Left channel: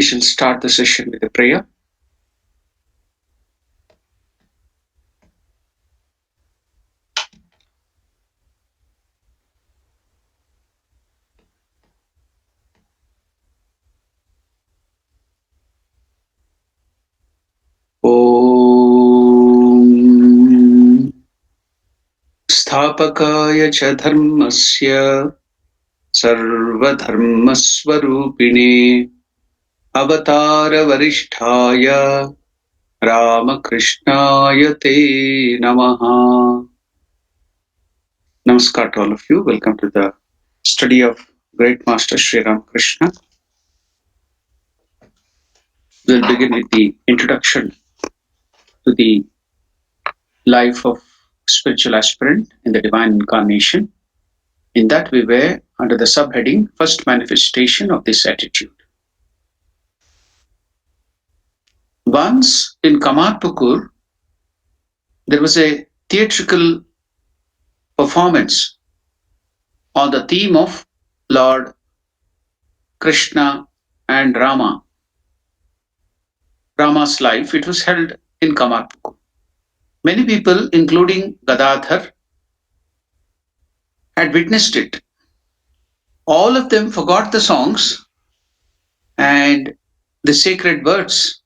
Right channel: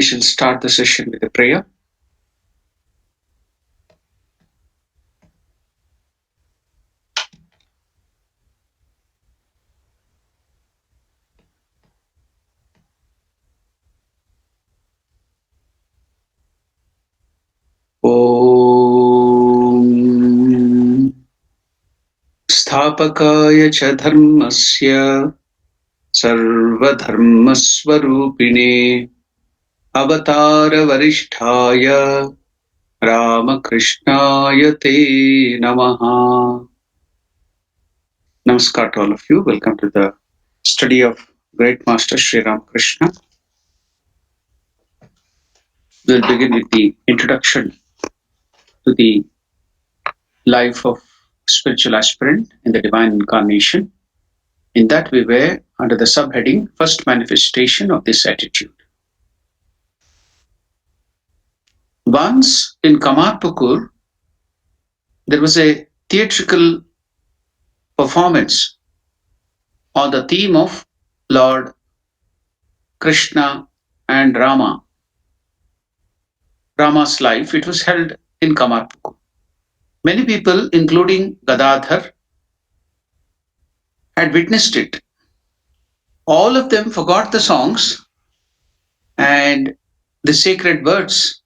We shall start the session with a prayer. ॐ स्थापकाय च धर्मस्य सर्वधर्मस्वरूपिणे अवतारवरिष्ठाय रामकृष्णाय ते नमः. Namaskar to all of you. Welcome to the study of Great Master Sri Ramakrishna. We'll begin with the introduction to the life of spiritual aspirant in the divine incarnation. In that we were under the subheading First Manifestation of this Attitude. Once in Kamarpukur, there was a theatrical performance on the theme of Lord Krishna and Rama's life. It was held in Kamarpukur. Many people, including Gadadhar, had witnessed it. All of them forgot the songs and the sacred words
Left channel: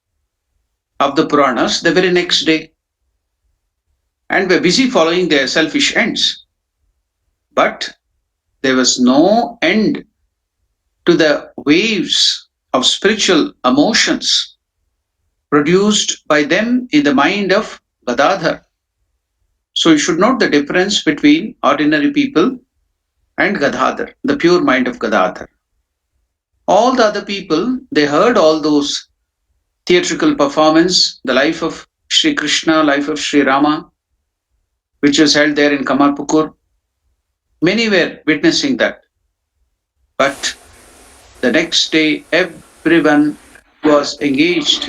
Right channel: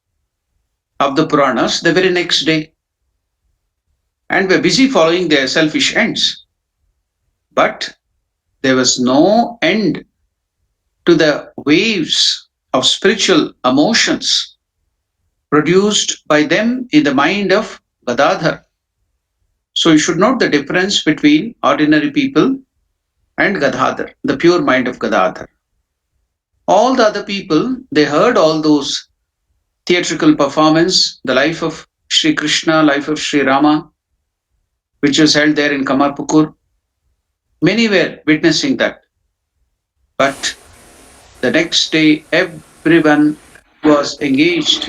of the Puranas the very next day and were busy following their selfish ends. But there was no end to the waves of spiritual emotions produced by them in the mind of Gadadhar. So you should note the difference between ordinary people and Gadadhar, the pure mind of Gadadhar. All the other people, they heard all those theatrical performance, the life of Sri Krishna, life of Sri Rama, which was held there in Kamarpukur. Many were witnessing that. But the next day, everyone was engaged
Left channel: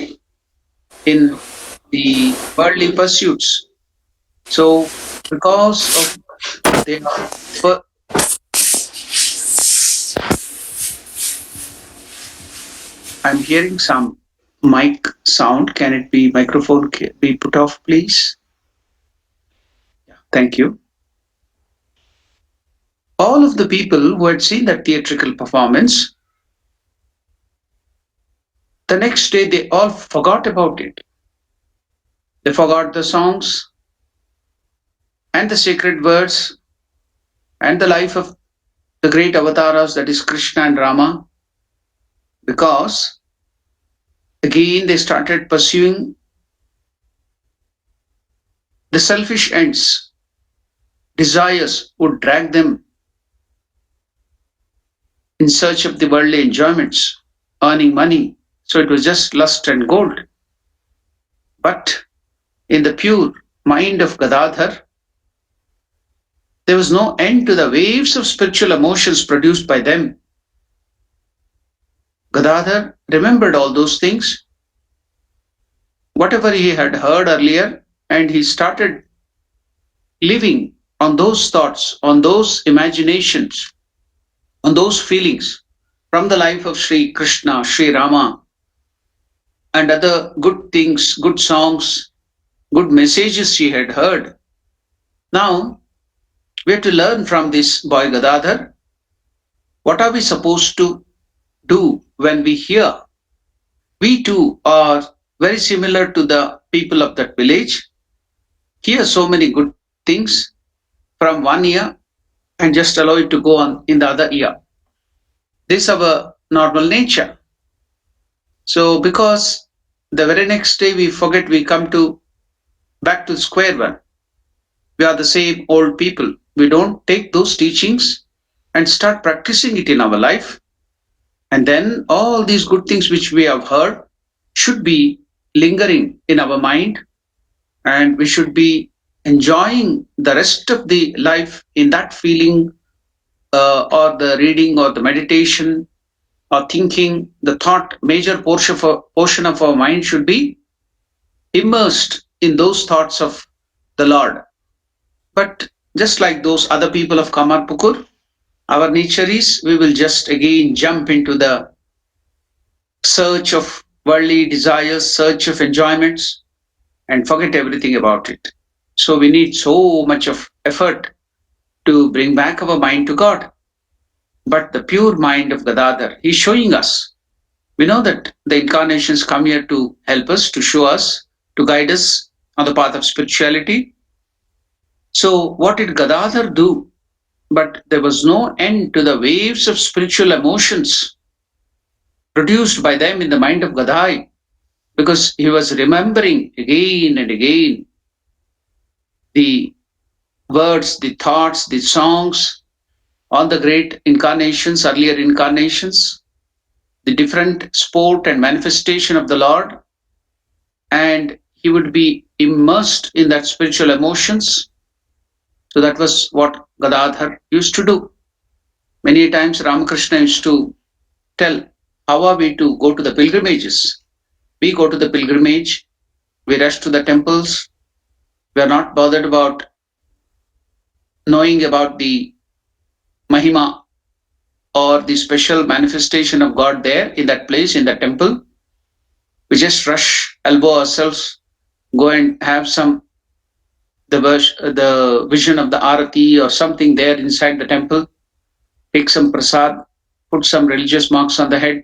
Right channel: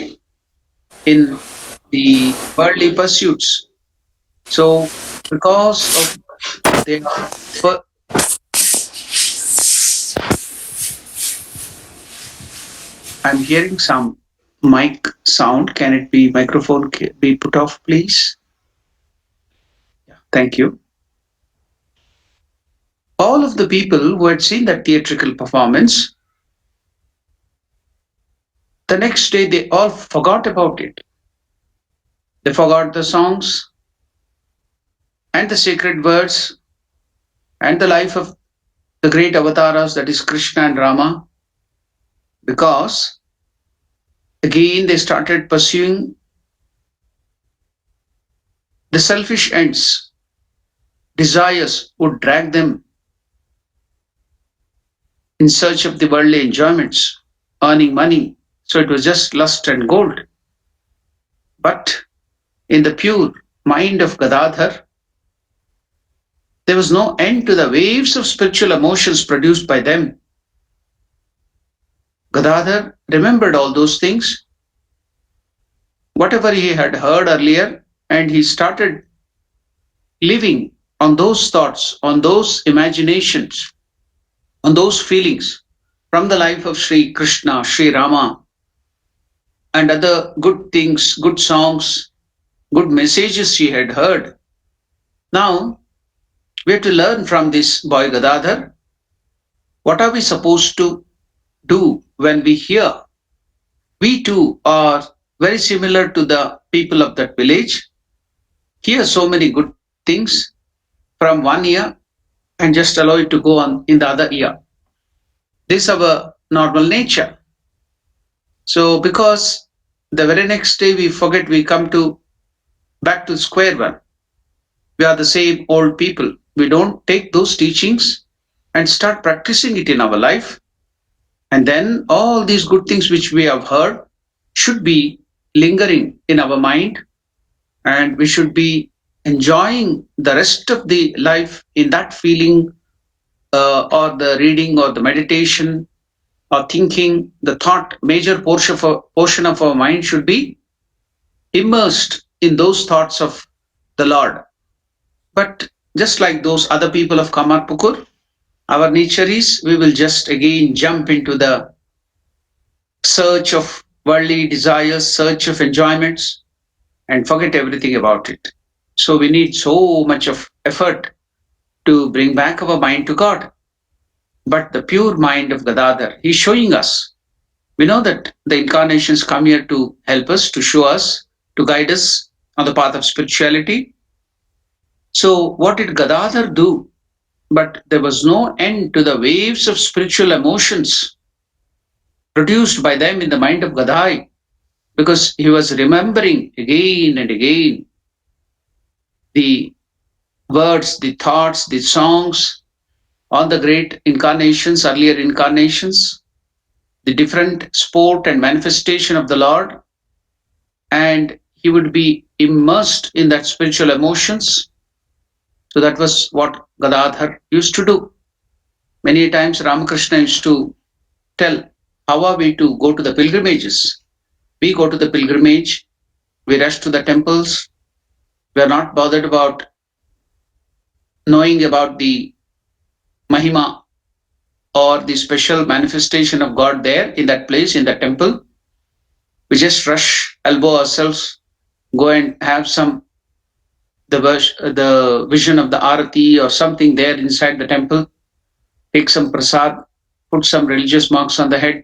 in the worldly pursuits. So, because of their, I'm hearing some mic sound. Can it be microphone be put off, please? Thank you. All of the people who had seen that theatrical performance, the next day they all forgot about it. They forgot the songs and the sacred words and the life of the great avatars, that is Krishna and Rama, because again they started pursuing the selfish ends. Desires would drag them in search of the worldly enjoyments, earning money. So it was just lust and gold. But in the pure mind of Gadadhar, there was no end to the waves of spiritual emotions produced by them. Gadadhar remembered all those things, whatever he had heard earlier, and he started living on those thoughts, on those imaginations, on those feelings from the life of Sri Krishna, Sri Rama, and other good things, good songs, good messages he had heard. Now, we have to learn from this boy Gadadhar. What are we supposed to do when we hear? We too are very similar to the people of that village. Hear so many good things from one ear and just allow it to go on in the other ear. This is our normal nature. So because the very next day we forget, we come to back to square one. We are the same old people. We don't take those teachings and start practicing it in our life. And then all these good things which we have heard should be lingering in our mind, and we should be enjoying the rest of the life in that feeling, or the reading or the meditation or thinking. The thought, major portion of our mind should be immersed in those thoughts of the Lord. But just like those other people of Kamarpukur, our nature is we will just again jump into the search of worldly desires, search of enjoyments, and forget everything about it. So we need so much of effort to bring back our mind to God. But the pure mind of Gadadhar, he's showing us. We know that the incarnations come here to help us, to show us, to guide us on the path of spirituality. So what did Gadadhar do? But there was no end to the waves of spiritual emotions produced by them in the mind of Gadai, because he was remembering again and again the words, the thoughts, the songs, all the great incarnations, earlier incarnations, the different sport and manifestation of the Lord, and he would be immersed in that spiritual emotions. So that was what Gadadhar used to do. Many times Ramakrishna used to tell, how are we to go to the pilgrimages? We go to the pilgrimage, we rush to the temples, we are not bothered about knowing about the Mahima or the special manifestation of God there in that place, in that temple. We just rush, elbow ourselves, go and have some the vision of the Arati or something there inside the temple, take some prasad, put some religious marks on the head,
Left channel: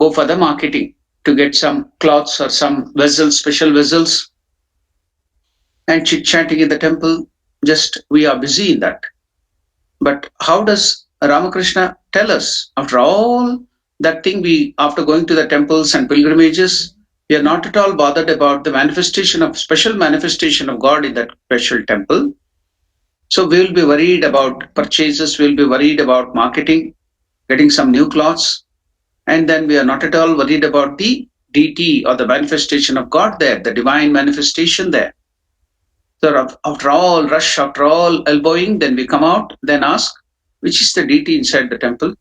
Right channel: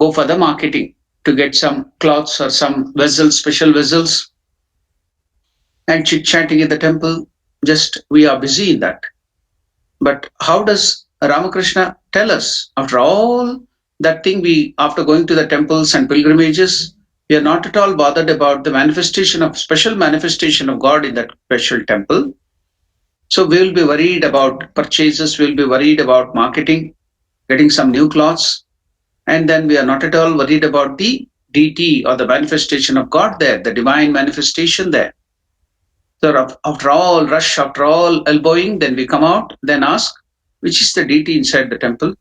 go for the marketing to get some cloths or some vessels, special vessels, and chit-chatting in the temple. Just we are busy in that. But how does Ramakrishna tell us, after all that thing, we after going to the temples and pilgrimages, We are not at all bothered about the manifestation of special manifestation of God in that special temple. So we will be worried about purchases, we'll be worried about marketing, getting some new clothes, and then we are not at all worried about the deity or the manifestation of God there, the divine manifestation there. So after all rush, after all elbowing, then we come out, then ask, which is the deity inside the temple?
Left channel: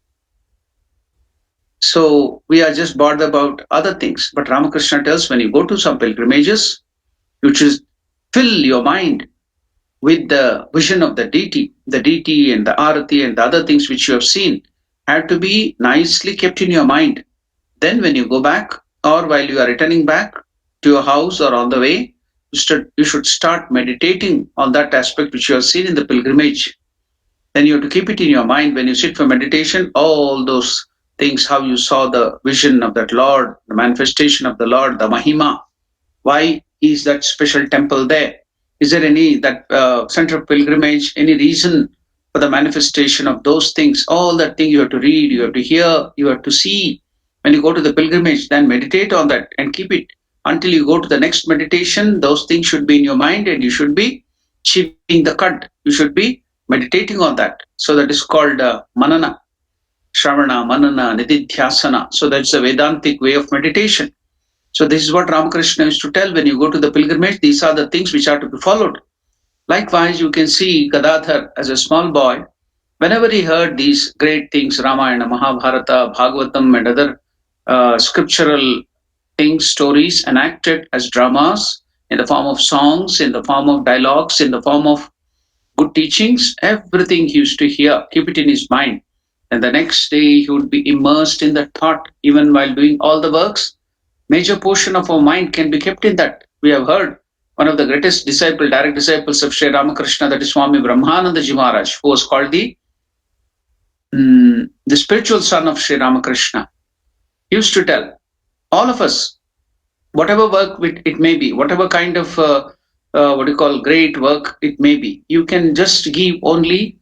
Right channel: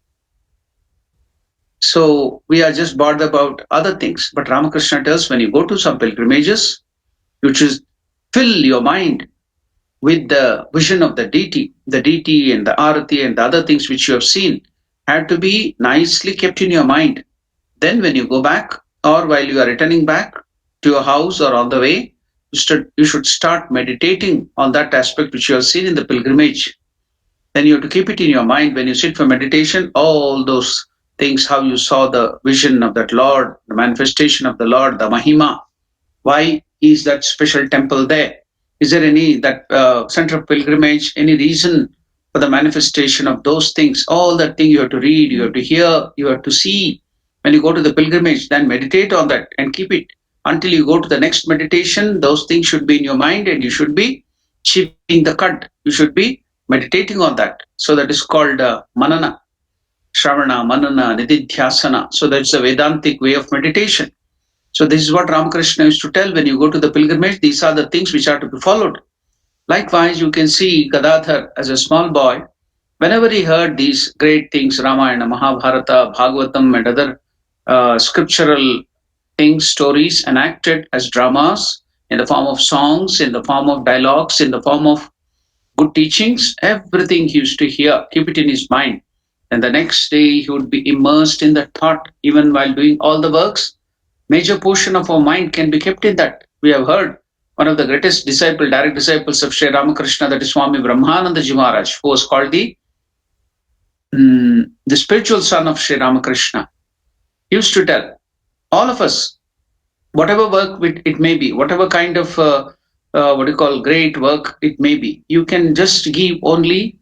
So we are just bothered about other things. But Ramakrishna tells when you go to some pilgrimages, you should fill your mind with the vision of the deity and the arati and the other things which you have seen have to be nicely kept in your mind. Then when you go back or while you are returning back to your house or on the way, you should start meditating on that aspect which you have seen in the pilgrimage. Then you have to keep it in your mind when you sit for meditation, all those things, how you saw the vision of that Lord, the manifestation of the Lord, the Mahima. Why is that special temple there? Is there any that center of pilgrimage, any reason for the manifestation of those things? All that thing you have to read, you have to hear, you have to see. When you go to the pilgrimage, then meditate on that and keep it until you go to the next meditation. Those things should be in your mind and you should be chewing the cud. You should be meditating on that. So that is called manana, shravana, manana, nididhyasana. So that's the Vedantic way of meditation. So this is what Ramakrishna used to tell when you go to the pilgrimage, these are the things which are to be followed. Likewise, you can see Gadadhar as a small boy, whenever he heard these great things, Ramayana, Mahabharata, Bhagavatam, and other scriptural things, stories enacted as dramas in the form of songs, in the form of dialogues, in the form of good teachings, everything he used to hear, keep it in his mind. And the next day he would be immersed in the thought, even while doing all the works. Major portion of our mind can be kept in that. We have heard one of the greatest direct disciples of Sri Ramakrishna, that is Swami Brahmananda Ji Maharaj, who was called the spiritual son of Sri Ramakrishna. He used to tell all of us, whatever work it may be, whatever kind of what you call great work it may be, you can just give only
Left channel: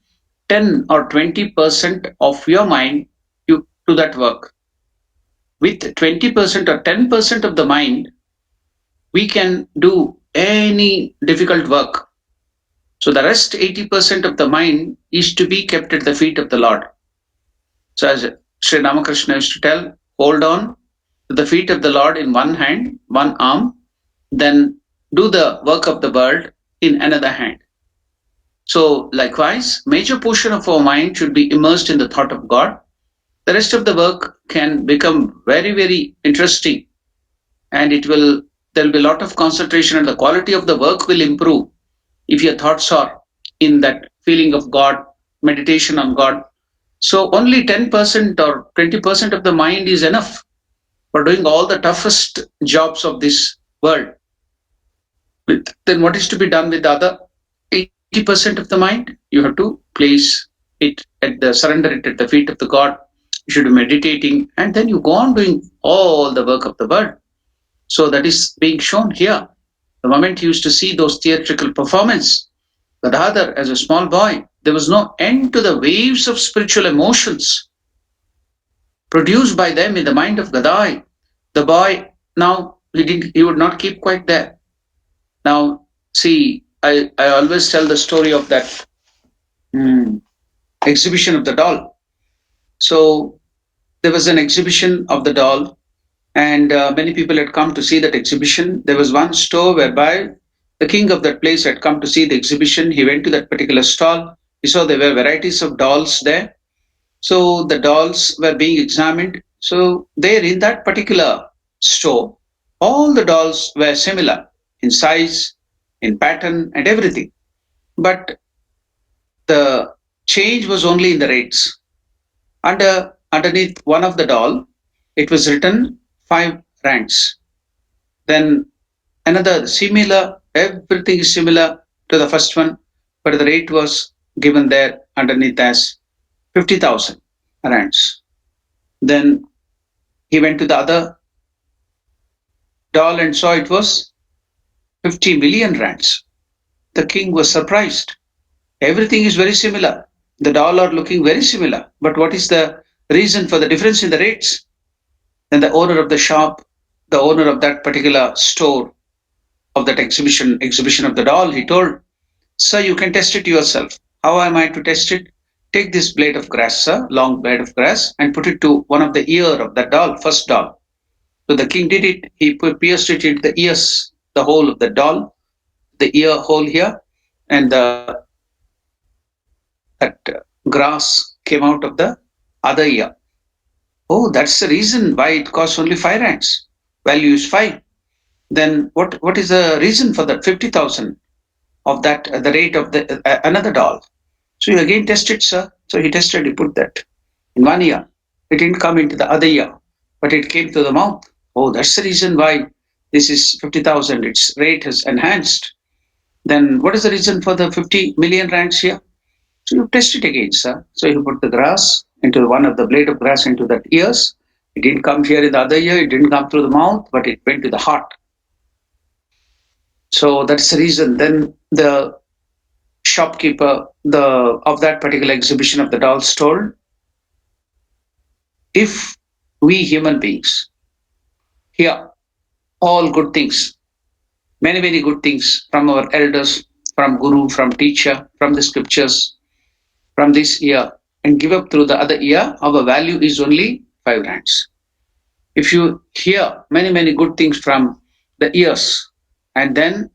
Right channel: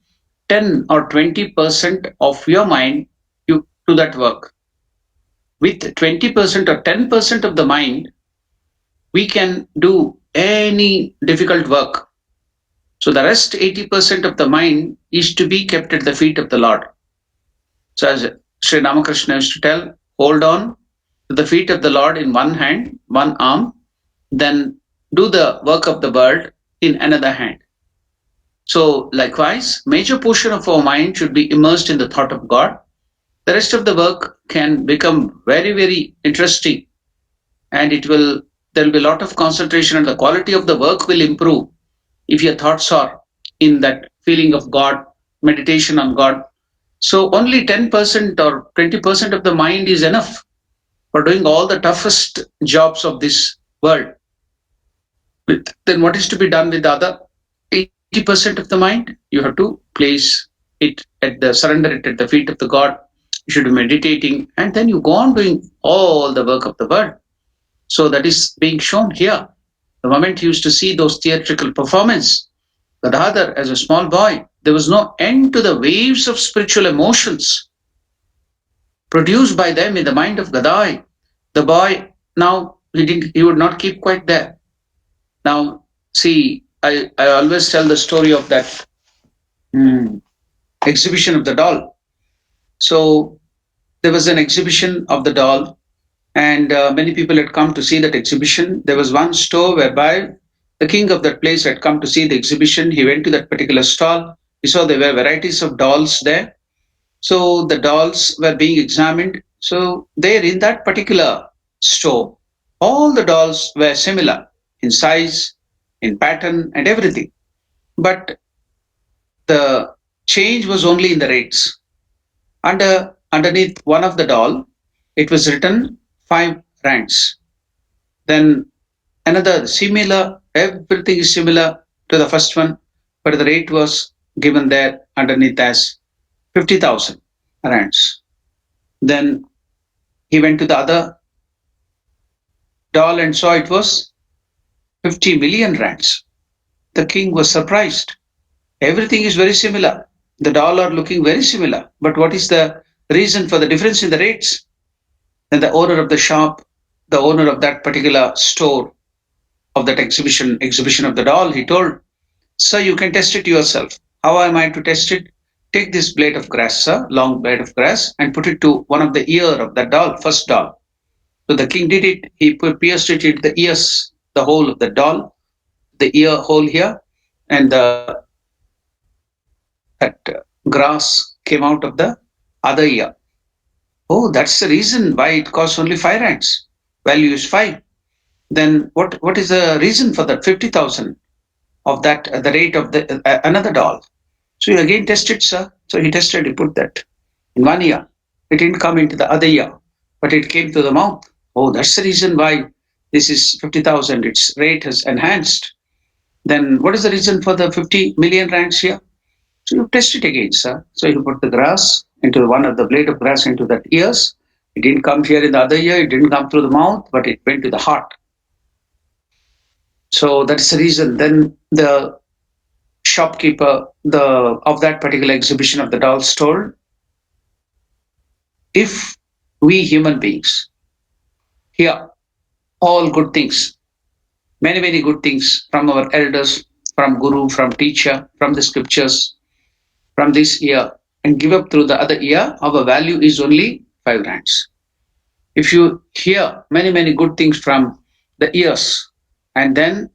10 or 20% of your mind to that work. With 20% or 10% of the mind, we can do any difficult work. So the rest 80% of the mind is to be kept at the feet of the Lord. So as Sri Ramakrishna used to tell, hold on to the feet of the Lord in one hand, one arm, then do the work of the world in another hand. So likewise, major portion of our mind should be immersed in the thought of God. The rest of the work can become very, very interesting, and there'll be a lot of concentration and the quality of the work will improve if your thoughts are in that feeling of God, meditation on God. So only 10% or 20% of the mind is enough for doing all the toughest jobs of this world. Then what is to be done with the other 80% of the mind? You have to place it surrender it at the feet of the God. You should be meditating, and then you go on doing all the work of the world. So that is being shown here. The moment he used to see those theatrical performance, Gadadhar as a small boy, there was no end to the waves of spiritual emotions produced by them in the mind of Gadai. The boy now he would not keep quiet there. Now see, I always tell the story of that exhibition of the doll. So there was an exhibition of the doll, and many people had come to see that exhibition. There was one store whereby the king of that place had come to see the exhibition. He went to that particular stall. He saw there were varieties of dolls there. So the dolls were being examined. So there in that particular store, all the dolls were similar in size, in pattern, and everything. But the change was only in the rates. Underneath one of the doll, it was written 5 rands. Then another similar, everything is similar to the first one, but the rate was given there underneath as 50,000 rands. Then he went to the other doll and saw it was 50 million rands. The king was surprised. Everything is very similar. The doll are looking very similar. But what is the reason for the difference in the rates? Then the owner of the shop the owner of that particular store of that exhibition of the doll, he told, "Sir, you can test it yourself." How am I to test it? Take this blade of grass, sir, long blade of grass, and put it to one of the ear of that doll, first doll. So the king did it. He pierced it into the ears, the hole of the doll, the ear hole here, and that grass came out of the other ear. Oh, that's the reason why it costs only 5 rands. Value is 5. Then what is the reason for that 50,000 of that the rate of the another doll? So you again test it, sir. So he tested. He put that in one ear. It didn't come into the other ear, but it came to the mouth. Oh, that's the reason why this is 50,000. Its rate has enhanced. Then what is the reason for the 50 million rands here? So you test it again, sir. So you put the grass into one of the blade of grass into that ears. It didn't come here in the other ear. It didn't come through the mouth, but it went to the heart. So that's the reason. Then the shopkeeper the of that particular exhibition of the dolls told, if we human beings hear all good things, many good things from our elders, from guru, from teacher, from the scriptures, from this ear, and give up through the other ear, our value is only 5 rands. If you hear many good things from the ears and then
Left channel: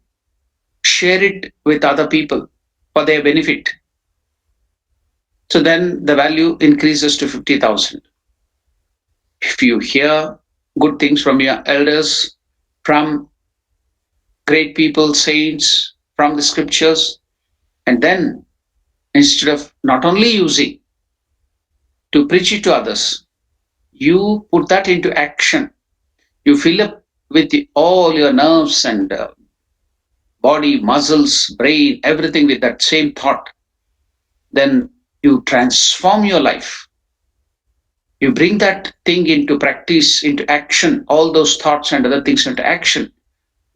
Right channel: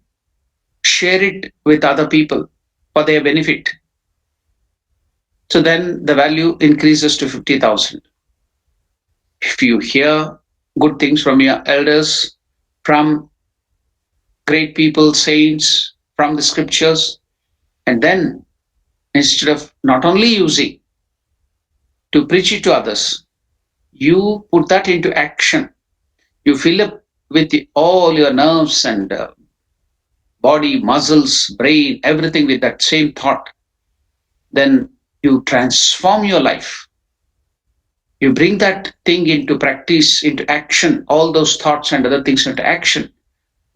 share it with other people for their benefit, so then the value increases to 50,000. If you hear good things from your elders, from great people, saints, from the scriptures, and then instead of not only using to preach it to others, you put that into action. You fill up with all your nerves and body, muscles, brain, everything with that same thought. Then you transform your life. You bring that thing into practice, into action, all those thoughts and other things into action.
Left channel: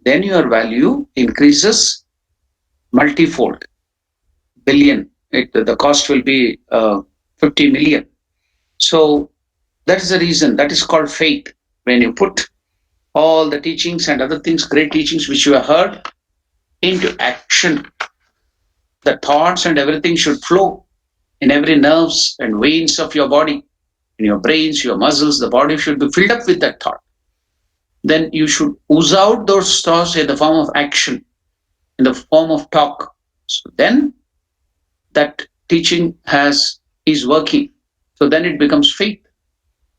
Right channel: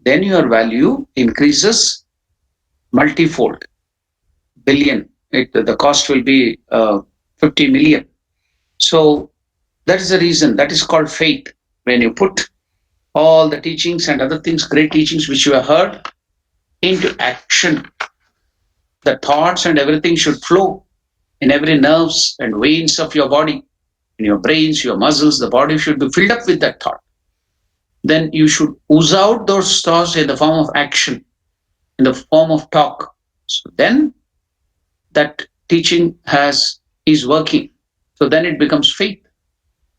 Then your value increases multifold, billion. The cost will be 50 million. So that is the reason. That is called faith. When you put all the teachings and other things, great teachings which you have heard, into action, the thoughts and everything should flow in every nerves and veins of your body, in your brains, your muscles. The body should be filled up with that thought. Then you should ooze out those thoughts in the form of action, in the form of talk. So then that teaching is working. So then it becomes faith.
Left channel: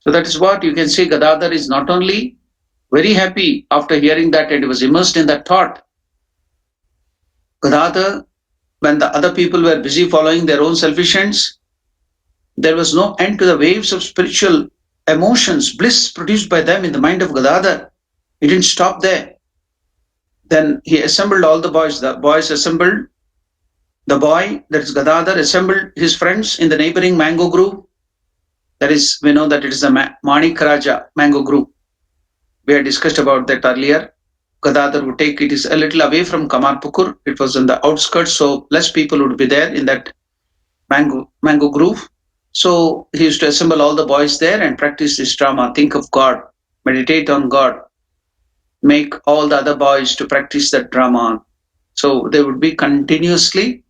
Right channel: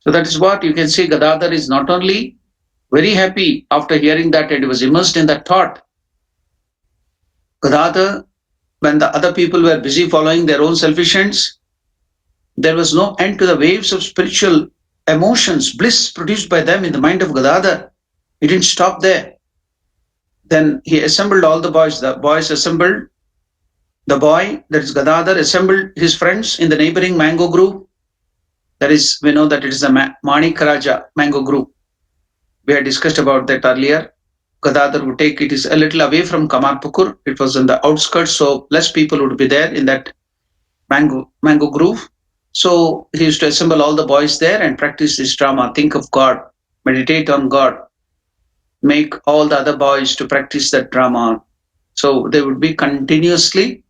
So that is what you can say. Gadadhar is not only very happy after hearing that and he was immersed in that thought. Gadadhar, when the other people were busy following their own selfish ends, there was no end to the waves of spiritual emotions, bliss produced by them in the mind of Gadadhar. He didn't stop there. Then he assembled all the boys. The boys assembled. The boy, that is Gadadhar, assembled his friends in the neighboring mango grove. That is, we know that it is the Manik Raja mango grove. We had discussed about that earlier. Gadadhar would take it is a little away from Kamarpukur. It was in the outskirts, so less people would be there in that mango grove. So he used to assemble all the boys there and practice this drama. Think of God, meditate on God, make all the other boys to practice that drama. So they would be continuously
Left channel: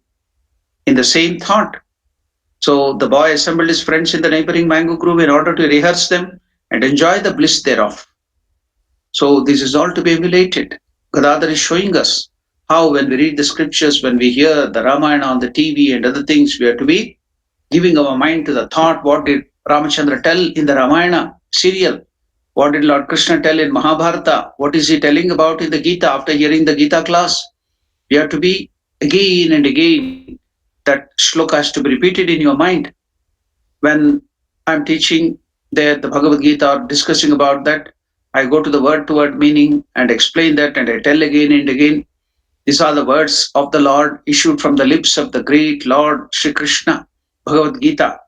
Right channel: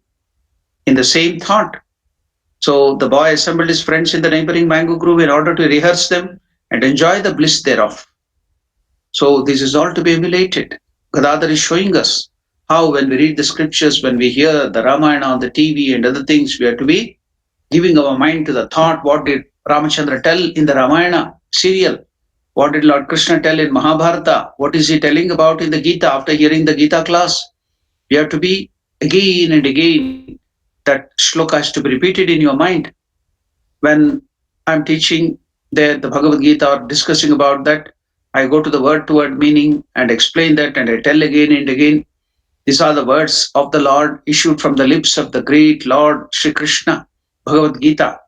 in the same thought. So the boy assembled his friends in the neighboring mango grove in order to rehearse them and enjoy the bliss thereof. So this is all to be emulated. Gadadhar is showing us how when we read the scriptures, when we hear the Ramayana on the TV and other things, we have to be giving our mind to the thought, what did Ramachandra tell in the Ramayana serial? What did Lord Krishna tell in Mahabharata? What is he telling about in the Gita after hearing the Gita class? You have to be again and again, that shloka has to be repeated in your mind. When I'm teaching the Bhagavad Gita or discussing about that, I go to the word to word meaning and explain that, and I tell again and again, these are the words of the Lord issued from the lips of the great Lord Sri Krishna, Bhagavad Gita.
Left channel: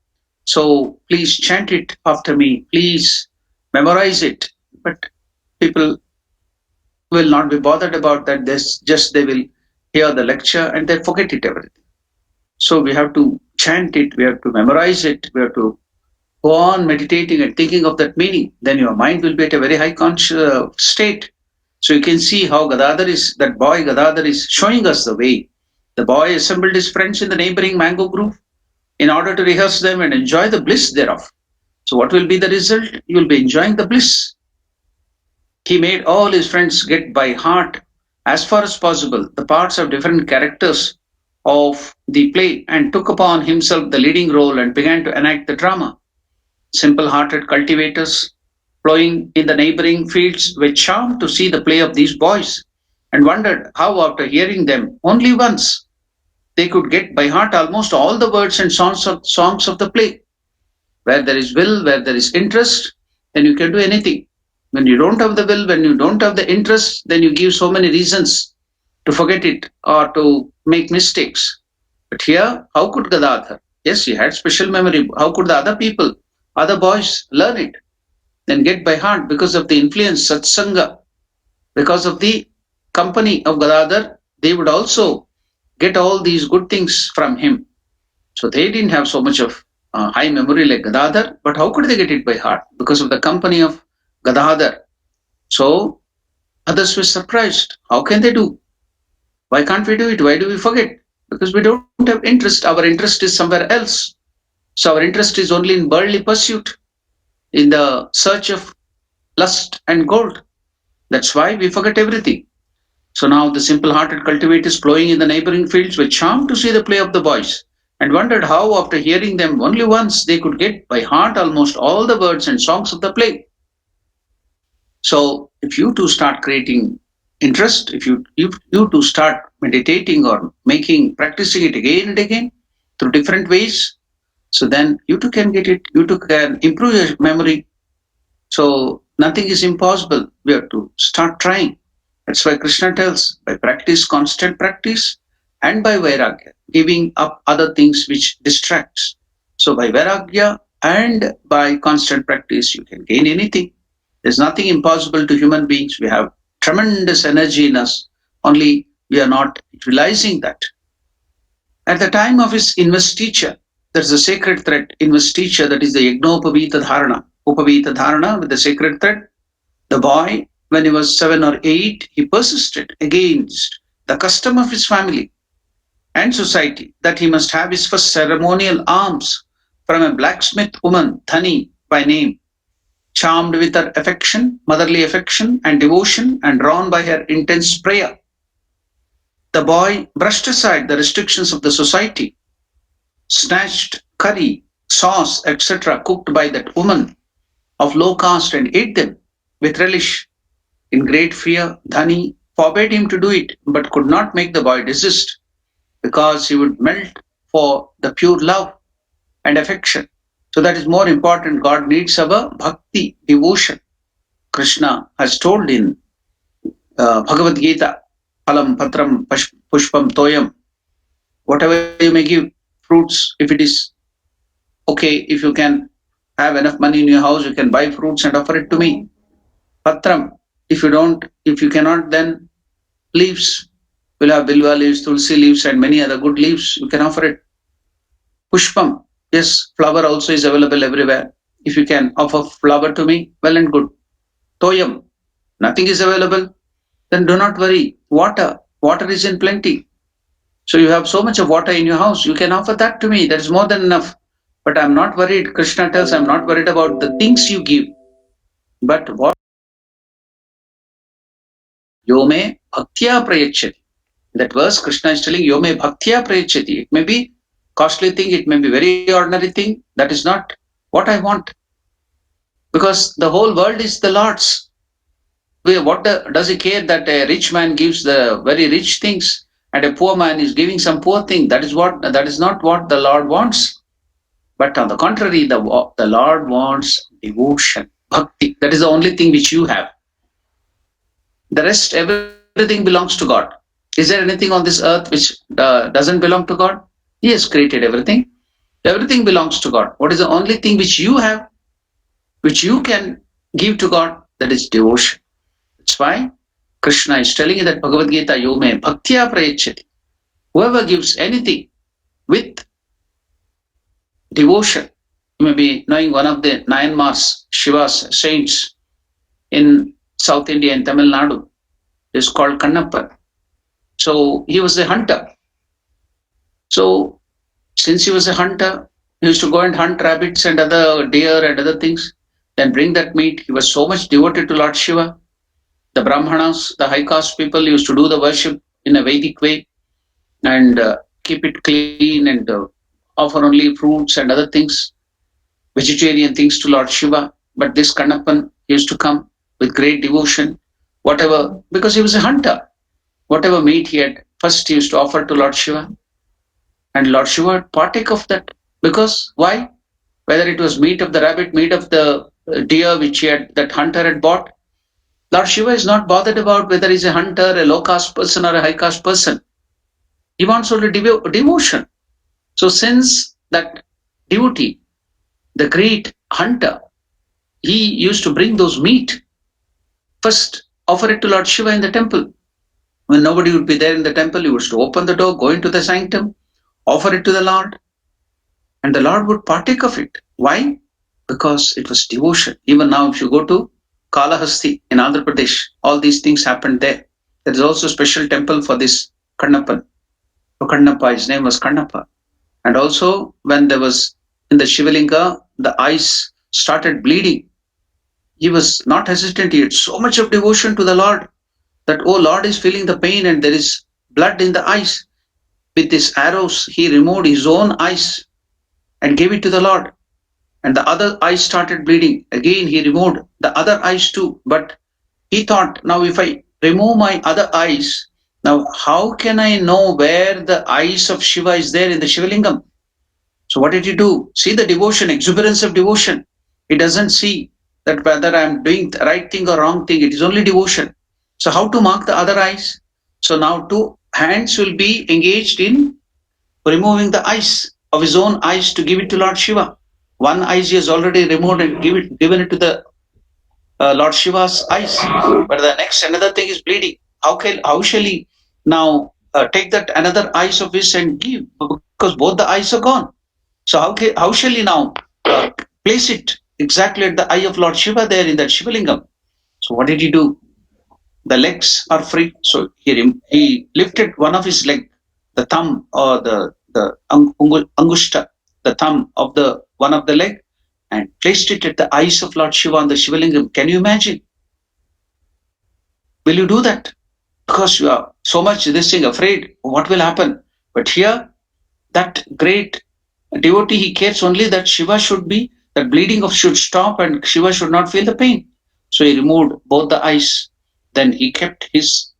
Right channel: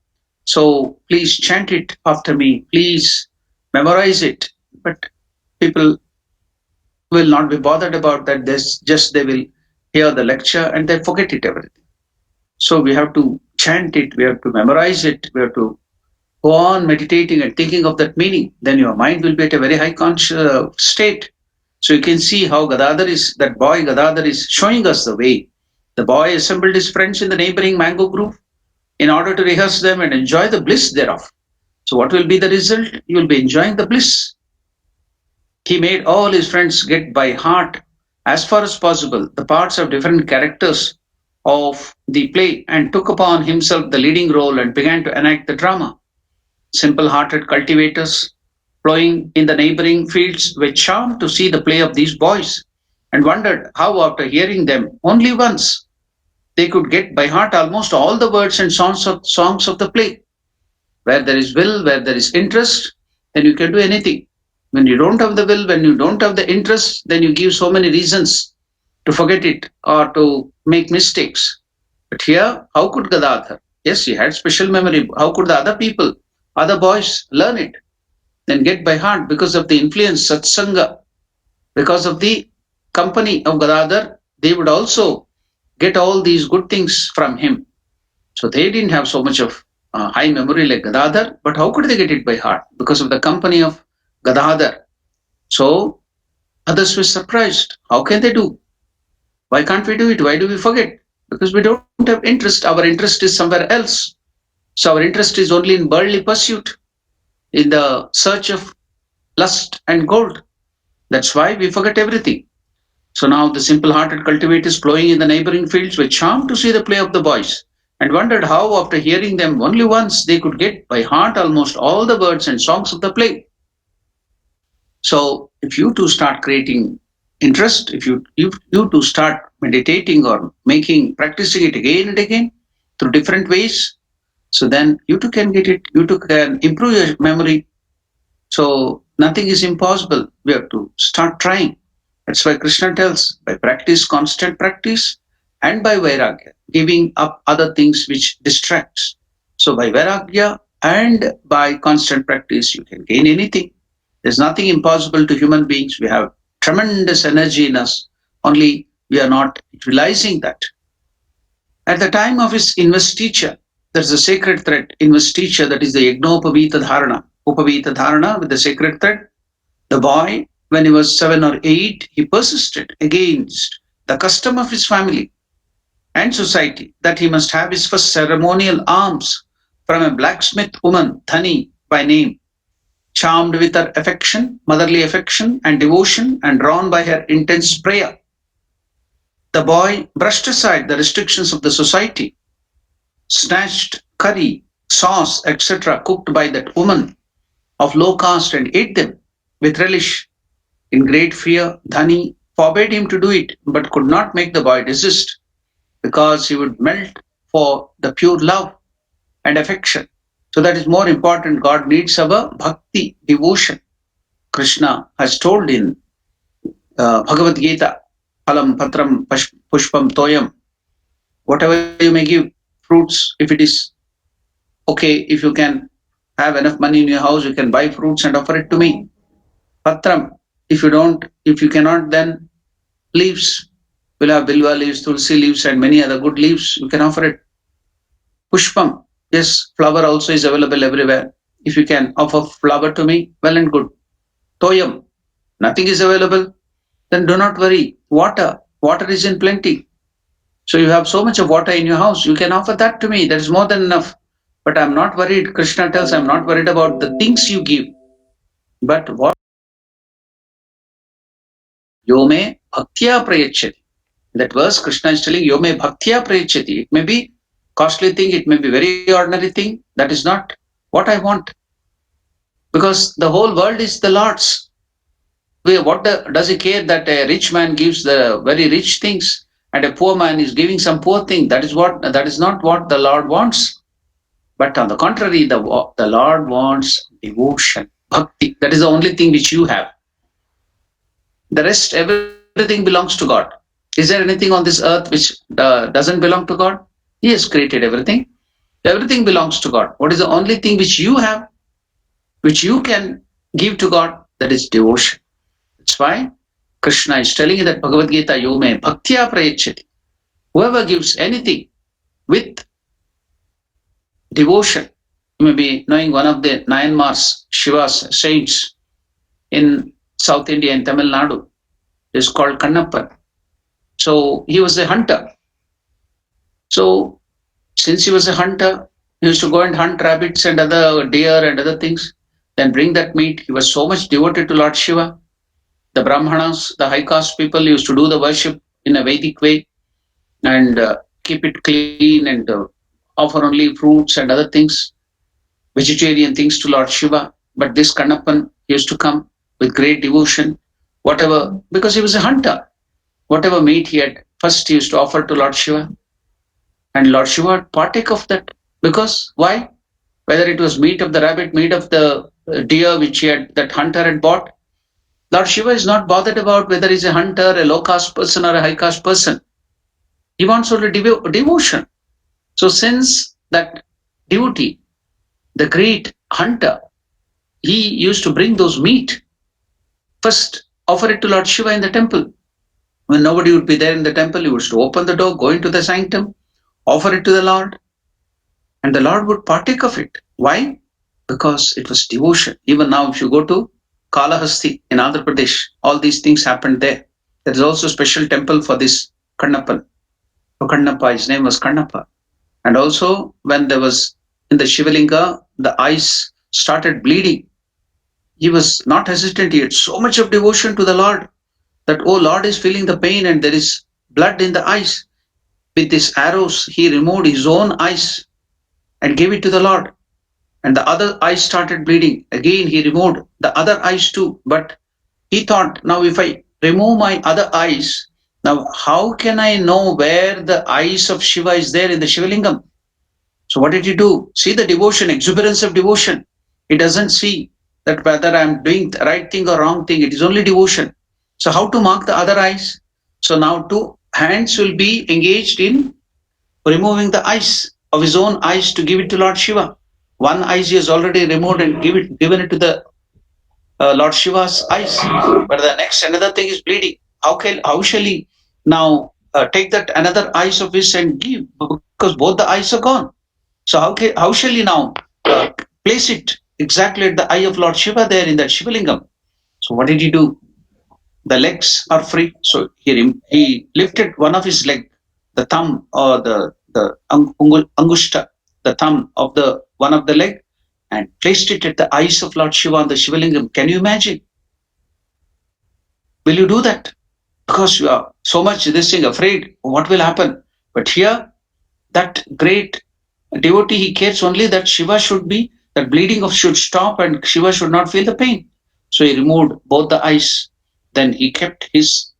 So please chant it after me. Please memorize it. But people will not be bothered about that. They will hear the lecture and they forget it everything. So we have to chant it. We have to memorize it. We have to go on meditating and thinking of that meaning, then your mind will be at a very high conscious state. So you can see how that boy Gadadhar is showing us the way. The boy assembled his friends in the neighboring mango grove in order to rehearse them and enjoy the bliss thereof. So what will be the result? You will be enjoying the bliss. He made all his friends get by heart, as far as possible, the parts of different characters of the play and took upon himself the leading role and began to enact the drama. Simple hearted cultivators ploughing in the neighboring fields were charmed to see the play of these boys and wondered how, after hearing them only once, they could get by heart almost all the words and songs of the play. Where there is will, where there is interest, then you can do anything. When you don't have the will, when you don't have the interest, then you give so many reasons to forget it or to make mistakes. But here, how could Gadadhar? Yes, he had special memory. How could the other people, other boys, learn it? Then get by heart because of the influence, satsanga, because of the company of Gadadhar, they would also get all these good things from him. So they didn't have so much of high memory like Gadadhar, but how could they get it by heart? Because of the company of Gadadhar. So others were surprised. How can they do? Why can't we do it? Why do we forget? Because we don't have interest. Our interest is somewhere else. So our interest is only in worldly pursuit, in the search of lust and gold. That's why we forget everything. So now the simple-hearted cultivators ploughing in the neighboring fields were charmed to see the play of the boys and wondered how, after hearing them only once, they could get by heart almost all the words and songs of the play. So if you too start creating interest, if you too start meditating or practicing it again and again through different ways, so then you too can get it, you too can improve your memory. So nothing is impossible. We have to start trying. That's why Krishna tells, by practice, constant practice, and by vairagya, giving up other things which distracts. So by vairagya and by constant practice, you can gain anything. There's nothing impossible to human beings. We have tremendous energy in us, only we are not utilizing that. At the time of his investiture, there's a sacred thread, investiture, that is the Yajnopavita Dharana. Upavita Dharana with the sacred thread. The boy, when he was 7 or 8, he persisted against the custom of his family and society that he must have his first ceremonial alms from a blacksmith woman, Dhani by name. Charmed with her affection, motherly affection and devotion, and drawn by her intense prayer, the boy brushed aside the restrictions of the society, snatched curry, sauce, etc., cooked by that woman of low caste and ate them with relish. In great fear, Dhani forbade him to do it, but could not make the boy desist because he would melt for the pure love and affection. So that is more important. God needs our bhakti, devotion. Krishna has told in Bhagavad Gita, Phalam Patram Pushpam Toyam, whatever you may give, fruits, if it is okay, if you can have enough money in your house, you can buy fruits and offer it to me. Patram, if you cannot, then leaves. We'll have bilva leaves, tulsi leaves, and many other good leaves. You can offer it. Pushpam, yes, flower also is available everywhere. If you can offer flower to me, well and good. Toyam, nothing is available, then do not worry. Water is in plenty. So you have so much of water in your house, you can offer that to me. That is more than enough. But I'm not worried. Krishna tells, I'm not worried about the things you give. But what? Yome bhaktya prayachati. That verse, Krishna is telling, Yome bhaktya prayachati. It may be costly thing, it may be very ordinary thing. That is not what I want. Because the whole world is the Lord's. Does he care that a rich man gives the very rich things and a poor man is giving some poor thing? That is not what the Lord wants. But on the contrary, the Lord wants devotion, bhakti. That is the only thing which you have. The rest, everything belongs to God. Is there anything on this earth which doesn't belong to God? He has created everything. Everything belongs to God. What is the only thing which you have, which you can give to God? That is devotion. That's why Krishna is telling in that Bhagavad Gita, Yome bhaktya prayachati. Whoever gives anything with devotion, You may be knowing one of the nine Mars Shiva's saints in South India in Tamil Nadu is called Kannappan. So he was a hunter. So since he was a hunter, he used to go and hunt rabbits and other deer and other things, then bring that meat. He was so much devoted to Lord Shiva. The Brahmanas, the high caste people, used to do the worship in a Vedic way and keep it clean and offer only fruits and other things, vegetarian things to Lord Shiva. But this Kannappan used to come with great devotion, whatever, because he was a hunter. Whatever meat he had, first he used to offer to Lord Shiva, and Lord Shiva would partake of that. Because why? Whether it was meat of the rabbit, meat of the deer which he had, that hunter had bought, Lord Shiva is not bothered about whether he's a hunter, a low caste person, or a high caste person. He wants only devotion. So, since that devotee, the great hunter, he used to bring those meat, first offer it to Lord Shiva in the temple. When nobody would be there in the temple, he was to open the door, go into the sanctum, offer it to the Lord, and the Lord would partake of it. Why? Because it was devotion. Even now, if you go to Kalahasti in Andhra Pradesh, all these things happened there. There is also a special temple for this Kannappan. So Kannappa, his name was Kannappa. And also, when there was in the Shivalinga, the eyes started bleeding. He was not hesitant. He had so much of devotion to the Lord that, oh, Lord is feeling the pain and there is blood in the eyes. With his arrows, he removed his own eyes and gave it to the Lord. And the other eye started bleeding. Again, he removed the other eyes too. But he thought, now if I remove my other eyes, now how can I know where the eyes of Shiva is there in the Shivalingam? So what did he do? See the devotion, exuberance of devotion. He doesn't see that whether I'm doing the right thing or wrong thing. It is only devotion. So how to mark the other eyes? So now two hands will be engaged in removing the eyes of his own eyes to give it to Lord Shiva. One eye he has already removed and given it to the Lord Shiva's eyes. But the next another thing is bleeding. How shall he now take that another eyes of his and give? Because both the eyes are gone. So how shall he now place it exactly at the eye of Lord Shiva there in that Shivalingam? So what did he do? The legs are free. So he lifted one of his leg, the thumb or the angushta, the thumb of the one of the leg, and placed it at the eyes of Lord Shiva on the Shivalingam. Can you imagine? Will you do that? Because you are so much this thing afraid what will happen. But here, that great devotee, he cares only that Shiva should be, that bleeding of should stop and Shiva should not feel the pain. So he removed both the eyes. Then he kept his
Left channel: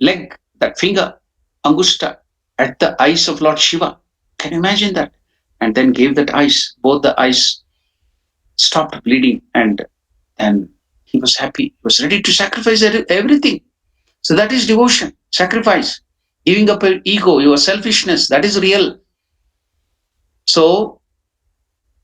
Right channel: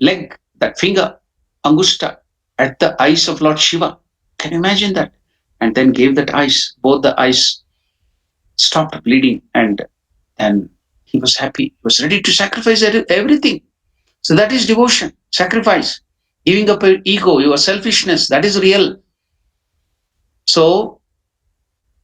leg, that finger, angusta, at the eyes of Lord Shiva. Can you imagine that? And then gave that eyes, both the eyes stopped bleeding, and he was happy. He was ready to sacrifice everything. So that is devotion, sacrifice, giving up your ego, your selfishness. That is real. So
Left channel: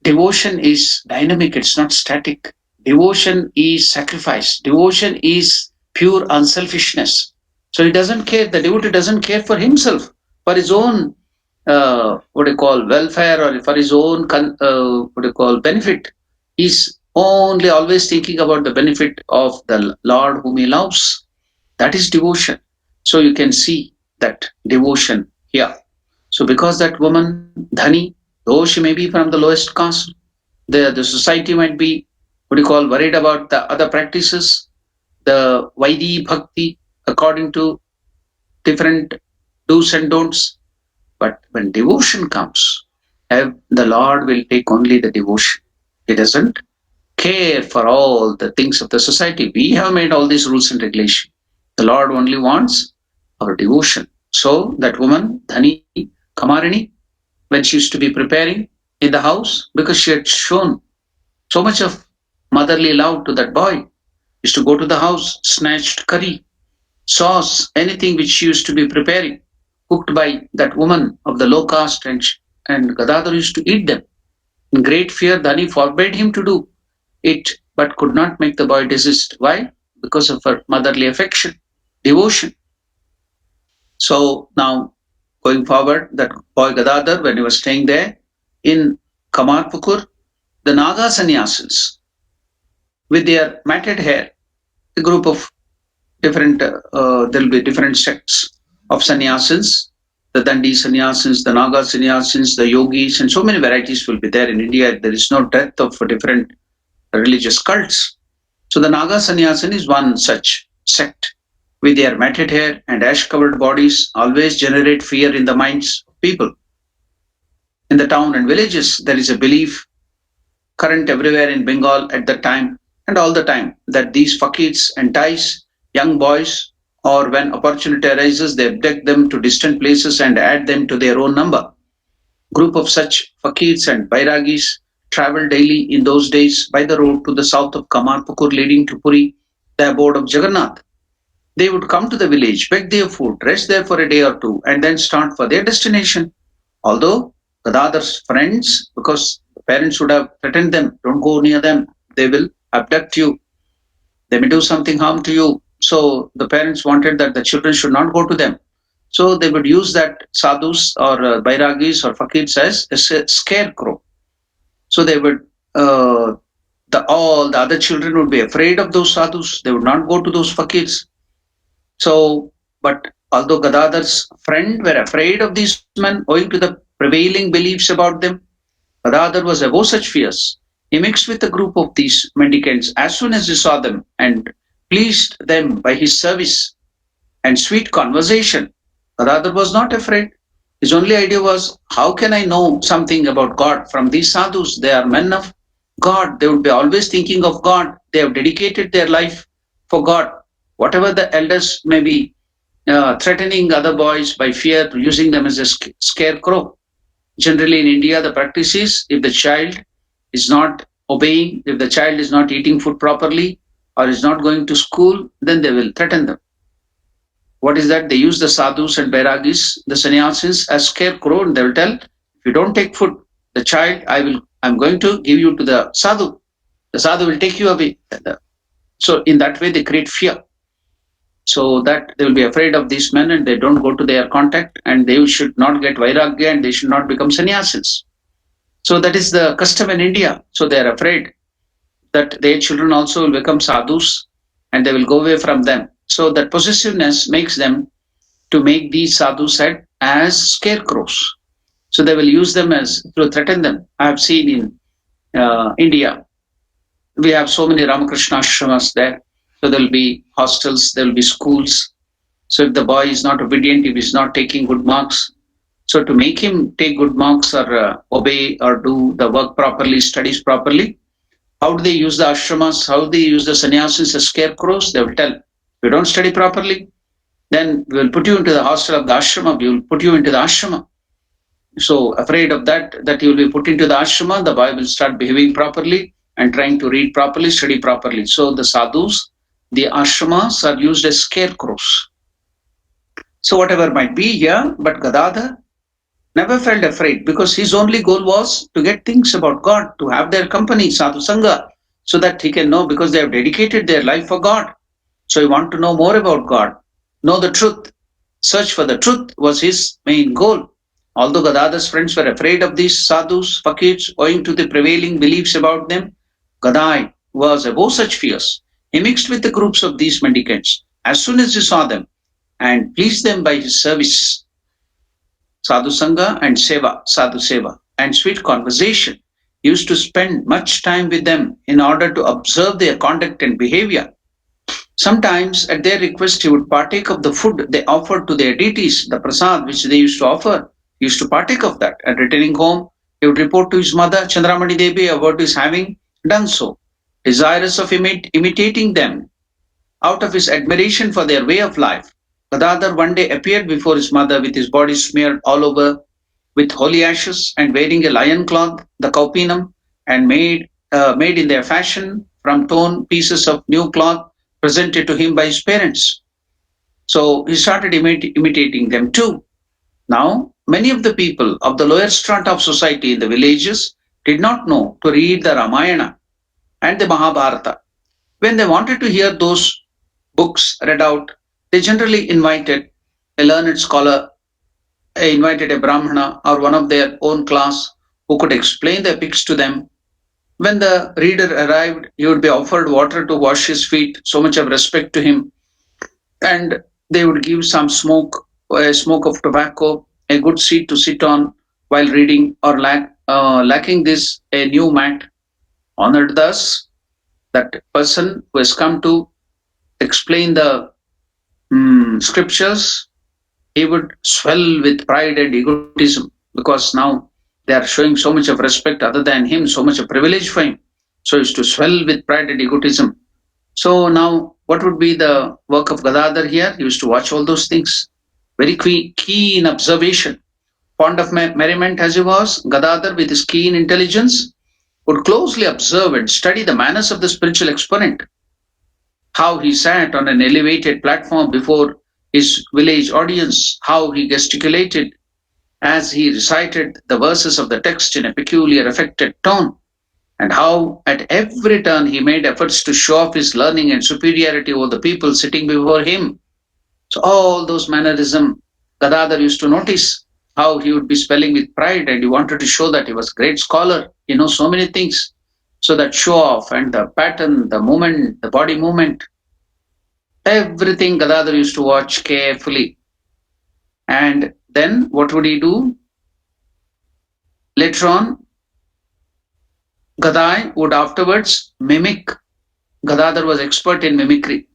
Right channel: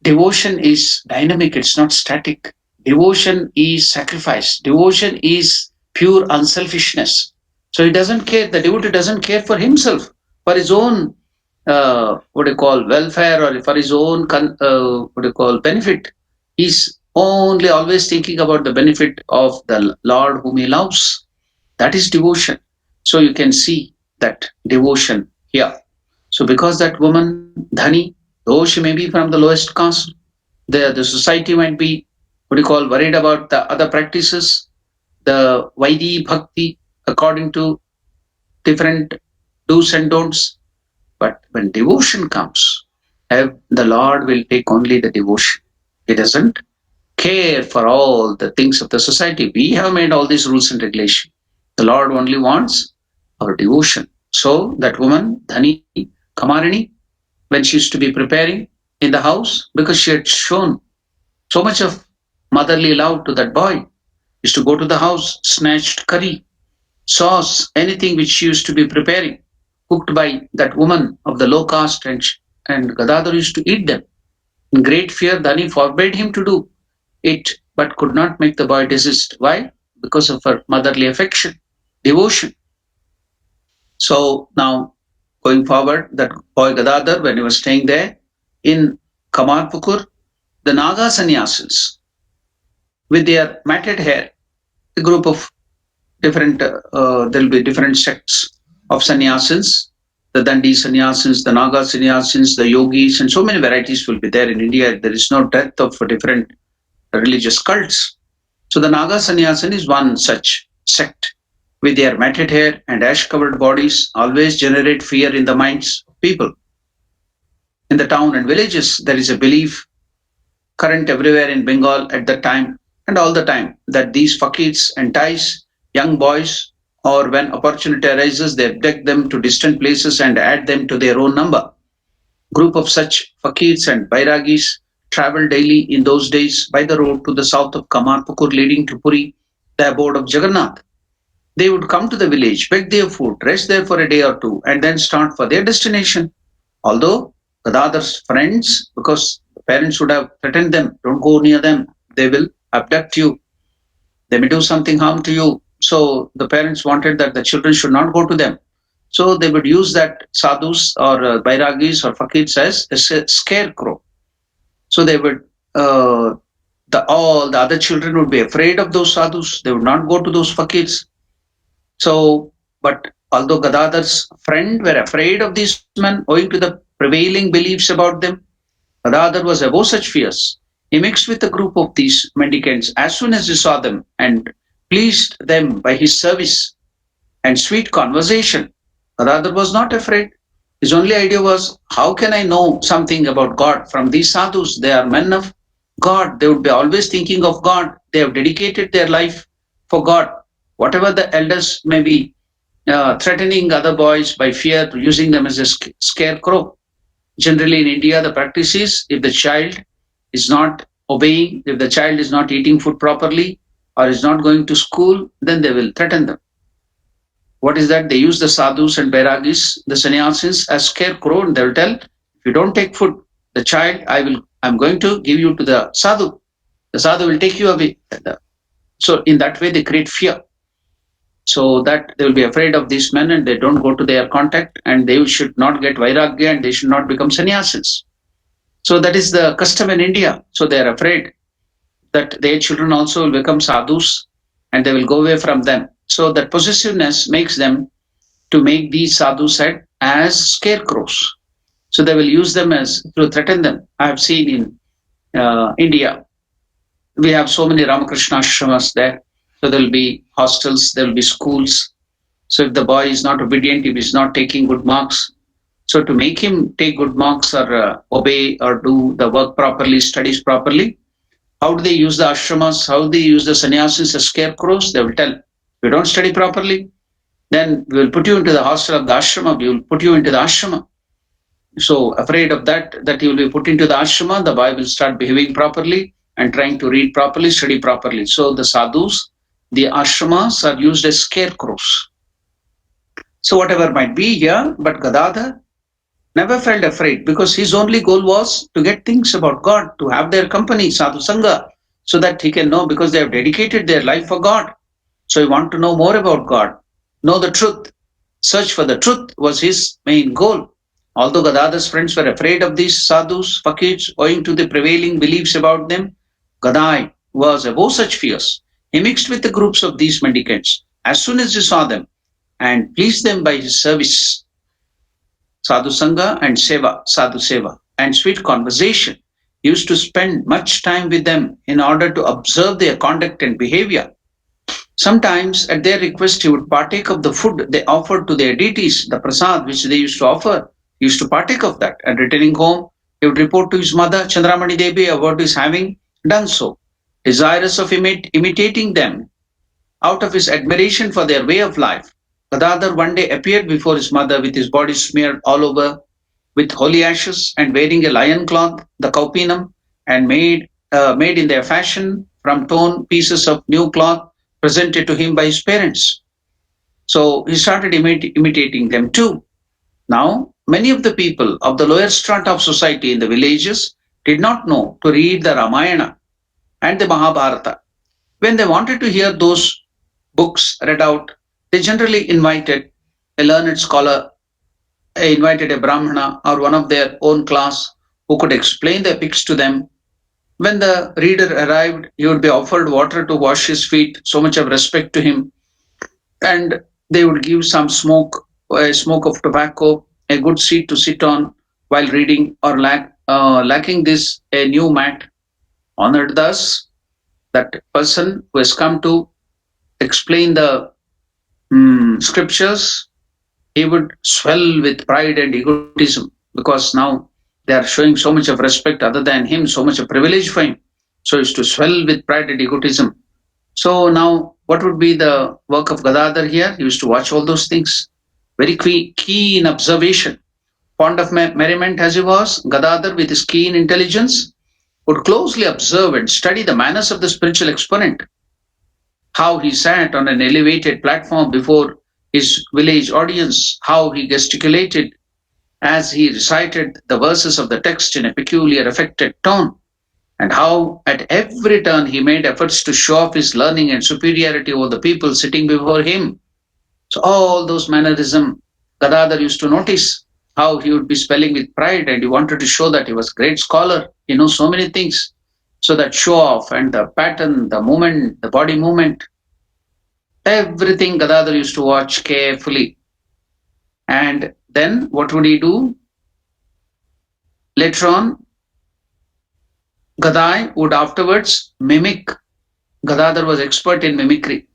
devotion is dynamic, it's not static. Devotion is sacrifice. Devotion is pure unselfishness. So he doesn't care, the devotee doesn't care for himself, for his own, what do you call, welfare or for his own, what do you call, benefit. He's only always thinking about the benefit of the Lord whom he loves. That is devotion. So you can see that devotion here. So because that woman, Dhani, though she may be from the lowest caste, the society might be, what do you call, worried about the other practices, the Vaidi Bhakti, according to different do's and don'ts. But when devotion comes, the Lord will take only the devotion. He doesn't care for all the things of the society. We have made all these rules and regulations. The Lord only wants our devotion. So that woman, Dhani, Kamarini, when she used to be preparing in the house, because she had shown so much of motherly love to that boy, used to go to the house, snatched curry, sauce, anything which she used to be preparing, cooked by that woman of the low caste, and Gadadhar used to eat them. In great fear, Dhani forbade him to do it, but could not make the boy desist. Why? Because of her motherly affection, devotion. So now, going forward, that boy Gadadhar, when he was staying there in Kamarpukur, the Naga sannyasins with their matted hair, a group of different, there'll be different sects of sannyasins, the Dandi sannyasins, the Naga sannyasins, the yogis, and so many varieties will be there in India. There is no dearth of different religious cults. So the Naga sannyasin is one such sect with their matted hair and ash covered bodies always generate fear in the minds of people. In the town and villages, there is a belief current everywhere in Bengal at that time and all the time that these fakirs entice young boys, or when opportunity arises, they abduct them to distant places and add them to their own number. Group of such fakirs and bairagis travel daily in those days by the road to the south of Kamarpukur leading to Puri, the abode of Jagannath. They would come to the village, beg their food, rest there for a day or two, and then start for their destination. Although Gadadhar's friends, because the parents would have threatened them, don't go near them, they will abduct you, they may do something harm to you. So the parents wanted that the children should not go to them. So they would use that sadhus or bairagis or fakirs as a scarecrow. So they would, all the other children would be afraid of those sadhus. They would not go to those fakirs. So, but although Gadadhar's friend were afraid of these men owing to the prevailing beliefs about them, Gadadhar was above such fears. He mixed with a group of these mendicants as soon as he saw them and pleased them by his service and sweet conversation. Gadadhar was not afraid. His only idea was, how can I know something about God from these sadhus? They are men of God. They would be always thinking of God. They have dedicated their life for God. Whatever the elders may be threatening other boys by fear, using them as a scarecrow. Generally in India, the practice is if the child is not obeying, if the child is not eating food properly or is not going to school, then they will threaten them. What is that? They use the sadhus and bairagis, the sannyasins, as scarecrow, and they will tell, if you don't take food, the child, I'm going to give you to the sadhu. The sadhu will take you away. So in that way, they create fear. So that they will be afraid of these men and they don't go to their contact, and they should not get vairagya and they should not become sannyasis. So that is the custom in India. So they are afraid that their children also will become sadhus and they will go away from them. So that possessiveness makes them to make these sadhus as scarecrows. So they will use them as to threaten them. I have seen in India, we have so many Ramakrishna ashramas there. So there will be hostels, there will be schools. So if the boy is not obedient, if he's not taking good marks, so to make him take good marks or obey or do the work properly, studies properly, how do they use the ashramas? How do they use the sannyasis as scarecrows? They will tell, if you don't study properly, then we will put you into the hostel of the ashrama. We will put you into the ashrama. So afraid of that you will be put into the ashrama, the boy will start behaving properly and trying to read properly, study properly. So the sadhus, the ashramas are used as scarecrows. So whatever might be here, but Gadadhar never felt afraid because his only goal was to get things about God, to have their company, sadhu sangha, so that he can know, because they have dedicated their life for God. So he wanted to know more about God, know the truth. Search for the truth was his main goal. Although Gadadhar's friends were afraid of these sadhus, fakirs, owing to the prevailing beliefs about them, Gadai was above such fears. He mixed with the groups of these mendicants as soon as he saw them and pleased them by his service, sadhu sangha and seva, sadhu seva, and sweet conversation. He used to spend much time with them in order to observe their conduct and behavior. Sometimes, at their request, he would partake of the food they offered to their deities, the prasad which they used to offer. He used to partake of that. And returning home, he would report to his mother, Chandramani Devi, about his having done so. Desirous of imitating them, out of his admiration for their way of life, Gadadhar one day appeared before his mother with his body smeared all over with holy ashes and wearing a lion cloth, the kaupinam, and made in their fashion from torn pieces of new cloth presented to him by his parents. So he started imitating them too. Now, many of the people of the lower strata of society in the villages did not know to read the Ramayana and the Mahabharata. When they wanted to hear those books read out, they generally invited a learned scholar, invited a Brahmana or one of their own class who could explain the epics to them. When the reader arrived, he would be offered water to wash his feet, so much of respect to him, and they would give some smoke, a smoke of tobacco, a good seat to sit on while reading, or lacking this, a new mat. Honored thus, that person who has come to explain the scriptures, he would swell with pride and egotism, because now they are showing so much of respect other than him, so much of privilege for him. So is to swell with pride and egotism. So now, what would be the work of Gadadhar here? He used to watch all those things. Very keen observation. Fond of merriment as he was, Gadadhar, with his keen intelligence, would closely observe and study the manners of the spiritual exponent. How he sat on an elevated platform before his village audience, how he gesticulated as he recited the verses of the text in a peculiar affected tone, and how at every turn he made efforts to show off his learning and superiority over the people sitting before him. So all those mannerism, Gadadhar used to notice how he would be spelling with pride, and he wanted to show that he was a great scholar. He knows so many things. So that show off and the pattern, the movement, the body movement, everything Gadadhar used to watch carefully. And then what would he do? Later on, Gadai would afterwards mimic. Gadadhar was expert in mimicry.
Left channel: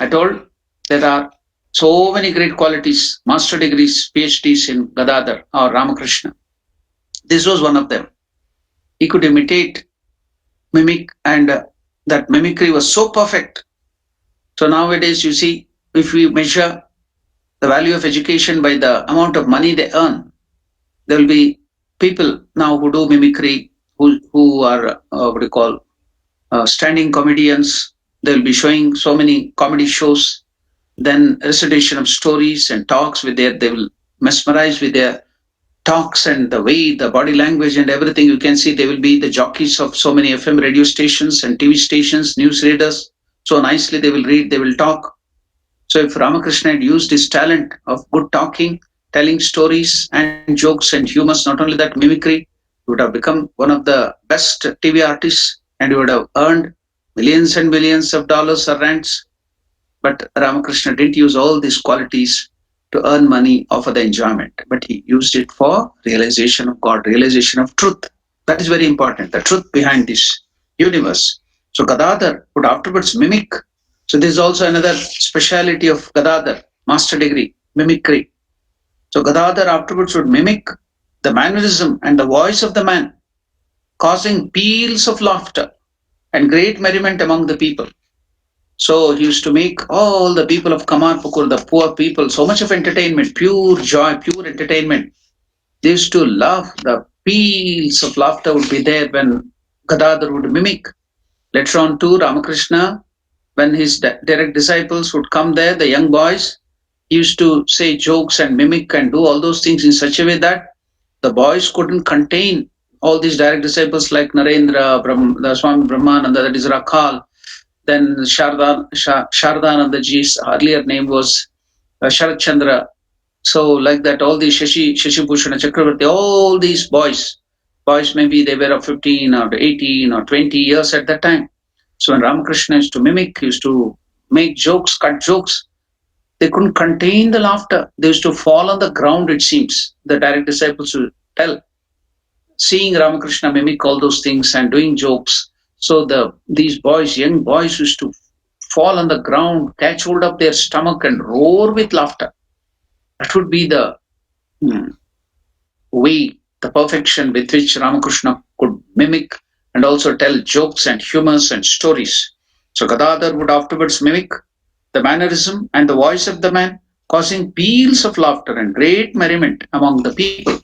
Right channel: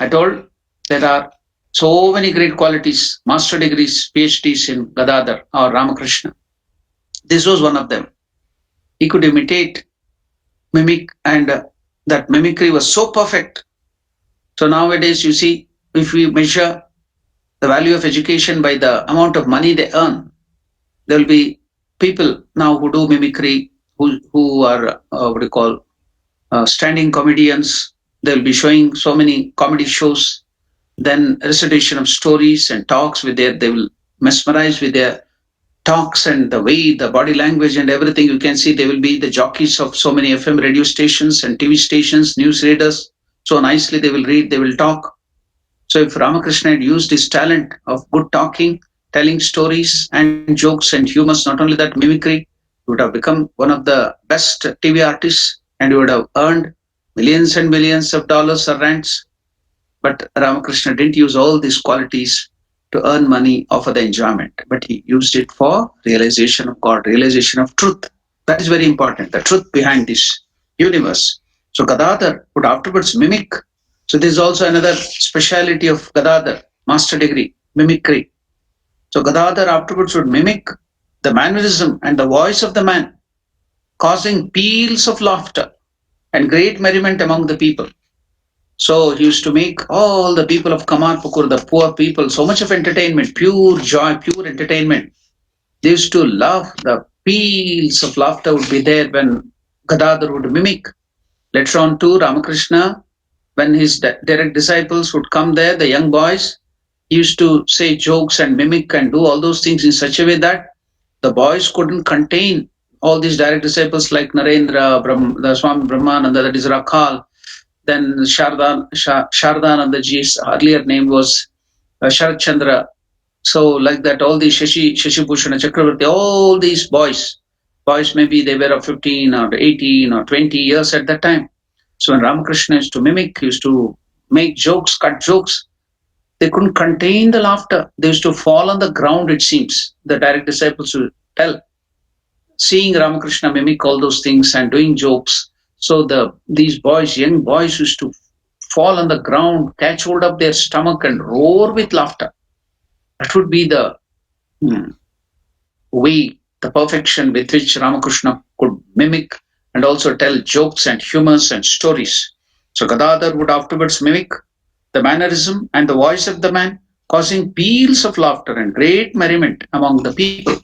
I told there are so many great qualities, master degrees, PhDs in Gadadhar or Ramakrishna. This was one of them. He could imitate, mimic, and that mimicry was so perfect. So nowadays, you see, if we measure the value of education by the amount of money they earn, there will be people now who do mimicry, who are what do you call standing comedians. They will be showing so many comedy shows, then recitation of stories and talks with they will mesmerize with their talks and the way, the body language and everything. You can see they will be the jockeys of so many FM radio stations and TV stations, news readers. So nicely they will read, they will talk. So if Ramakrishna had used his talent of good talking, telling stories and jokes and humors, not only that, mimicry, he would have become one of the best TV artists, and he would have earned millions and millions of dollars or rands. But Ramakrishna didn't use all these qualities to earn money or for the enjoyment, but he used it for realization of God, realization of truth. That is very important, the truth behind this universe. So Gadadhar would afterwards mimic. So this is also another speciality of Gadadhar, master degree, mimicry. So Gadadhar afterwards would mimic the mannerism and the voice of the man, causing peals of laughter and great merriment among the people. So he used to make all the people of Kamarpukur, the poor people, so much of entertainment, pure joy, pure entertainment. They used to laugh. The peals of laughter would be there when Gadadhar would mimic. Later on too, Ramakrishna, when his direct disciples would come there, the young boys, he used to say jokes and mimic and do all those things in such a way that the boys couldn't contain all these direct disciples like Narendra, the Swami Brahmananda, that is Rakhal. Then Shardanandaji's earlier name was Sharat Chandra. So like that, all these Shashi Bhushana Chakravarti, all these boys maybe they were of 15 or 18 or 20 years at that time. So when Ramakrishna used to mimic, he used to make jokes, cut jokes, they couldn't contain the laughter. They used to fall on the ground, it seems. The direct disciples would tell. Seeing Ramakrishna mimic all those things and doing jokes, so these boys, young boys, used to fall on the ground, catch hold of their stomach and roar with laughter. That would be the way, the perfection with which Ramakrishna could mimic and also tell jokes and humors and stories. So Gadadhar would afterwards mimic the mannerism and the voice of the man, causing peals of laughter and great merriment among the people.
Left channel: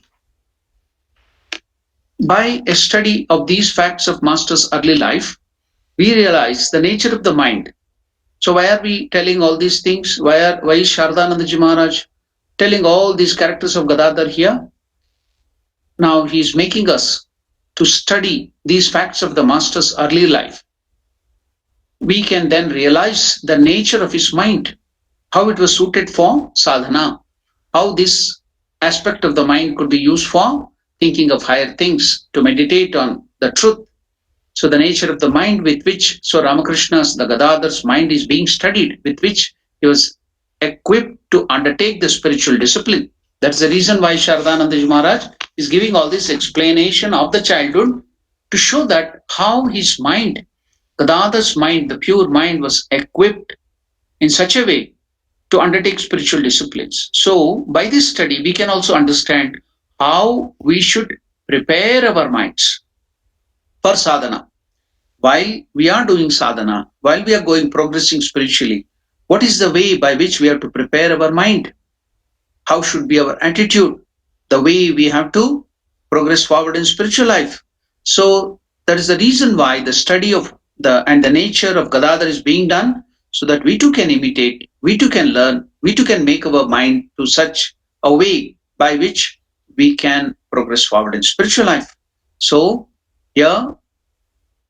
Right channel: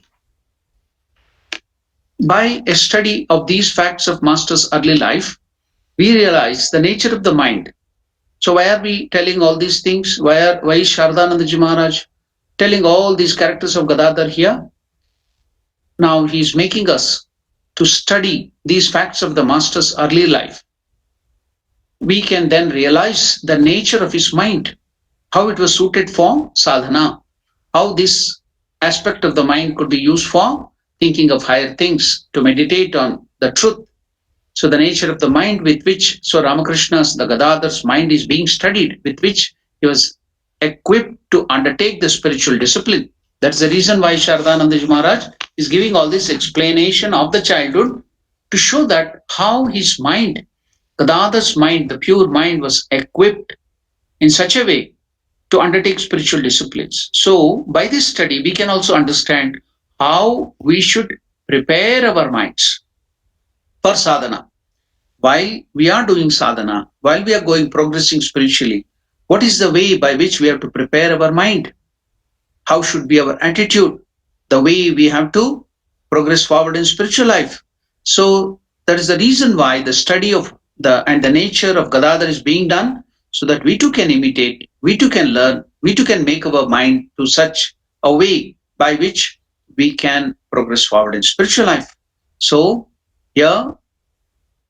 By a study of these facts of Master's early life, we realize the nature of the mind. So why are we telling all these things? Why is Shardanandaji Maharaj telling all these characters of Gadadhar here? Now he's making us to study these facts of the Master's early life. We can then realize the nature of his mind, how it was suited for sadhana, how this aspect of the mind could be used for thinking of higher things, to meditate on the truth. So the nature of the mind with which, so Ramakrishna's, the Gadadhar's mind is being studied, with which he was equipped to undertake the spiritual discipline. That's the reason why Sharadananda Maharaj is giving all this explanation of the childhood to show that how his mind, Gadadhar's mind, the pure mind, was equipped in such a way to undertake spiritual disciplines. So, by this study, we can also understand how we should prepare our minds for sadhana. While we are doing sadhana, while we are going progressing spiritually, what is the way by which we have to prepare our mind? How should be our attitude? The way we have to progress forward in spiritual life. So that is the reason why the study of the nature of Gadadhar is being done, so that we too can imitate, we too can learn, we too can make our mind to such a way by which we can progress forward in spiritual life. So here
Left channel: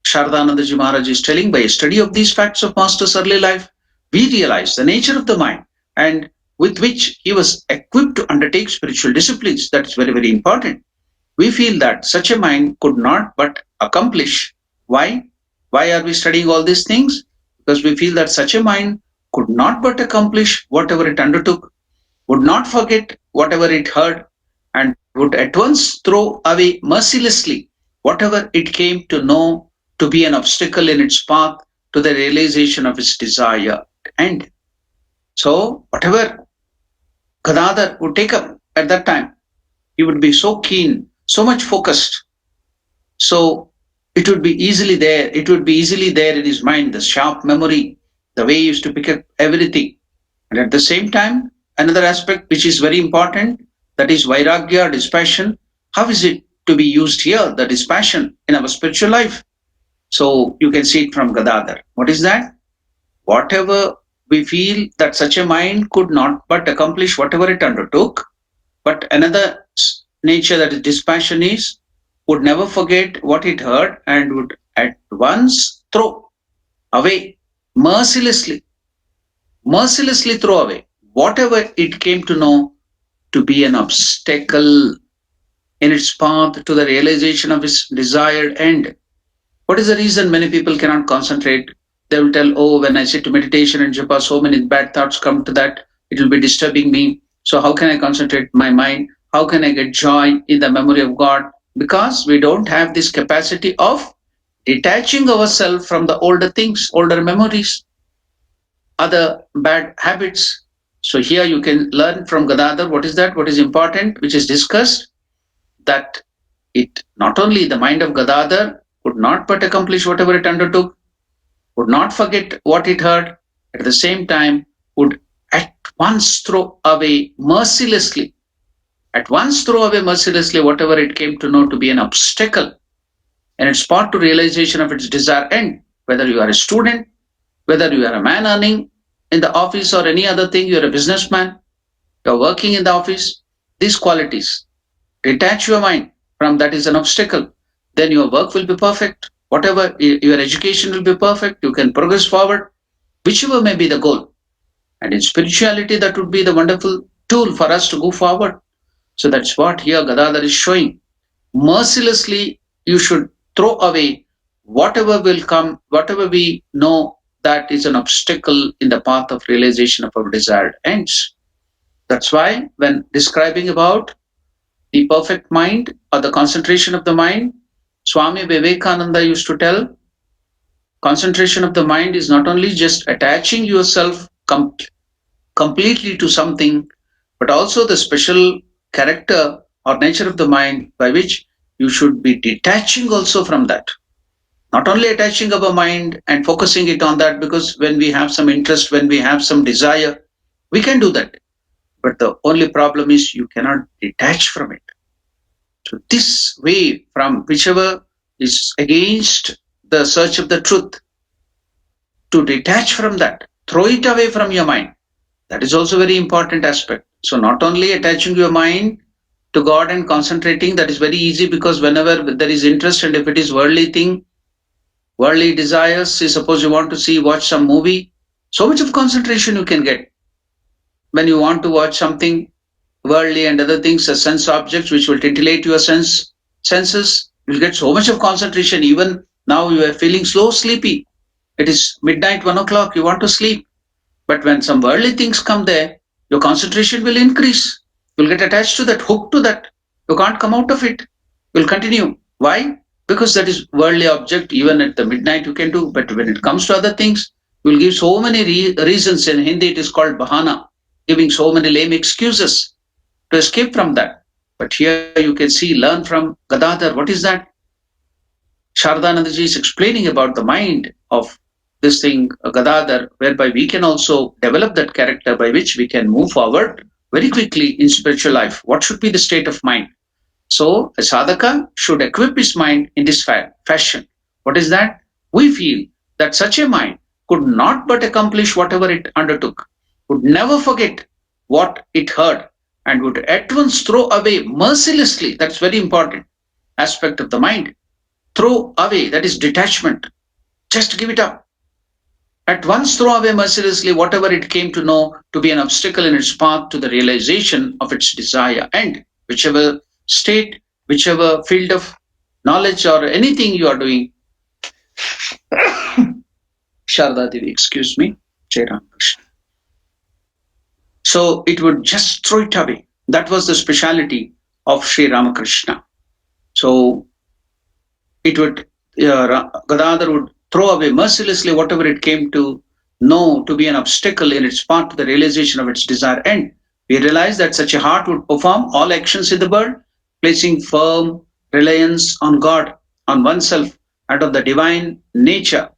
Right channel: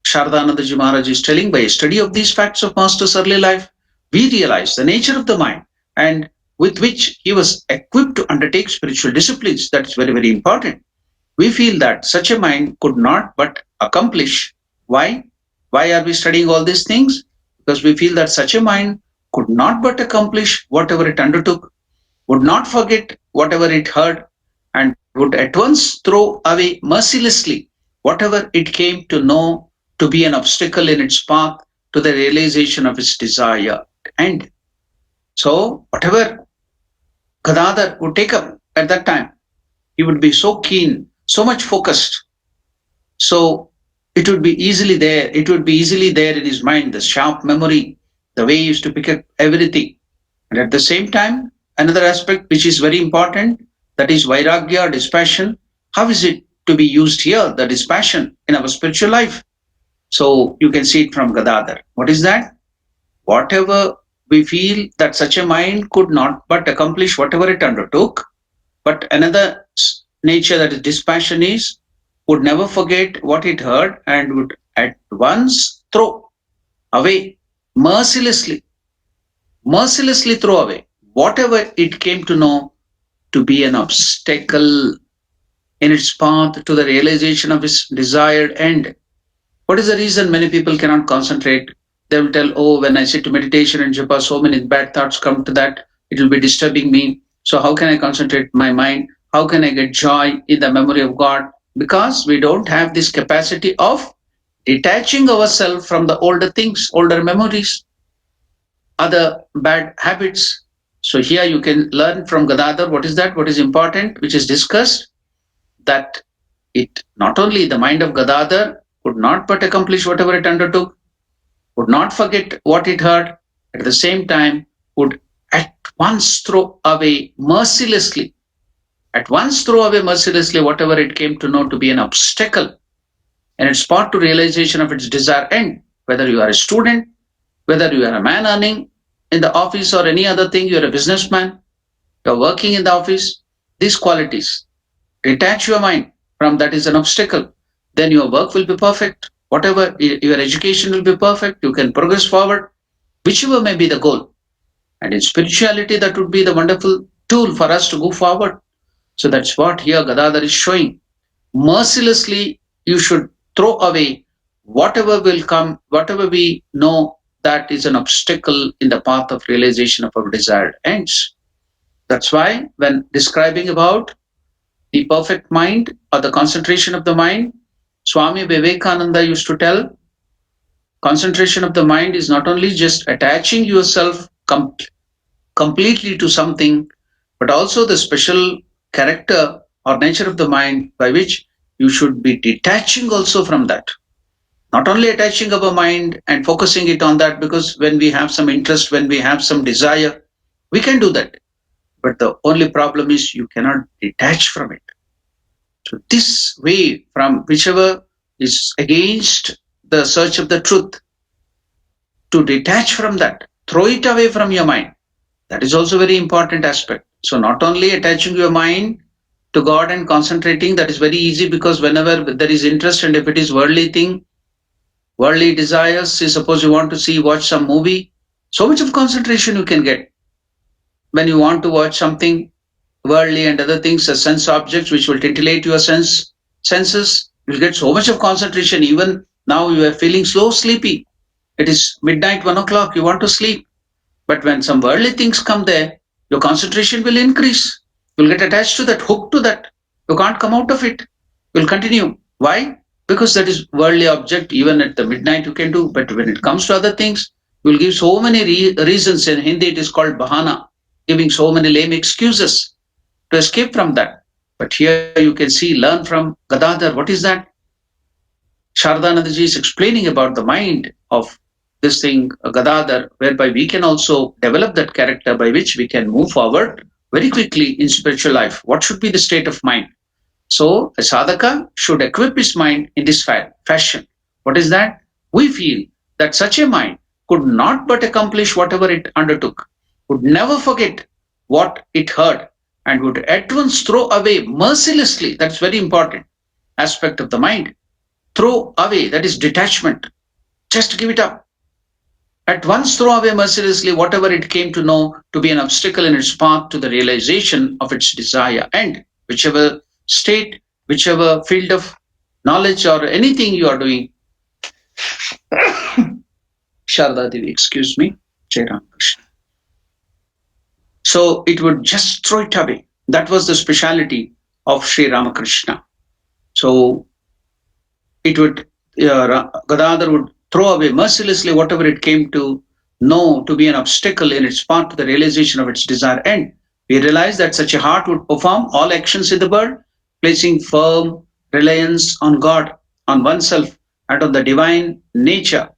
Sharadananda Maharaj is telling, by a study of these facts of Master's early life, we realize the nature of the mind and with which he was equipped to undertake spiritual disciplines. That is very, very important. We feel that such a mind could not but accomplish. Why? Why are we studying all these things? Because we feel that such a mind could not but accomplish whatever it undertook, would not forget whatever it heard, and would at once throw away mercilessly whatever it came to know to be an obstacle in its path to the realization of its desire end. So, whatever Gadadhar would take up at that time, he would be so keen, so much focused. So, it would be easily there. It would be easily there in his mind, the sharp memory, the way he used to pick up everything. And at the same time, another aspect which is very important, that is vairagya, dispassion. How is it to be used here, the dispassion in our spiritual life? So you can see it from Gadadhar. What is that? Whatever we feel that such a mind could not but accomplish whatever it undertook, but another nature, that is dispassion, is would never forget what it heard and would at once throw away mercilessly, mercilessly throw away whatever it came to know to be an obstacle in its path to the realization of its desired end. What is the reason many people cannot concentrate? They will tell, oh, when I sit to meditation and japa, so many bad thoughts come to that, it will be disturbing me. So, how can I concentrate my mind? How can I get joy in the memory of God? Because we don't have this capacity of detaching ourselves from the older things, older memories, other bad habits. So, here you can learn from Gadadhar what is that, what is important, which is discussed, that it not only the mind of Gadadhar could not but accomplish whatever it undertook, would not forget what it heard, at the same time would at once throw away mercilessly, at once throw away mercilessly whatever it came to know to be an obstacle and its path to realization of its desired end. Whether you are a student, whether you are a man earning in the office or any other thing, you are a businessman, you are working in the office, these qualities, detach your mind from that is an obstacle, then your work will be perfect. Whatever your education will be perfect, you can progress forward, whichever may be the goal. And in spirituality, that would be the wonderful tool for us to go forward. So that's what here Gadadhar is showing. Mercilessly, you should throw away whatever will come, whatever we know that is an obstacle in the path of realization of our desired ends. That's why when describing about the perfect mind or the concentration of the mind, Swami Vivekananda used to tell, concentration of the mind is not only just attaching yourself completely to something, but also the special character or nature of the mind by which you should be detaching also from that. Not only attaching our mind and focusing it on that, because when we have some interest, when we have some desire, we can do that. But the only problem is you cannot detach from it. So this way, from whichever is against the search of the truth, to detach from that, throw it away from your mind. That is also very important aspect. So not only attaching your mind to God and concentrating, that is very easy, because whenever there is interest and if it is worldly thing, worldly desires, say suppose you want to watch some movie, so much of concentration you can get. When you want to watch something, worldly and other things, as sense objects, which will titillate your senses. You'll get so much of concentration. Even now, you are feeling slow, sleepy. It is midnight, 1 o'clock. You want to sleep. But when some worldly things come there, your concentration will increase. You'll get attached to that, hooked to that. You can't come out of it. You'll continue. Why? Because that is worldly object. Even at the midnight you can do. But when it comes to other things, you'll give so many reasons. In Hindi, it is called bahana, giving so many lame excuses to escape from that. But here you can see, learn from Gadadhar. What is that? Shardanandaji is explaining about the mind of this thing, Gadadhar, whereby we can also develop that character by which we can move forward very quickly in spiritual life. What should be the state of mind? So, a sadhaka should equip his mind in this fashion. What is that? We feel that such a mind could not but accomplish whatever it undertook, would never forget what it heard, and would at once throw away mercilessly. That's very important aspect of the mind. Throw away, that is detachment. Just give it up. At once throw away mercilessly whatever it came to know to be an obstacle in its path to the realization of its desire. And whichever state, whichever field of knowledge or anything you are doing, Sharda Devi, excuse me, Jai Ram Krishna. So it would just throw it away. That was the speciality of Sri Ramakrishna. So it would, Gadadhar would throw away mercilessly whatever it came to know to be an obstacle in its path to the realization of its desire. And we realize that such a heart would perform all actions in the world, placing firm reliance on God, on oneself, and on the divine nature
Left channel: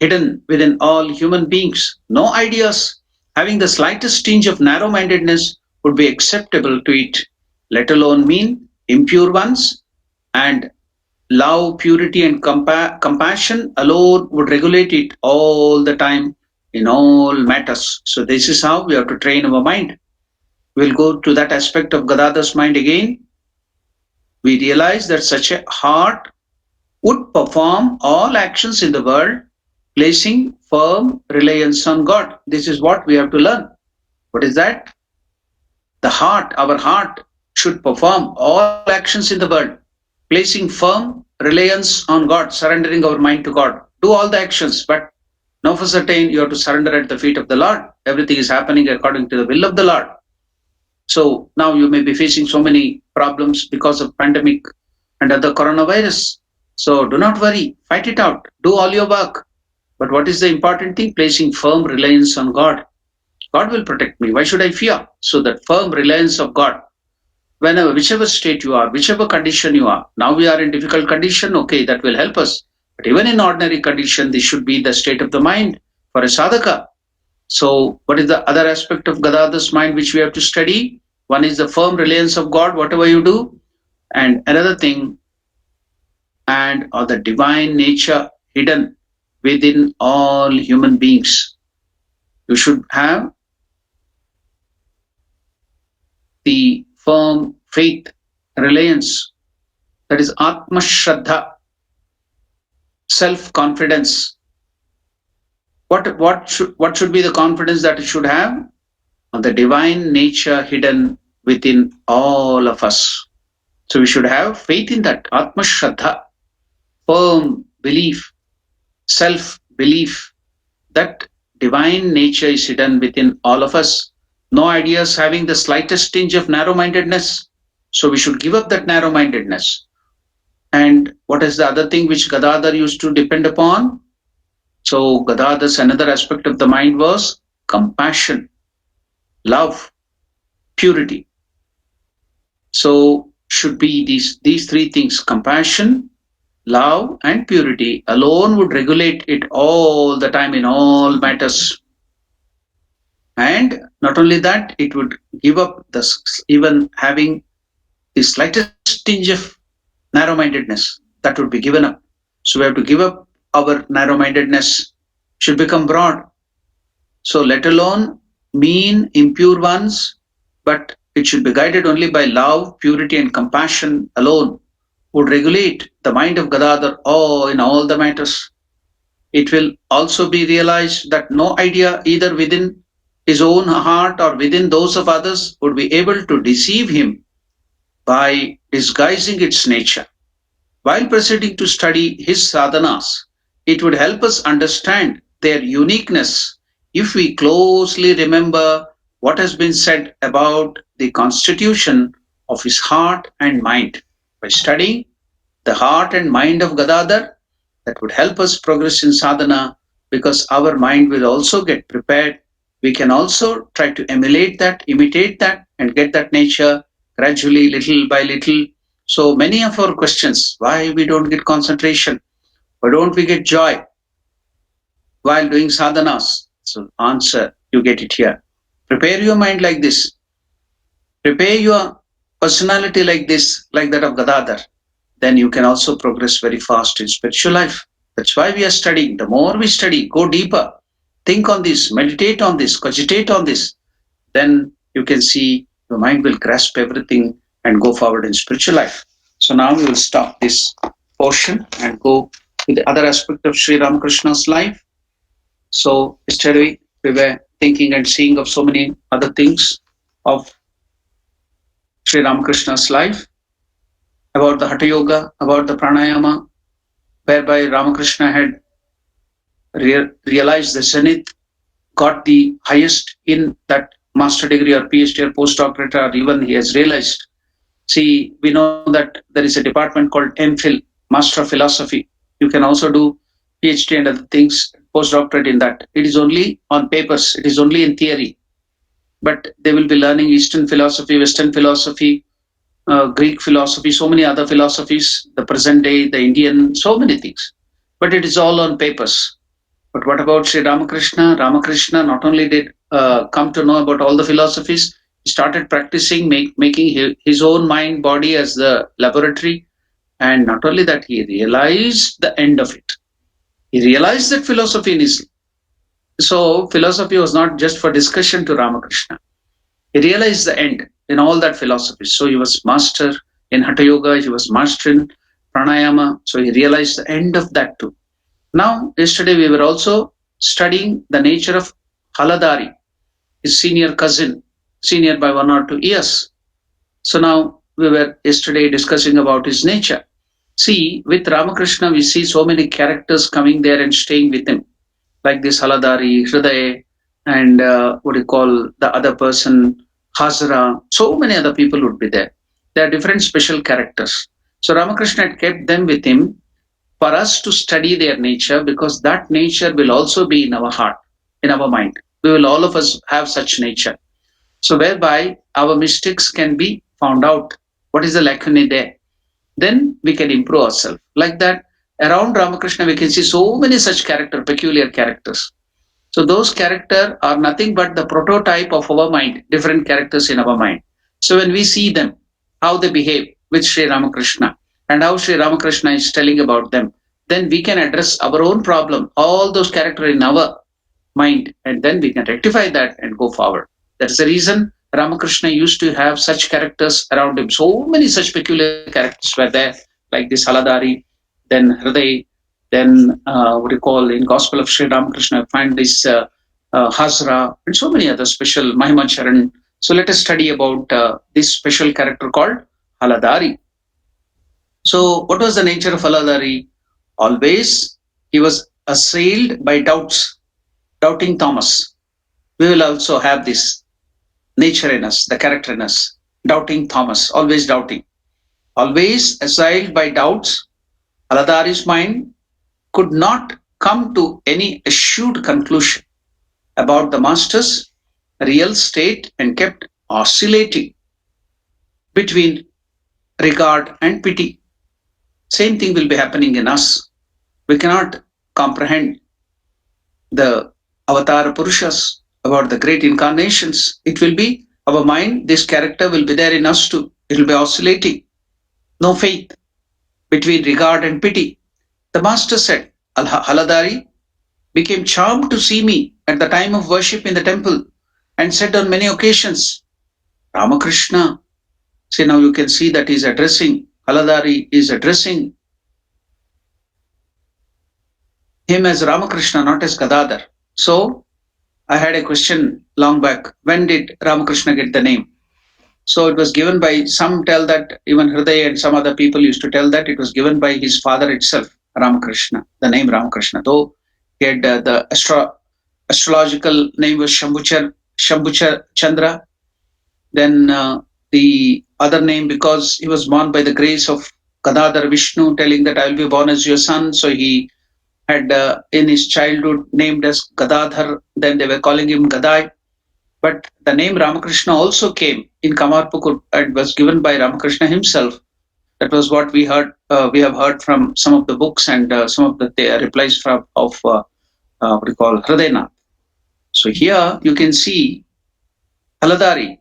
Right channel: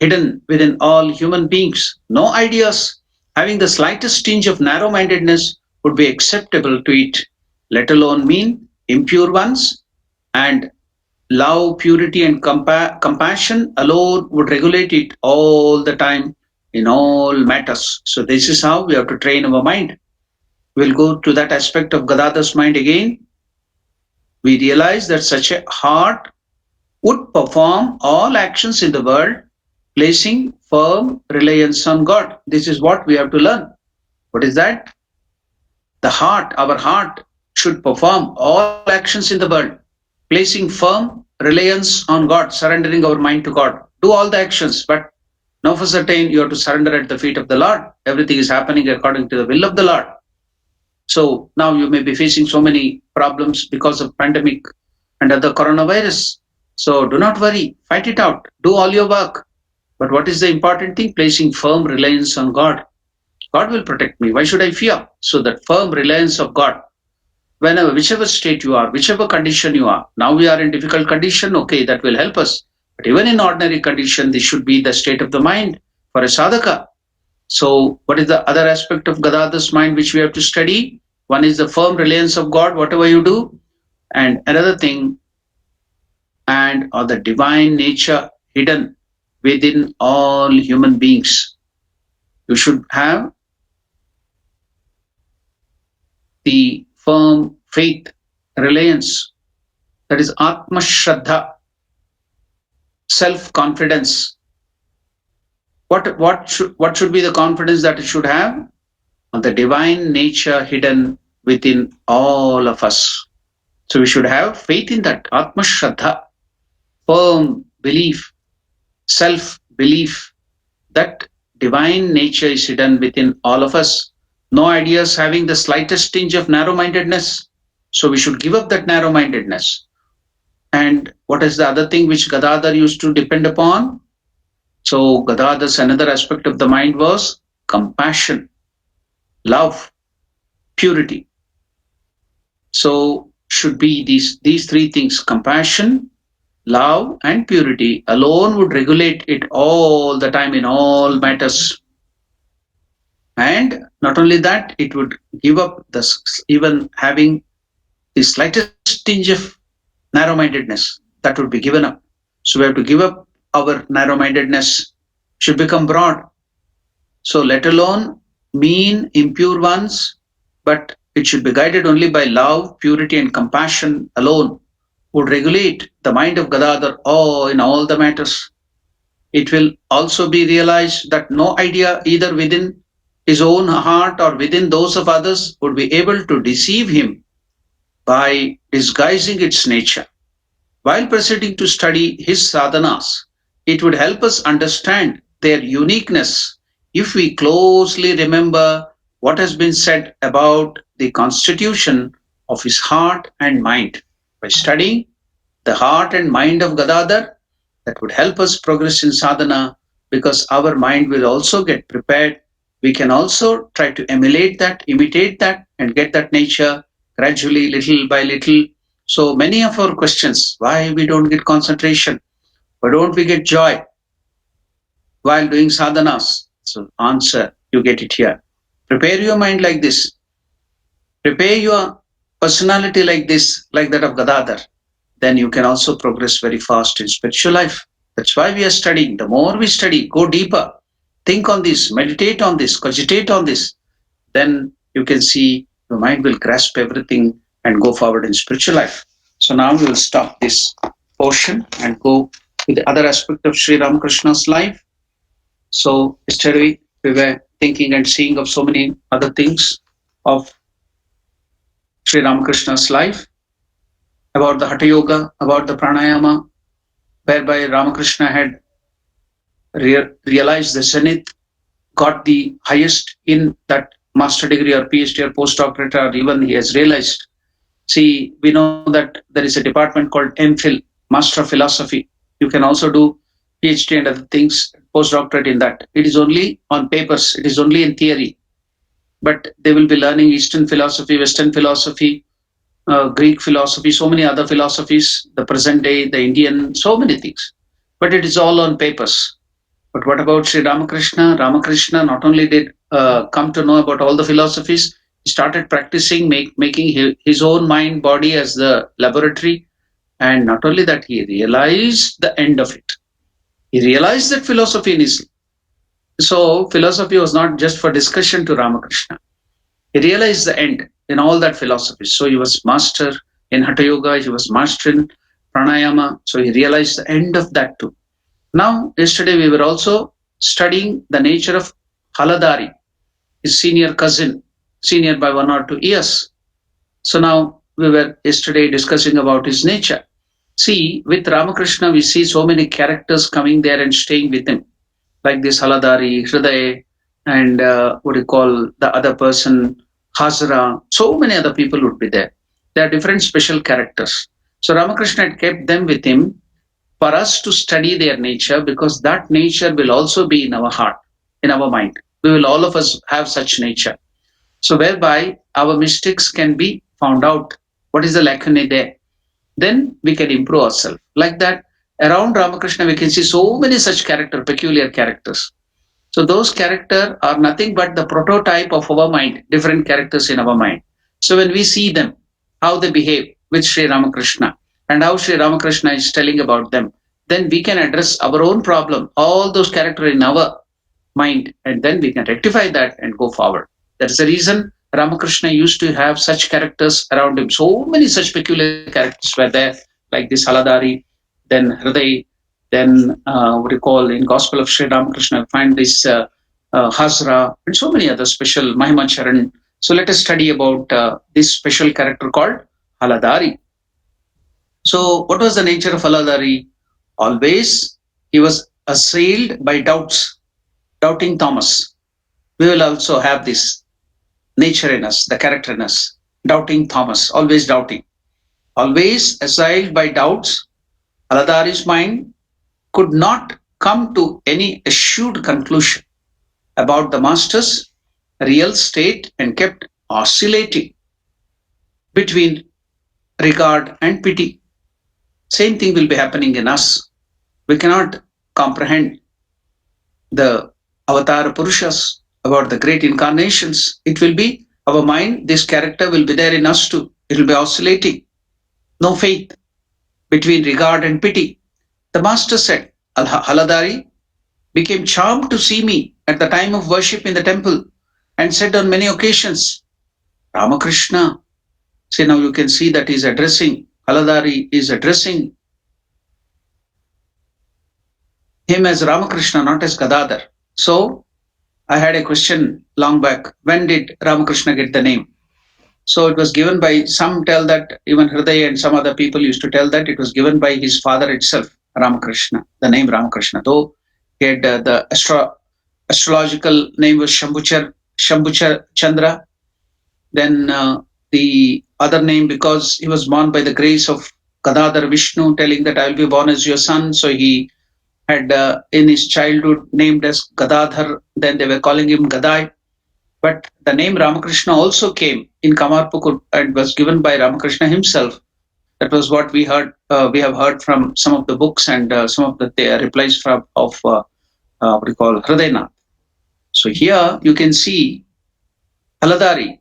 hidden within all human beings. No ideas having the slightest tinge of narrow mindedness would be acceptable to it, let alone mean impure ones. And love, purity, and compassion alone would regulate it all the time in all matters. So, this is how we have to train our mind. We'll go to that aspect of Gadadhar's mind again. We realize that such a heart would perform all actions in the world, placing firm reliance on God. This is what we have to learn. What is that? The heart, our heart, should perform all actions in the world, placing firm reliance on God, surrendering our mind to God. Do all the actions, but know for certain you have to surrender at the feet of the Lord. Everything is happening according to the will of the Lord. So now you may be facing so many problems because of pandemic and other coronavirus. So do not worry, fight it out, do all your work. But what is the important thing? Placing firm reliance on God. God will protect me. Why should I fear? So that firm reliance of God. Whenever, whichever state you are, whichever condition you are. Now we are in difficult condition, okay, that will help us. But even in ordinary condition, this should be the state of the mind for a sadhaka. So what is the other aspect of Gadadhar's mind which we have to study? One is the firm reliance of God, whatever you do. And another thing, and or the divine nature hidden within all human beings. You should have the firm faith, reliance, that is Atma Shraddha, self-confidence. What should be the confidence that it should have? On the divine nature hidden within all of us. So we should have faith in that, Atma Shraddha, firm belief, self-belief that divine nature is hidden within all of us. No ideas having the slightest tinge of narrow-mindedness. So we should give up that narrow-mindedness. And what is the other thing which Gadadhar used to depend upon? So Gadadhar's another aspect of the mind was compassion, love, purity. So should be these three things: compassion, love, and purity alone would regulate it all the time in all matters. And not only that, it would give up even having the slightest tinge of narrow-mindedness, that would be given up. So we have to give up our narrow-mindedness, should become broad. So let alone mean impure ones, but it should be guided only by love, purity, and compassion alone would regulate the mind of Gadadhar in all the matters. It will also be realized that no idea either within his own heart or within those of others would be able to deceive him by disguising its nature. While proceeding to study his sadhanas, it would help us understand their uniqueness if we closely remember what has been said about the constitution of his heart and mind. By studying the heart and mind of Gadadhar, that would help us progress in sadhana because our mind will also get prepared. We can also try to emulate that, imitate that, and get that nature gradually, little by little. So many of our questions, why we don't get concentration, why don't we get joy while doing sadhanas? So answer, you get it here. Prepare your mind like this. Prepare your personality like this, like that of Gadadhar. Then you can also progress very fast in spiritual life. That's why we are studying. The more we study, go deeper, think on this, meditate on this, cogitate on this, then you can see your mind will grasp everything and go forward in spiritual life. So now we will stop this portion and go to the other aspect of Sri Ramakrishna's life. So yesterday we were thinking and seeing of so many other things of Sri Ramakrishna's life, about the Hatha Yoga, about the Pranayama, whereby Ramakrishna had realized the zenith, got the highest in that master degree or PhD or postdoctorate, or even he has realized. See, we know that there is a department called MPhil, Master of Philosophy. You can also do PhD and other things, postdoctorate in that. It is only on papers, it is only in theory. But they will be learning Eastern philosophy, Western philosophy, Greek philosophy, so many other philosophies, the present day, the Indian, so many things. But it is all on papers. But what about Sri Ramakrishna? Ramakrishna not only did come to know about all the philosophies, he started practicing, making his own mind, body as the laboratory. And not only that, he realized the end of it. He realized that philosophy is. So, philosophy was not just for discussion to Ramakrishna. He realized the end in all that philosophy. So, he was master in Hatha Yoga, he was master in Pranayama. So, he realized the end of that too. Now, yesterday we were also studying the nature of Haladari, his senior cousin, senior by 1 or 2 years. So now we were yesterday discussing about his nature. See, with Ramakrishna, we see so many characters coming there and staying with him, like this Haladari, Hriday, and what do you call the other person, Hazara. So many other people would be there. There are different special characters. So Ramakrishna had kept them with him for us to study their nature, because that nature will also be in our heart, in our mind. We will all of us have such nature. So whereby our mistakes can be found out. What is the lacunae there? Then we can improve ourselves. Like that, around Ramakrishna, we can see so many such peculiar characters. So those characters are nothing but the prototype of our mind, different characters in our mind. So when we see them, how they behave with Sri Ramakrishna and how Sri Ramakrishna is telling about them, then we can address our own problem, all those characters in our mind, and then we can rectify that and go forward. That is the reason Ramakrishna used to have such characters around him. So many such peculiar characters were there, like this Haladari, then Hriday, then what do you call in Gospel of Sri Ramakrishna, find this Hasra, and so many other special Mahimacharan. So let us study about this special character called Haladari. So what was the nature of Haladari? Always he was assailed by doubts, doubting Thomas. We will also have this nature in us, the character in us, doubting Thomas, always doubting. Always assailed by doubts, Haladari's mind could not come to any assured conclusion about the master's real state and kept oscillating between regard and pity. Same thing will be happening in us. We cannot comprehend the avatar Purushas, about the great incarnations. It will be our mind, this character will be there in us too. It will be oscillating. No faith between regard and pity. The master said, Haladari became charmed to see me at the time of worship in the temple and said on many occasions, Ramakrishna. See, now you can see that he's addressing, Haladari is addressing him as Ramakrishna, not as Gadadhar. So I had a question long back. When did Ramakrishna get the name? So it was given by, some tell that, even Hriday and some other people used to tell that it was given by his father itself, Ramakrishna, the name Ramakrishna. Though he had the astrological name was Shambhuchar Chandra. Then the other name, because he was born by the grace of Gadadhar Vishnu, telling that I will be born as your son. So he had in his childhood named as Gadadhar. Then they were calling him Gadai. But the name Ramakrishna also came in Kamarpukur and was given by Ramakrishna himself. That was what we heard. We have heard from some of the books and some of the replies from of what we call Hridaynath. So here you can see Haladari.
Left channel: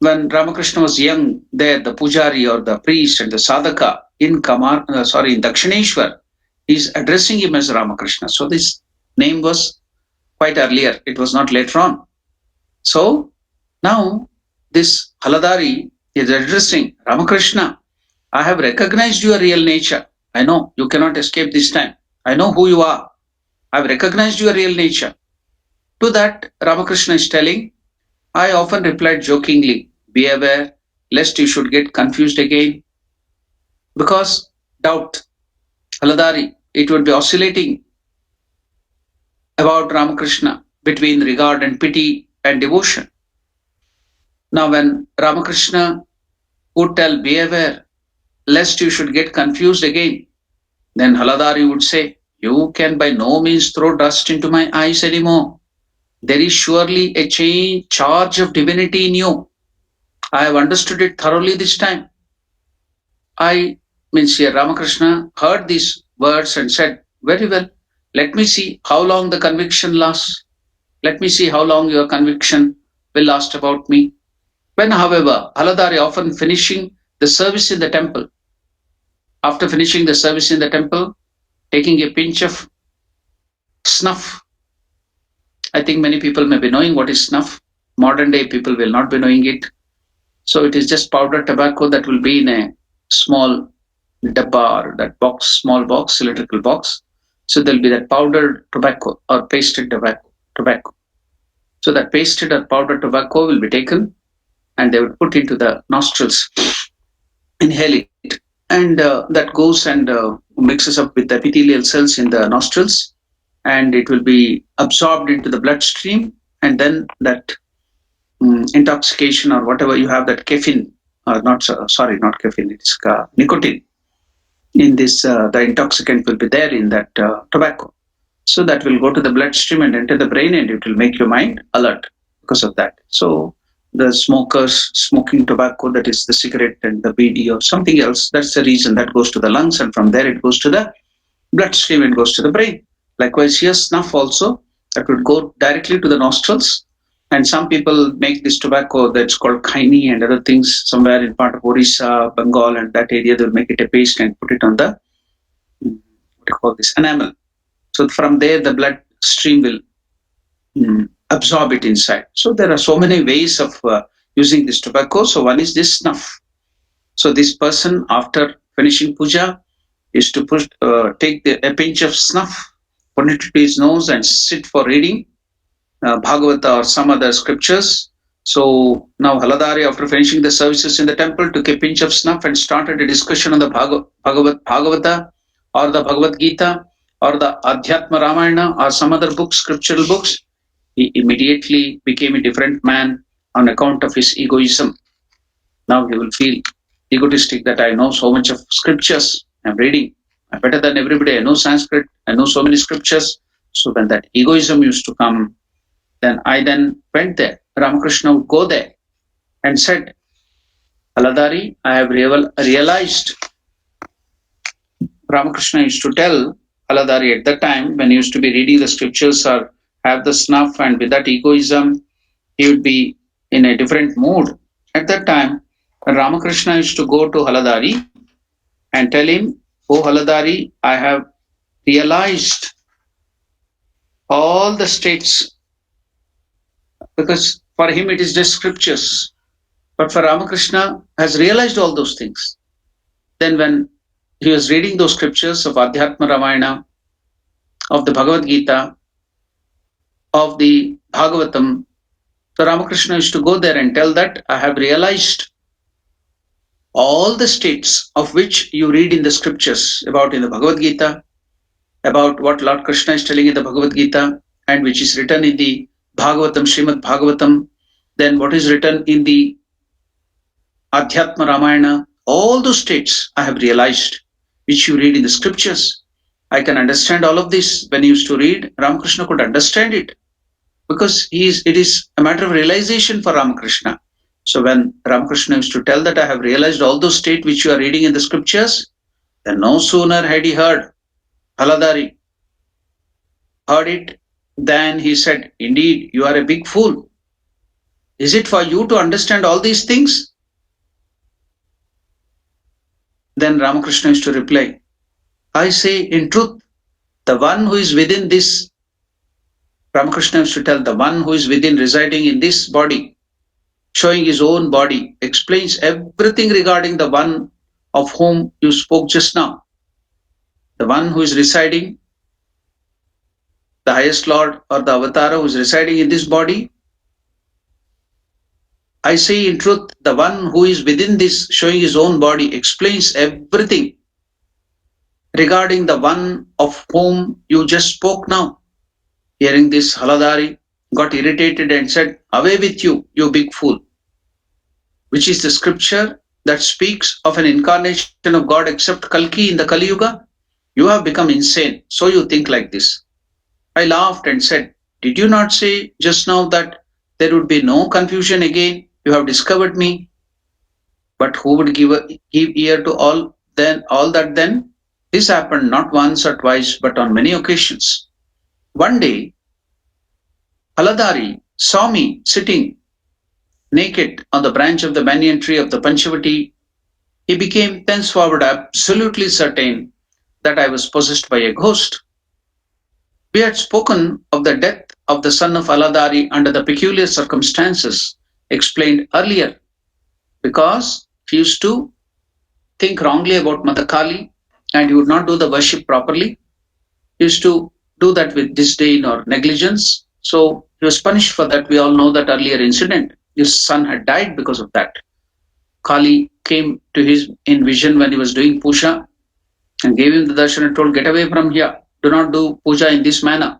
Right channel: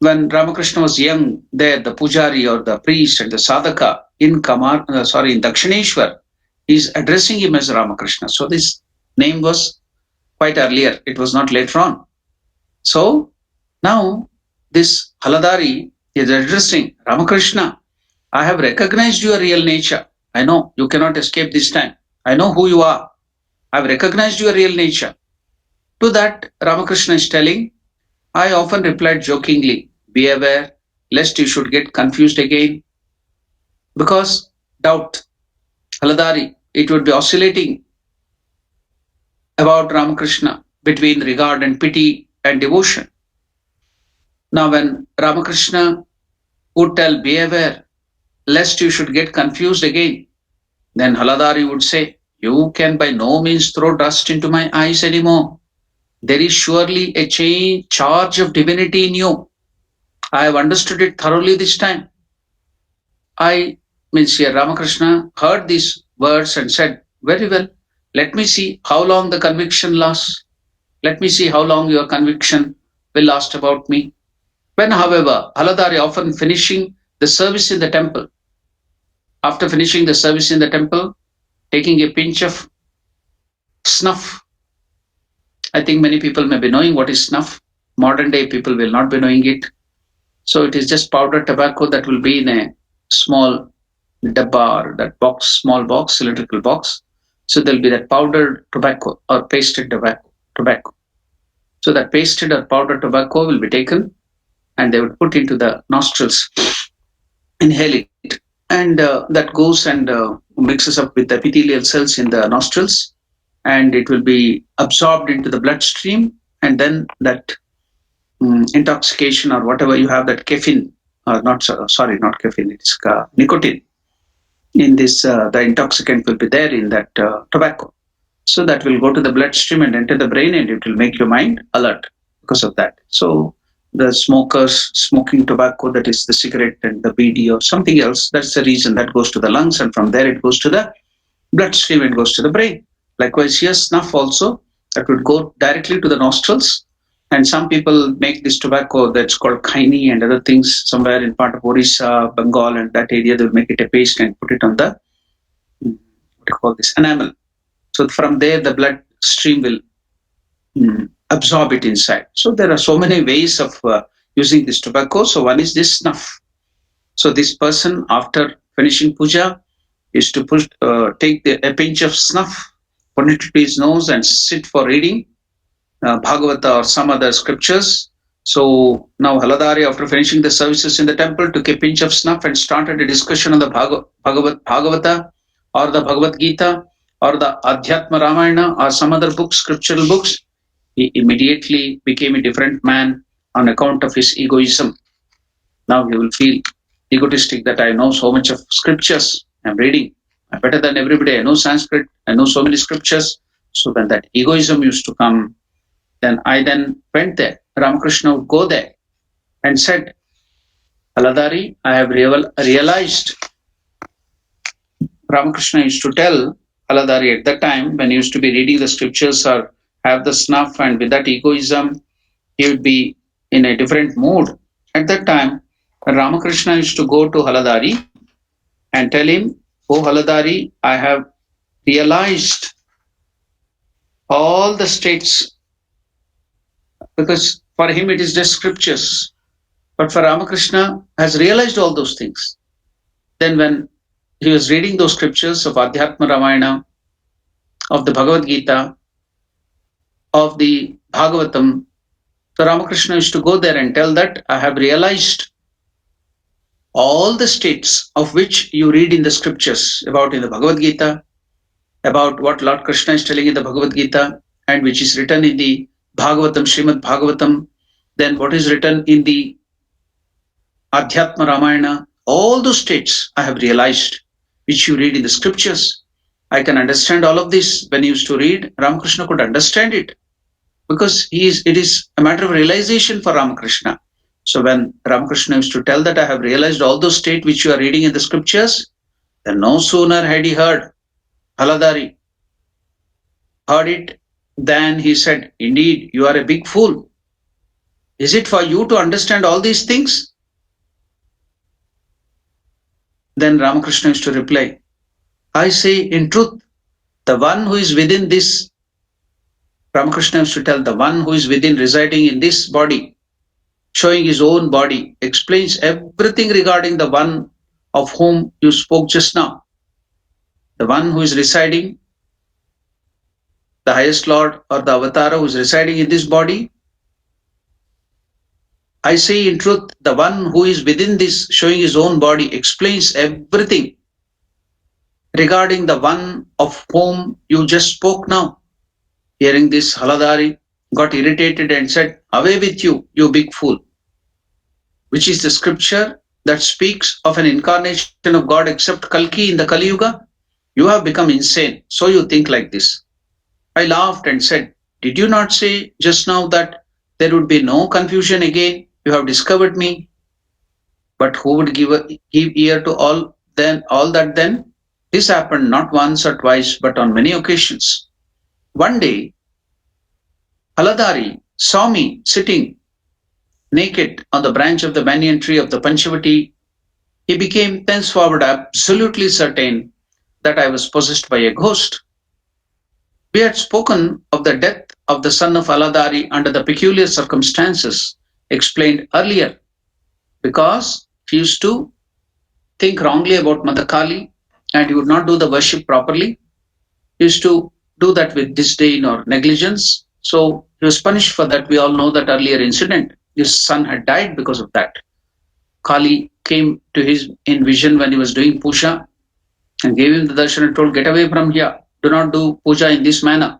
When Ramakrishna was young, there the pujari or the priest and the sadhaka in in Dakshineshwar, is addressing him as Ramakrishna. So this name was quite earlier. It was not later on. So now this Haladari is addressing Ramakrishna. I have recognized your real nature. I know you cannot escape this time. I know who you are. I've recognized your real nature. To that, Ramakrishna is telling, I often replied jokingly, be aware lest you should get confused again. Because doubt, Haladari, it would be oscillating about Ramakrishna between regard and pity and devotion. Now, when Ramakrishna would tell, be aware lest you should get confused again, then Haladari would say, you can by no means throw dust into my eyes anymore. There is surely a charge of divinity in you. I have understood it thoroughly this time. I means here Ramakrishna heard these words and said, very well, let me see how long the conviction lasts. Let me see how long your conviction will last about me. When, however, Haladari, often finishing the service in the temple, after finishing the service in the temple, taking a pinch of snuff. I think many people may be knowing what is snuff. Modern day people will not be knowing it. So it is just powdered tobacco that will be in a small dabba, or that box, small box, cylindrical box. So there'll be that powdered tobacco or pasted tobacco. So that pasted or powdered tobacco will be taken and they would put into the nostrils, inhale it, and that goes and mixes up with the epithelial cells in the nostrils, and it will be absorbed into the bloodstream, and then that intoxication or whatever you have, that caffeine, not caffeine, it's nicotine in this, the intoxicant will be there in that tobacco. So that will go to the bloodstream and enter the brain, and it will make your mind alert because of that. So the smokers smoking tobacco, that is the cigarette and the BD or something else, that's the reason that goes to the lungs, and from there it goes to the bloodstream and goes to the brain. Likewise here, snuff also, that would go directly to the nostrils. And some people make this tobacco that's called khaini and other things somewhere in part of Orissa, Bengal, and that area. They'll make it a paste and put it on the, what do you call this, enamel. So from there, the bloodstream will absorb it inside. So there are so many ways of using this tobacco. So one is this snuff. So this person, after finishing puja, is to take a pinch of snuff, put it to his nose, and sit for reading Bhagavata or some other scriptures. So now Haladari, after finishing the services in the temple, took a pinch of snuff and started a discussion on the Bhagavata or the Bhagavad Gita or the Adhyatma Ramayana or some other books, scriptural books. He immediately became a different man on account of his egoism. Now he will feel egotistic that I know so much of scriptures, I'm reading, I'm better than everybody, I know Sanskrit, I know so many scriptures. So when that egoism used to come, then I went there. Ramakrishna would go there and said, Haladari, I have realized. Ramakrishna used to tell Haladari at that time, when he used to be reading the scriptures or have the snuff, and with that egoism, he would be in a different mood. At that time, Ramakrishna used to go to Haladari and tell him, oh Haladari, I have realized all the states, because for him it is just scriptures. But for Ramakrishna has realized all those things. Then when he was reading those scriptures of Adhyatma Ramayana, of the Bhagavad Gita, of the Bhagavatam. So Ramakrishna used to go there and tell that I have realized all the states of which you read in the scriptures about in the Bhagavad Gita, about what Lord Krishna is telling in the Bhagavad Gita, and which is written in the Bhagavatam, Srimad Bhagavatam, then what is written in the Adhyatma Ramayana, all those states I have realized, which you read in the scriptures. I can understand all of this. When he used to read, Ramakrishna could understand it because it is a matter of realization for Ramakrishna. So when Ramakrishna used to tell that I have realized all those states which you are reading in the scriptures, then no sooner had he heard, Haladari heard it, than he said, indeed, you are a big fool. Is it for you to understand all these things? Then Ramakrishna used to reply, I say in truth, the one who is within this, Ramakrishna used to tell, the one who is within residing in this body, showing his own body, explains everything regarding the one of whom you spoke just now. The one who is residing, the highest Lord or the Avatara who is residing in this body. I say in truth, the one who is within this, showing his own body, explains everything regarding the one of whom you just spoke now. Hearing this, Haladari got irritated and said, away with you, you big fool. Which is the scripture that speaks of an incarnation of God except Kalki in the Kali Yuga? You have become insane, so you think like this. I laughed and said, did you not say just now that there would be no confusion again? You have discovered me. But who would give ear to all that then? This happened not once or twice, but on many occasions. One day, Haladari saw me sitting naked on the branch of the banyan tree of the Panchavati. He became thenceforward absolutely certain that I was possessed by a ghost. We had spoken of the death of the son of Haladari under the peculiar circumstances explained earlier, because he used to think wrongly about Mother Kali and he would not do the worship properly. He used to do that with disdain or negligence. So he was punished for that. We all know that earlier incident. His son had died because of that. Kali came to his in vision when he was doing puja and gave him the darshan and told, get away from here. Do not do puja in this manner.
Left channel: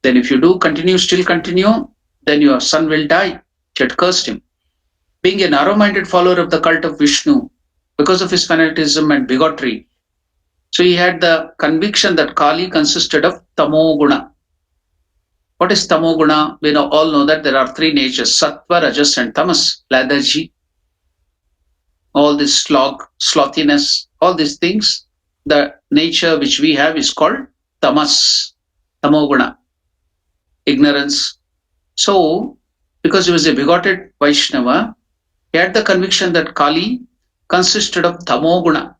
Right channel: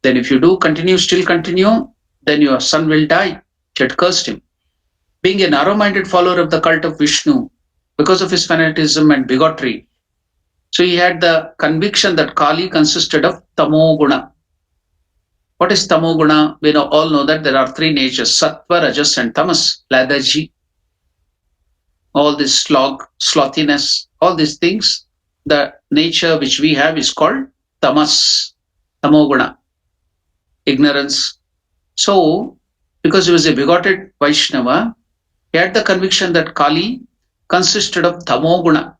Then if you do still continue, then your son will die. She had cursed him. Being a narrow-minded follower of the cult of Vishnu, because of his fanaticism and bigotry, so he had the conviction that Kali consisted of tamoguna. What is tamoguna? We all know that there are three natures, sattva, rajas and tamas, lethargy, all this slothiness, all these things. The nature which we have is called tamas, tamoguna, ignorance. So, because he was a bigoted Vaishnava, he had the conviction that Kali consisted of tamoguna.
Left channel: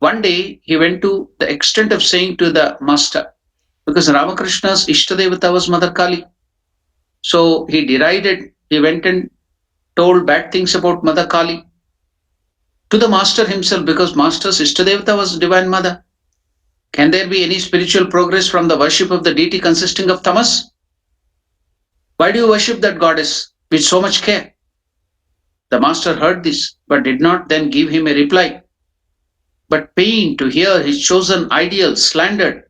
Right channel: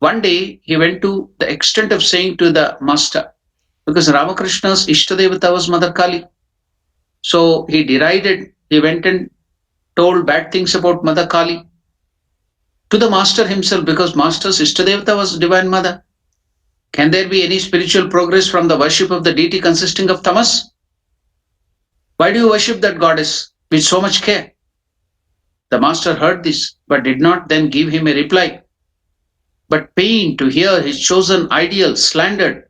One day, he went to the extent of saying to the master, because Ramakrishna's Ishtadevata was Mother Kali. So he derided, he went and told bad things about Mother Kali to the master himself, because master's Ishtadevata was Divine Mother. Can there be any spiritual progress from the worship of the deity consisting of tamas? Why do you worship that goddess with so much care? The master heard this, but did not then give him a reply, but pained to hear his chosen ideal slandered.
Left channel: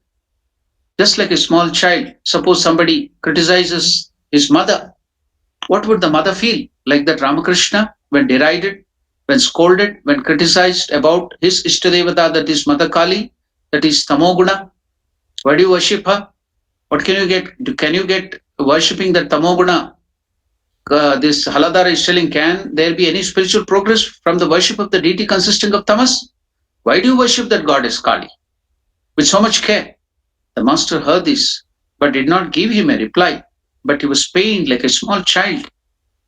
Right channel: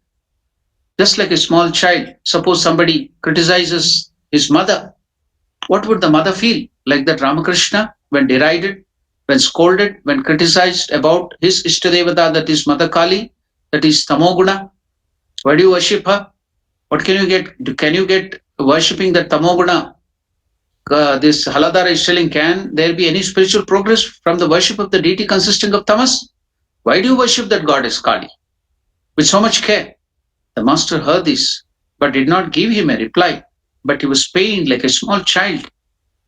Just like a small child, suppose somebody criticizes his mother, what would the mother feel? Like that Ramakrishna, when derided, when scolded, when criticized about his Ishtadevata, that is Mother Kali, that is Tamoguna. Why do you worship her? What can you get? Can you get worshipping that Tamoguna? This Haladara is telling, can there be any spiritual progress from the worship of the deity consisting of tamas? Why do you worship that goddess Kali with so much care? The master heard this, but did not give him a reply. But he was pained like a small child.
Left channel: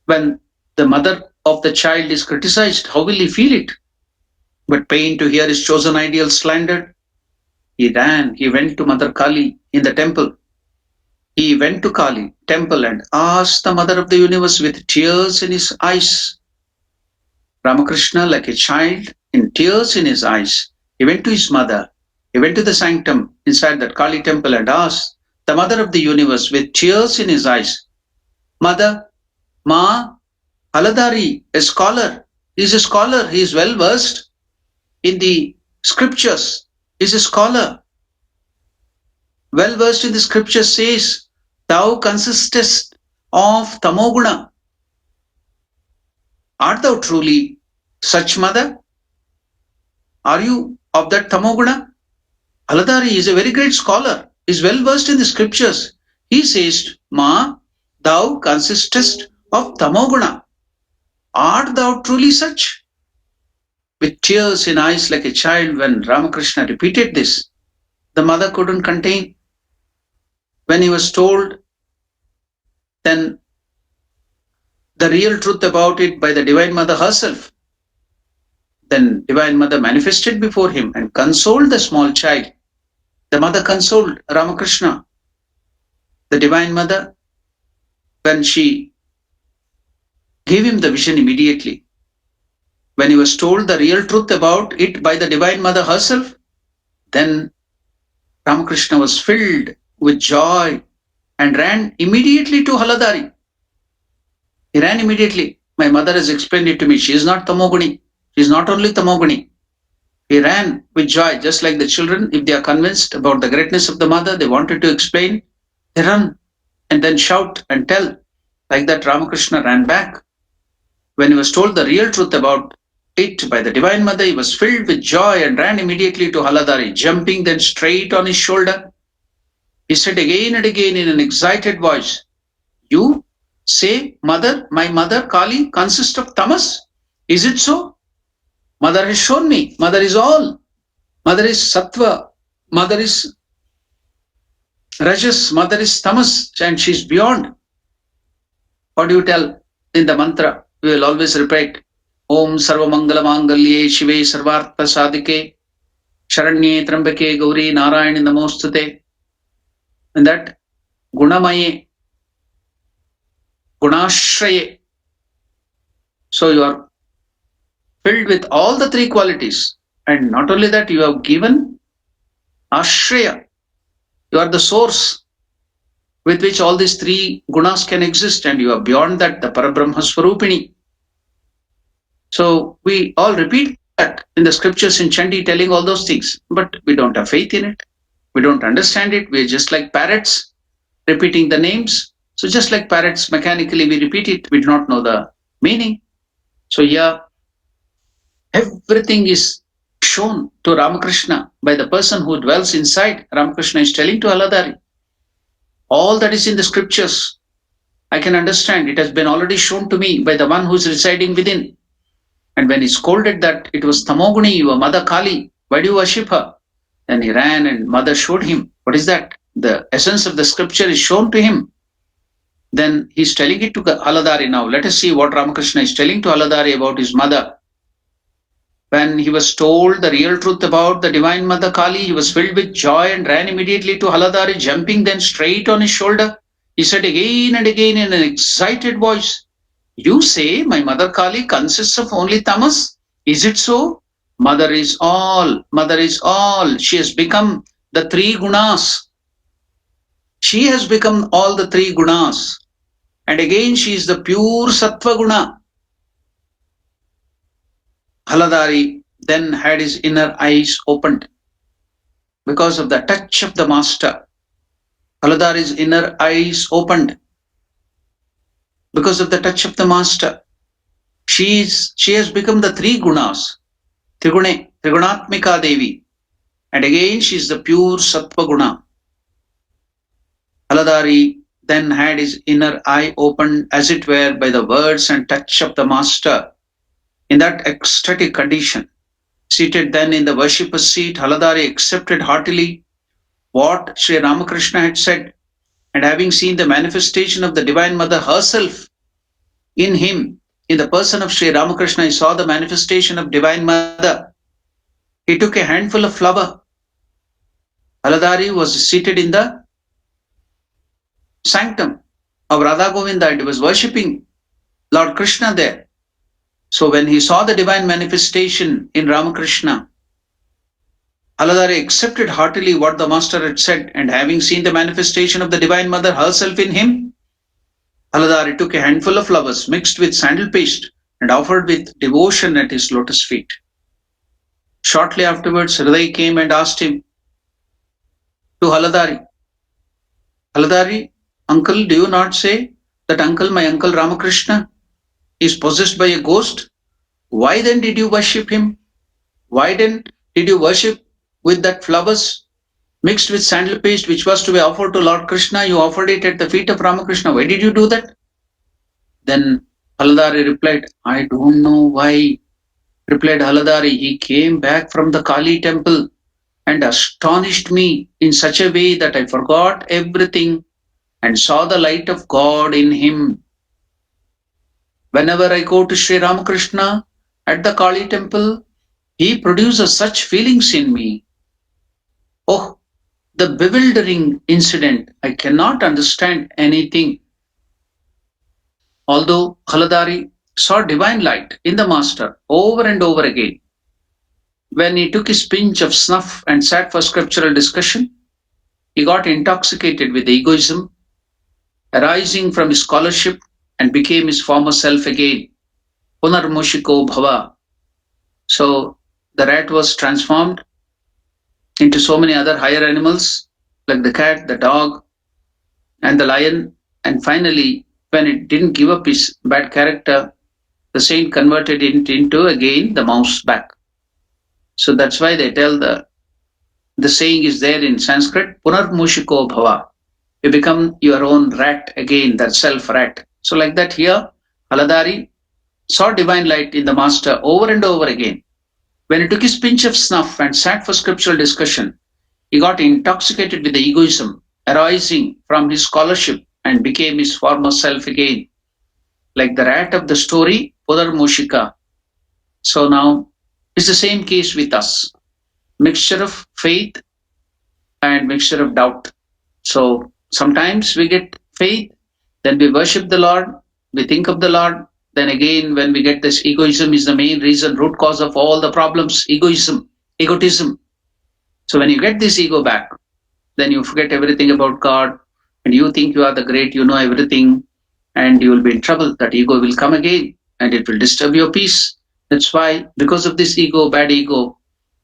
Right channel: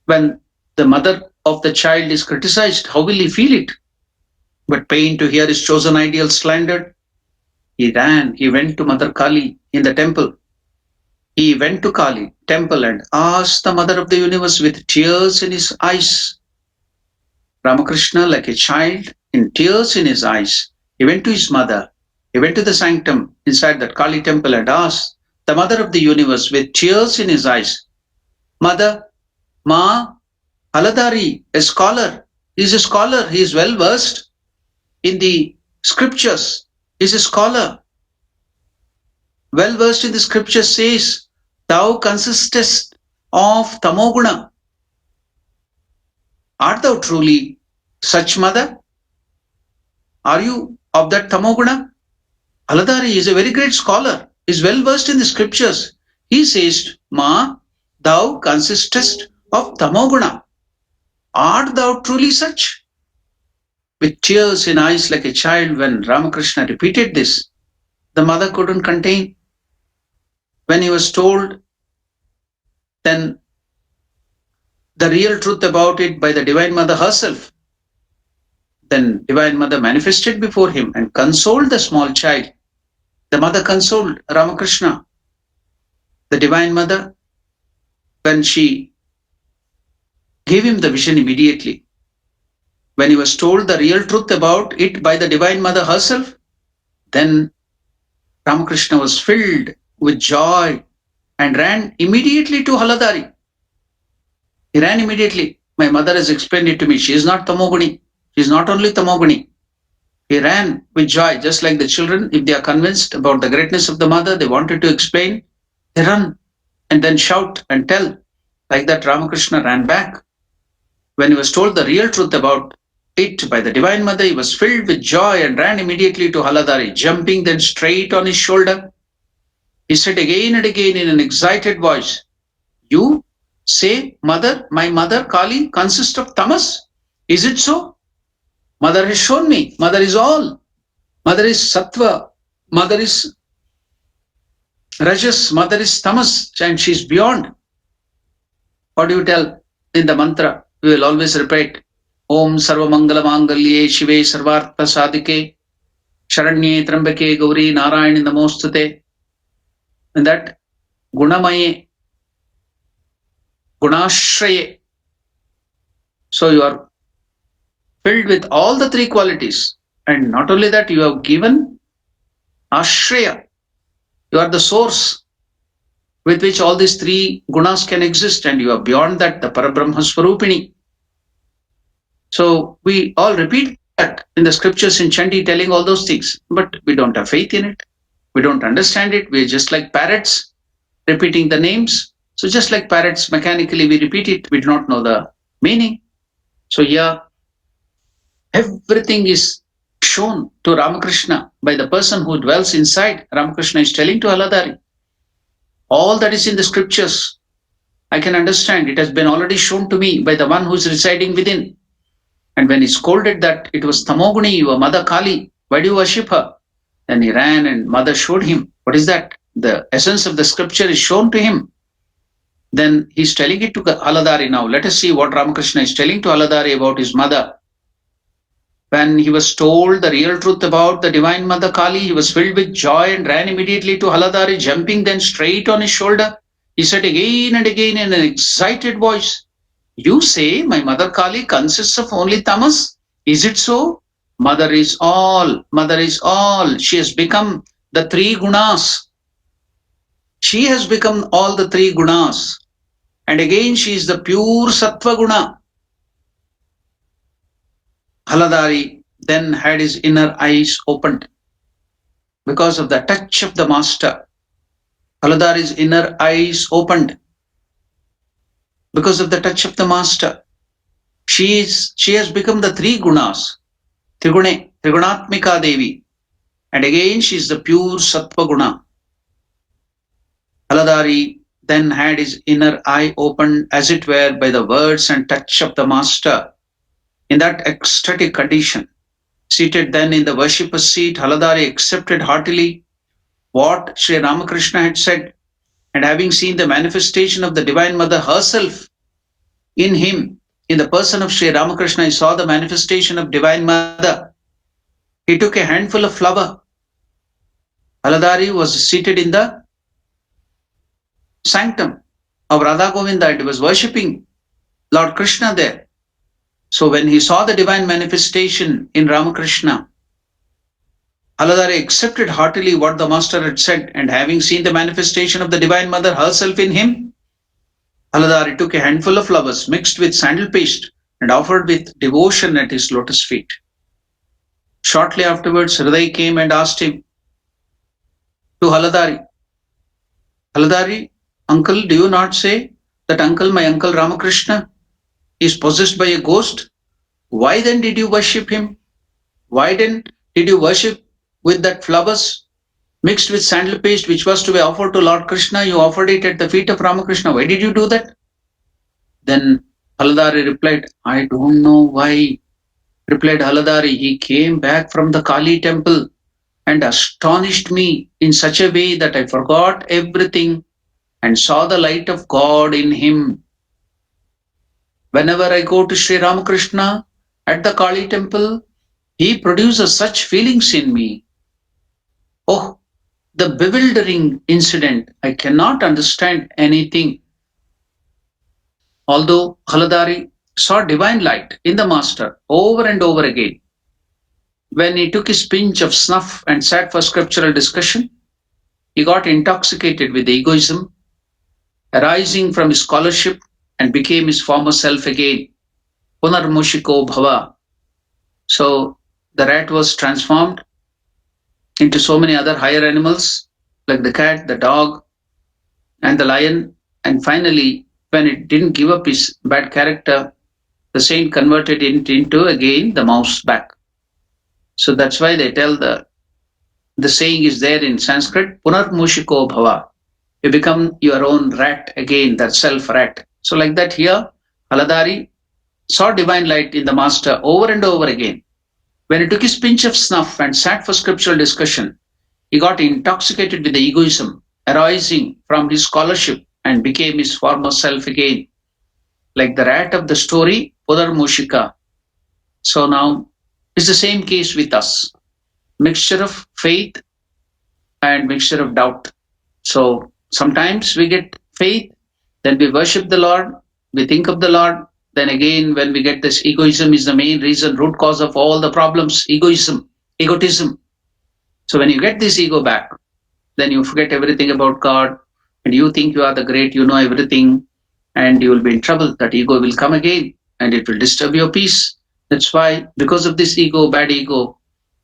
When the mother of the child is criticized, how will he feel it? But pained to hear his chosen ideal slandered, he went to Mother Kali in the temple. He went to Kali temple and asked the mother of the universe with tears in his eyes. Ramakrishna, like a child, in tears in his eyes, he went to his mother. He went to the sanctum inside that Kali temple and asked the mother of the universe, with tears in his eyes. Mother, Ma, Haladari, a scholar. He's a scholar. He is well versed in the scriptures. He's a scholar. Well versed in the scriptures says, thou consistest of tamoguna. Art thou truly such, mother? Are you of that tamoguna? Haladari is a very great scholar. He is well versed in the scriptures. He says, Ma, thou consistest of tamoguna. Art thou truly such? With tears in eyes like a child, when Ramakrishna repeated this, the mother couldn't contain. When he was told then the real truth about it by the Divine Mother herself, then Divine Mother manifested before him and consoled the small child. The mother consoled Ramakrishna. The Divine Mother, when she gave him the vision immediately, when he was told the real truth about it by the Divine Mother herself, then Ramakrishna was filled with joy and ran immediately to Haladari. He ran immediately. My mother has explained it to me. She is not Tamoguni. She is not only Tamoguni. He ran with joy, just like the children. If they are convinced about the greatness of the mother, they wanted to explain, they run and then shout and tell. Like that, Ramakrishna ran back. When he was told the real truth about it by the Divine Mother, he was filled with joy and ran immediately to Haladari, jumping then straight on his shoulder. He said again and again in an excited voice, you say, mother, my mother Kali consists of tamas? Is it so? Mother has shown me. Mother is all. Mother is sattva. Mother is rajas. Mother is tamas, and she is beyond. What do you tell in the mantra? We will always repeat, Om Sarva Mangala Mangalye Shive Sarvartha Sadike Sharanye Trambake Gauri Narayani Namostate. And that Gunamaye, Gunashraye. So you are filled with all the three qualities. And not only that, you have given Ashraya. You are the source with which all these three gunas can exist, and you are beyond that, the Parabrahma Swarupini. So we all repeat that in the scriptures in Chandi, telling all those things, but we don't have faith in it. We don't understand it. We're just like parrots repeating the names. So just like parrots, mechanically we repeat it. We do not know the meaning. So here, everything is shown to Ramakrishna by the person who dwells inside. Ramakrishna is telling to Haladari, all that is in the scriptures, I can understand. It has been already shown to me by the one who is residing within. And when he scolded that it was Tamoguni, your mother Kali, why do you worship her? Then he ran and mother showed him. What is that? The essence of the scripture is shown to him. Then he's telling it to Haladari now. Let us see what Ramakrishna is telling to Haladari about his mother. When he was told the real truth about the Divine Mother Kali, he was filled with joy and ran immediately to Haladari, jumping then straight on his shoulder. He said again and again in an excited voice, you say my mother Kali consists of only tamas? Is it so? Mother is all. Mother is all. She has become the three gunas. She has become all the three gunas. And again she is the pure sattva guna. Haladari then had his inner eyes opened because of the touch of the master. Haladari's inner eyes opened because of the touch of the master. She has become the three gunas, Trigune, Trigunatmika Devi. And again she is the pure sattva guna. Haladari then had his inner eye opened, as it were, by the words and touch of the master. In that ecstatic condition, seated then in the worshipper's seat, Haladari accepted heartily what Sri Ramakrishna had said, and having seen the manifestation of the Divine Mother herself in him, in the person of Sri Ramakrishna, he saw the manifestation of Divine Mother. He took a handful of flour. Haladari was seated in the sanctum of Radha Govinda and he was worshipping Lord Krishna there. So when he saw the divine manifestation in Ramakrishna, Haladari accepted heartily what the master had said, and having seen the manifestation of the Divine Mother herself in him, Haladari took a handful of flowers mixed with sandal paste and offered with devotion at his lotus feet. Shortly afterwards, Hriday came and asked him to Haladari, Haladari, uncle, do you not say that uncle, my uncle Ramakrishna, is possessed by a ghost? Why then did you worship him? Why then did you worship with that flowers mixed with sandal paste which was to be offered to Lord Krishna? You offered it at the feet of Ramakrishna. Why did you do that? Then Haladari replied, I don't know why. Replied Haladari, he came back from the Kali temple and astonished me in such a way that I forgot everything and saw the light of God in him. Whenever I go to Sri Ramakrishna at the Kali temple, he produces such feelings in me. Oh, the bewildering incident. I cannot understand anything. Although Haladari saw divine light in the master over and over again, when he took his pinch of snuff and sat for scriptural discussion, he got intoxicated with egoism arising from his scholarship and became his former self again. Punarmushiko bhava. So the rat was transformed into so many other higher animals like the cat, the dog, and the lion. And finally, when it didn't give up his bad character, the saint converted it into again the mouse back. So that's why they tell the saying is there in Sanskrit, Punarmushiko bhava. You become your own rat again, that self rat. So like that here, Haladari saw divine light in the master over and over again. When he took his pinch of snuff and sat for scriptural discussion, he got intoxicated with the egoism arising from his scholarship and became his former self again, like the rat of the story, Punarmushika. So now it's the same case with us. Mixture of faith and mixture of doubt. So sometimes we get faith, then we worship the Lord, we think of the Lord. Then again, when we get this egoism is the main reason, root cause of all the problems, egotism. So when you get this ego back, then you forget everything about God and you think you are the great, you know everything, and you will be in trouble. That ego will come again and it will disturb your peace. That's why, because of this ego, bad ego,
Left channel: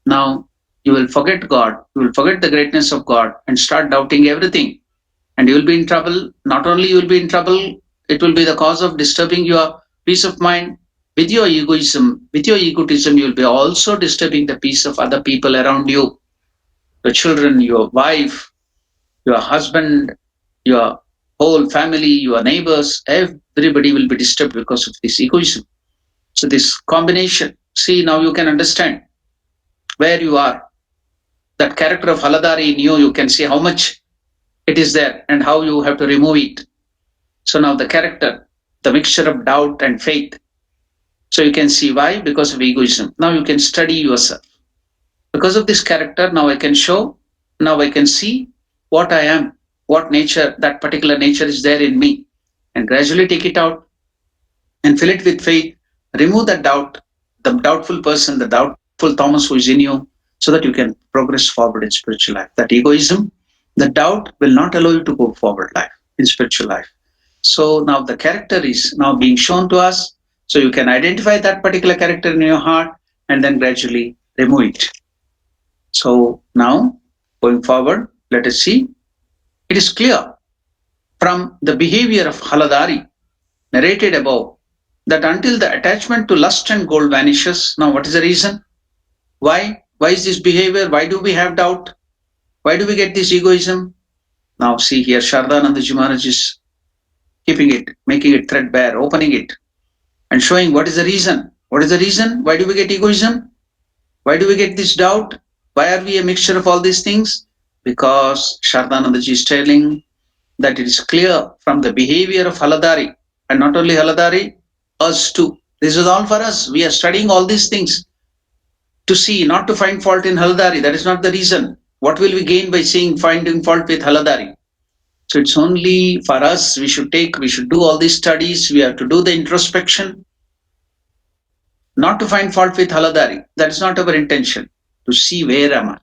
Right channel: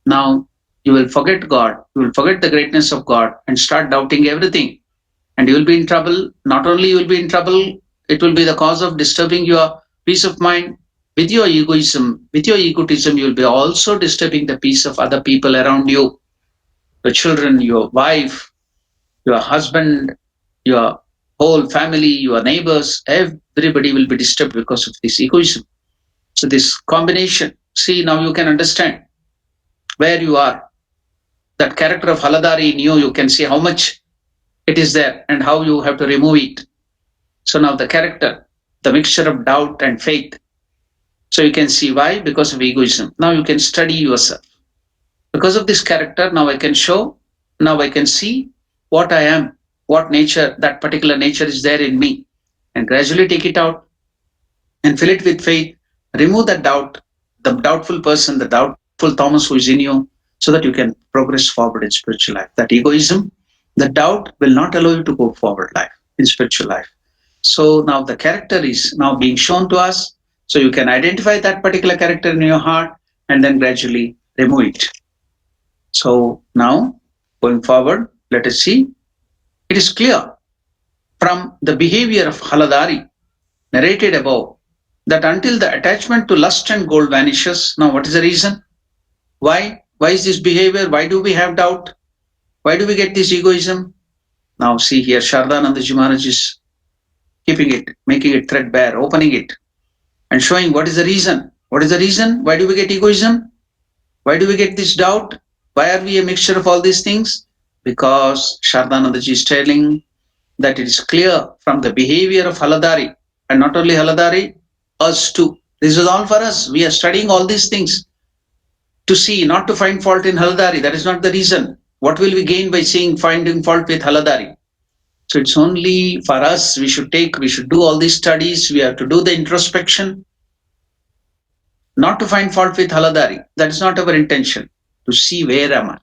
now you will forget God, you will forget the greatness of God and start doubting everything. And you will be in trouble. Not only you will be in trouble, it will be the cause of disturbing your peace of mind. With your egoism, with your egotism, you will be also disturbing the peace of other people around you, your children, your wife, your husband, your whole family, your neighbors, everybody will be disturbed because of this egoism. So this combination, see now you can understand where you are. That character of Haladari in you, you can see how much it is there and how you have to remove it. So now the character, the mixture of doubt and faith. So you can see why, because of egoism. Now you can study yourself. Because of this character, now I can show, now I can see what I am, what nature, that particular nature is there in me, and gradually take it out and fill it with faith. Remove that doubt, the doubtful person, the doubtful Thomas who is in you, so that you can progress forward in spiritual life. That egoism, the doubt will not allow you to go forward life in spiritual life. So now the character is now being shown to us. So you can identify that particular character in your heart and then gradually remove it. So now going forward, let us see. It is clear from the behavior of Haladari narrated above that until the attachment to lust and gold vanishes, now what is the reason? Why? Why is this behavior? Why do we have doubt? Why do we get this egoism? Now see here, Shardanandaji Maharaj is keeping it, making it threadbare, opening it, and showing what is the reason. What is the reason? Why do we get egoism? Why do we get this doubt? Why are we a mixture of all these things? Because Shardanandaji is telling that it is clear from the behavior of Haladari, and not only Haladari, us too. This is all for us. We are studying all these things to see, not to find fault in Haladari. That is not the reason. What will we gain by seeing finding fault with Haladari? So it's only for us. We should do all these studies. We have to do the introspection, not to find fault with Haladari. That is not our intention. To see where am I?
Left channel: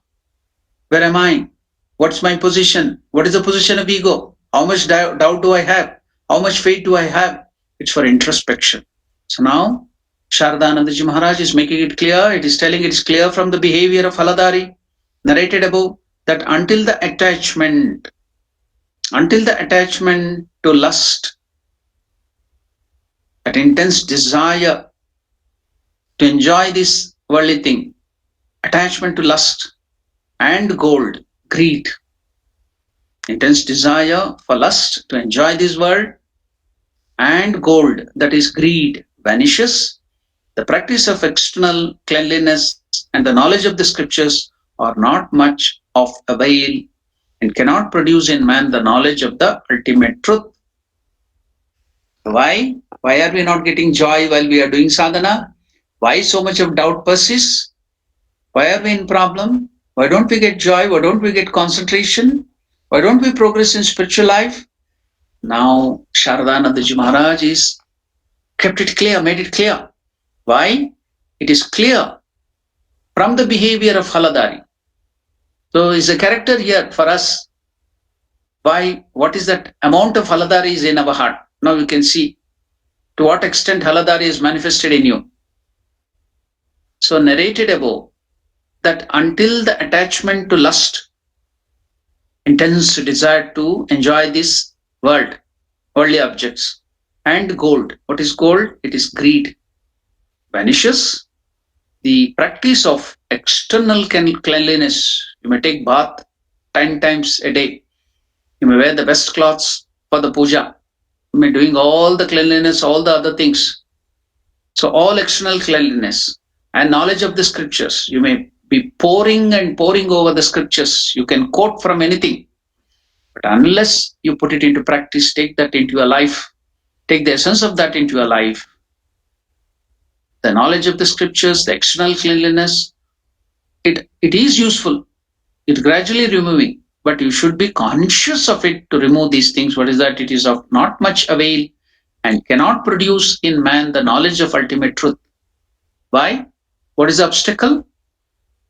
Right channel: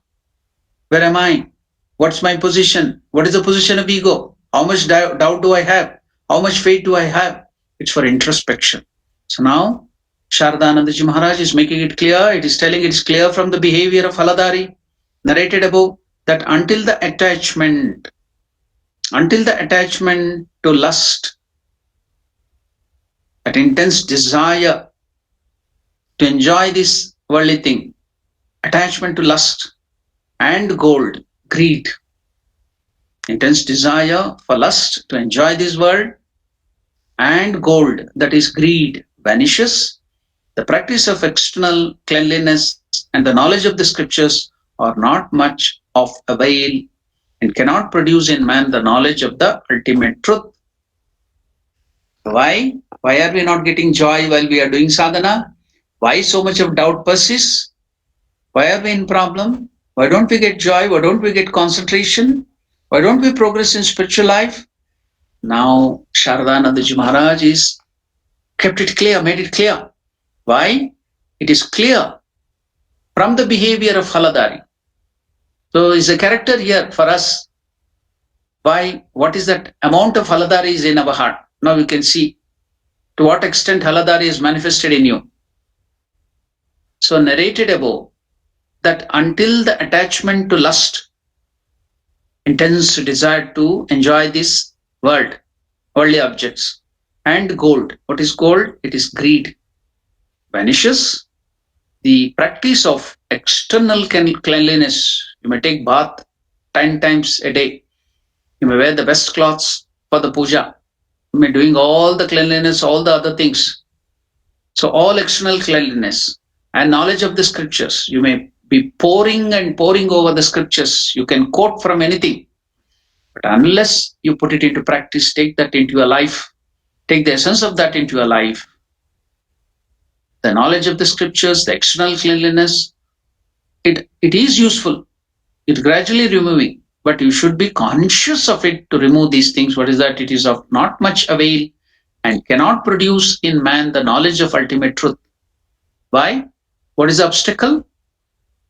Where am I? What's my position? What is the position of ego? How much doubt do I have? How much faith do I have? It's for introspection. So now, Shardanandaji Maharaj is making it clear. It is telling it is clear from the behavior of Haladari, narrated above, that until the attachment to lust, that intense desire to enjoy this worldly thing, attachment to lust and gold, greed, intense desire for lust to enjoy this world and gold, that is greed, vanishes. The practice of external cleanliness and the knowledge of the scriptures are not much of avail and cannot produce in man the knowledge of the ultimate truth. Why? Why are we not getting joy while we are doing sadhana? Why so much of doubt persists? Why are we in problem? Why don't we get joy? Why don't we get concentration? Why don't we progress in spiritual life? Now, Sharadanandaji Maharaj is kept it clear, made it clear. Why? It is clear from the behavior of Haladari. So, is a character here for us. Why? What is that amount of Haladari is in our heart? Now you can see to what extent Haladari is manifested in you. So, narrated above that until the attachment to lust, intense desire to enjoy this world, worldly objects, and gold. What is gold? It is greed. Vanishes. The practice of external cleanliness. You may take bath 10 times a day. You may wear the best clothes for the puja. You may doing all the cleanliness, all the other things. So all external cleanliness and knowledge of the scriptures. You may be pouring and pouring over the scriptures. You can quote from anything. But unless you put it into practice, take that into your life, take the essence of that into your life, the knowledge of the scriptures, the external cleanliness, it is useful. It's gradually removing, but you should be conscious of it to remove these things. What is that? It is of not much avail and cannot produce in man the knowledge of ultimate truth. Why? What is the obstacle?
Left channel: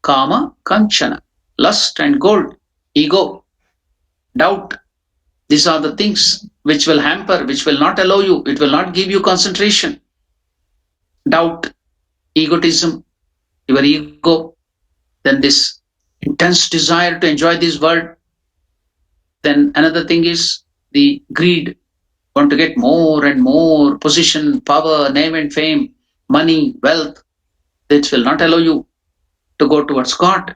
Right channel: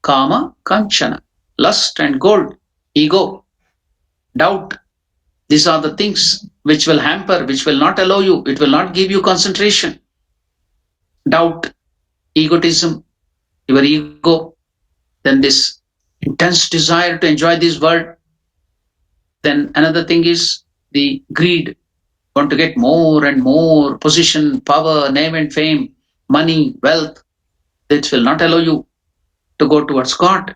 Kama, kanchana, lust and gold, ego, doubt. These are the things which will hamper, which will not allow you, it will not give you concentration. Doubt, egotism, your ego, then this intense desire to enjoy this world. Then another thing is the greed, want to get more and more position, power, name and fame, money, wealth. This will not allow you to go towards God.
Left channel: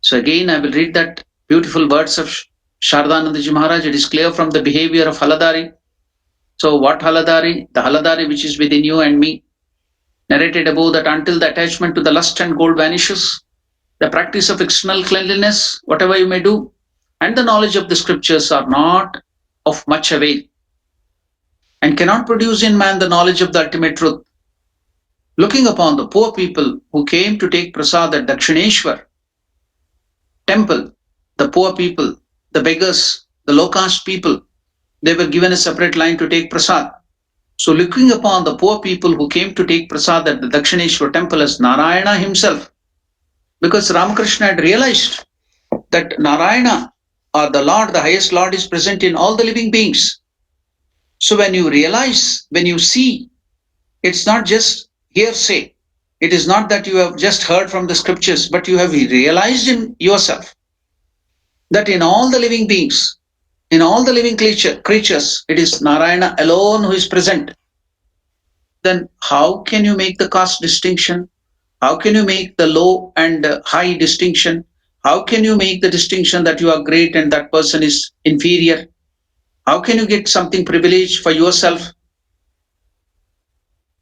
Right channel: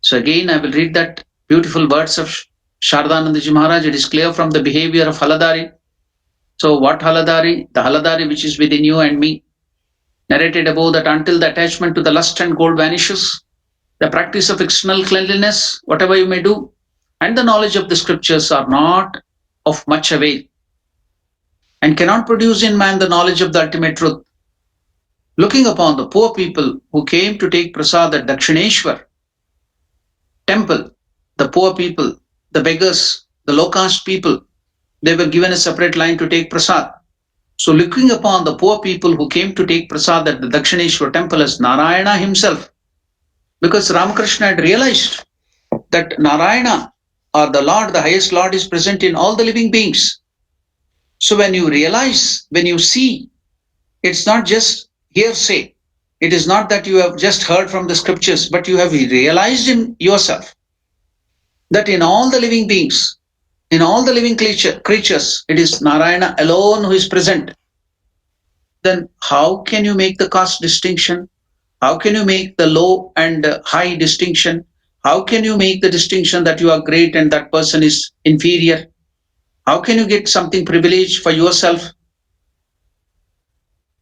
So again, I will read that beautiful words of Shardanandaji Maharaj. It is clear from the behavior of Haladari. So what Haladari? The Haladari which is within you and me. Narrated above that until the attachment to the lust and gold vanishes, the practice of external cleanliness, whatever you may do, and the knowledge of the scriptures are not of much avail and cannot produce in man the knowledge of the ultimate truth. Looking upon the poor people who came to take prasad at Dakshineshwar temple, the poor people, the beggars, the low caste people, they were given a separate line to take prasad. So looking upon the poor people who came to take prasad at the Dakshineshwar temple as Narayana himself, because Ramakrishna had realized that Narayana or the Lord, the highest Lord, is present in all the living beings. So when you realize, when you see, it's not just hearsay. It is not that you have just heard from the scriptures, but you have realized in yourself that in all the living beings, in all the living creatures, it is Narayana alone who is present. Then how can you make the caste distinction? How can you make the low and high distinction? How can you make the distinction that you are great and that person is inferior? How can you get something privileged for yourself?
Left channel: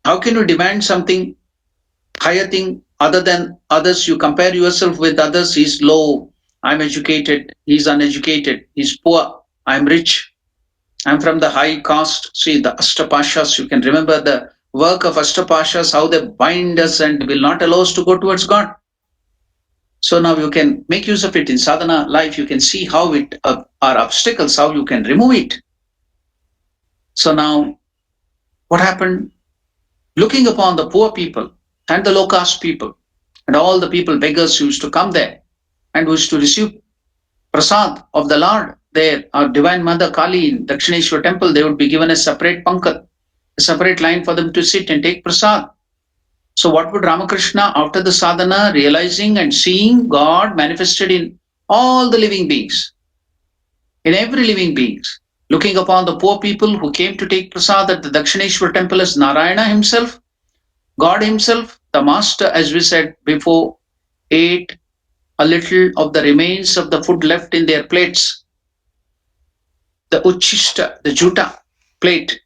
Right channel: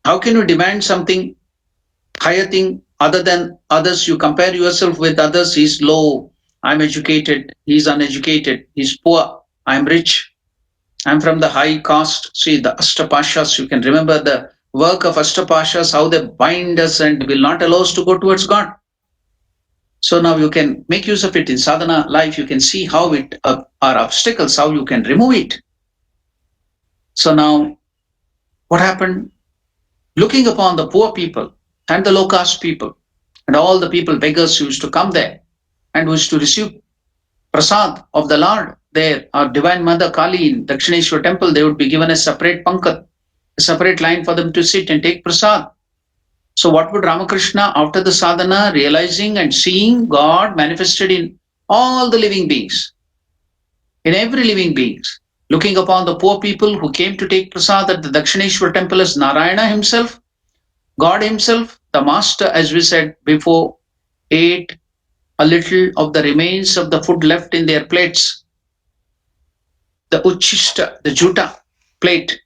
How can you demand something higher thing other than others? You compare yourself with others. He's low. I'm educated. He's uneducated. He's poor. I'm rich. I'm from the high caste. See the Ashtapashas. You can remember the work of Ashtapashas, how they bind us and will not allow us to go towards God. So now you can make use of it in sadhana life. You can see how it are obstacles, how you can remove it. So now what happened? Looking upon the poor people and the low caste people and all the people, beggars who used to come there and who used to receive prasad of the Lord there, our Divine Mother Kali in Dakshineshwar temple, they would be given a separate pankat, a separate line for them to sit and take prasad. So what would Ramakrishna, after the sadhana, realizing and seeing God manifested in all the living beings, in every living beings, looking upon the poor people who came to take prasad at the Dakshineshwar temple as Narayana himself, God himself, the master, as we said before, ate a little of the remains of the food left in their plates, the uchishta, the juta plate.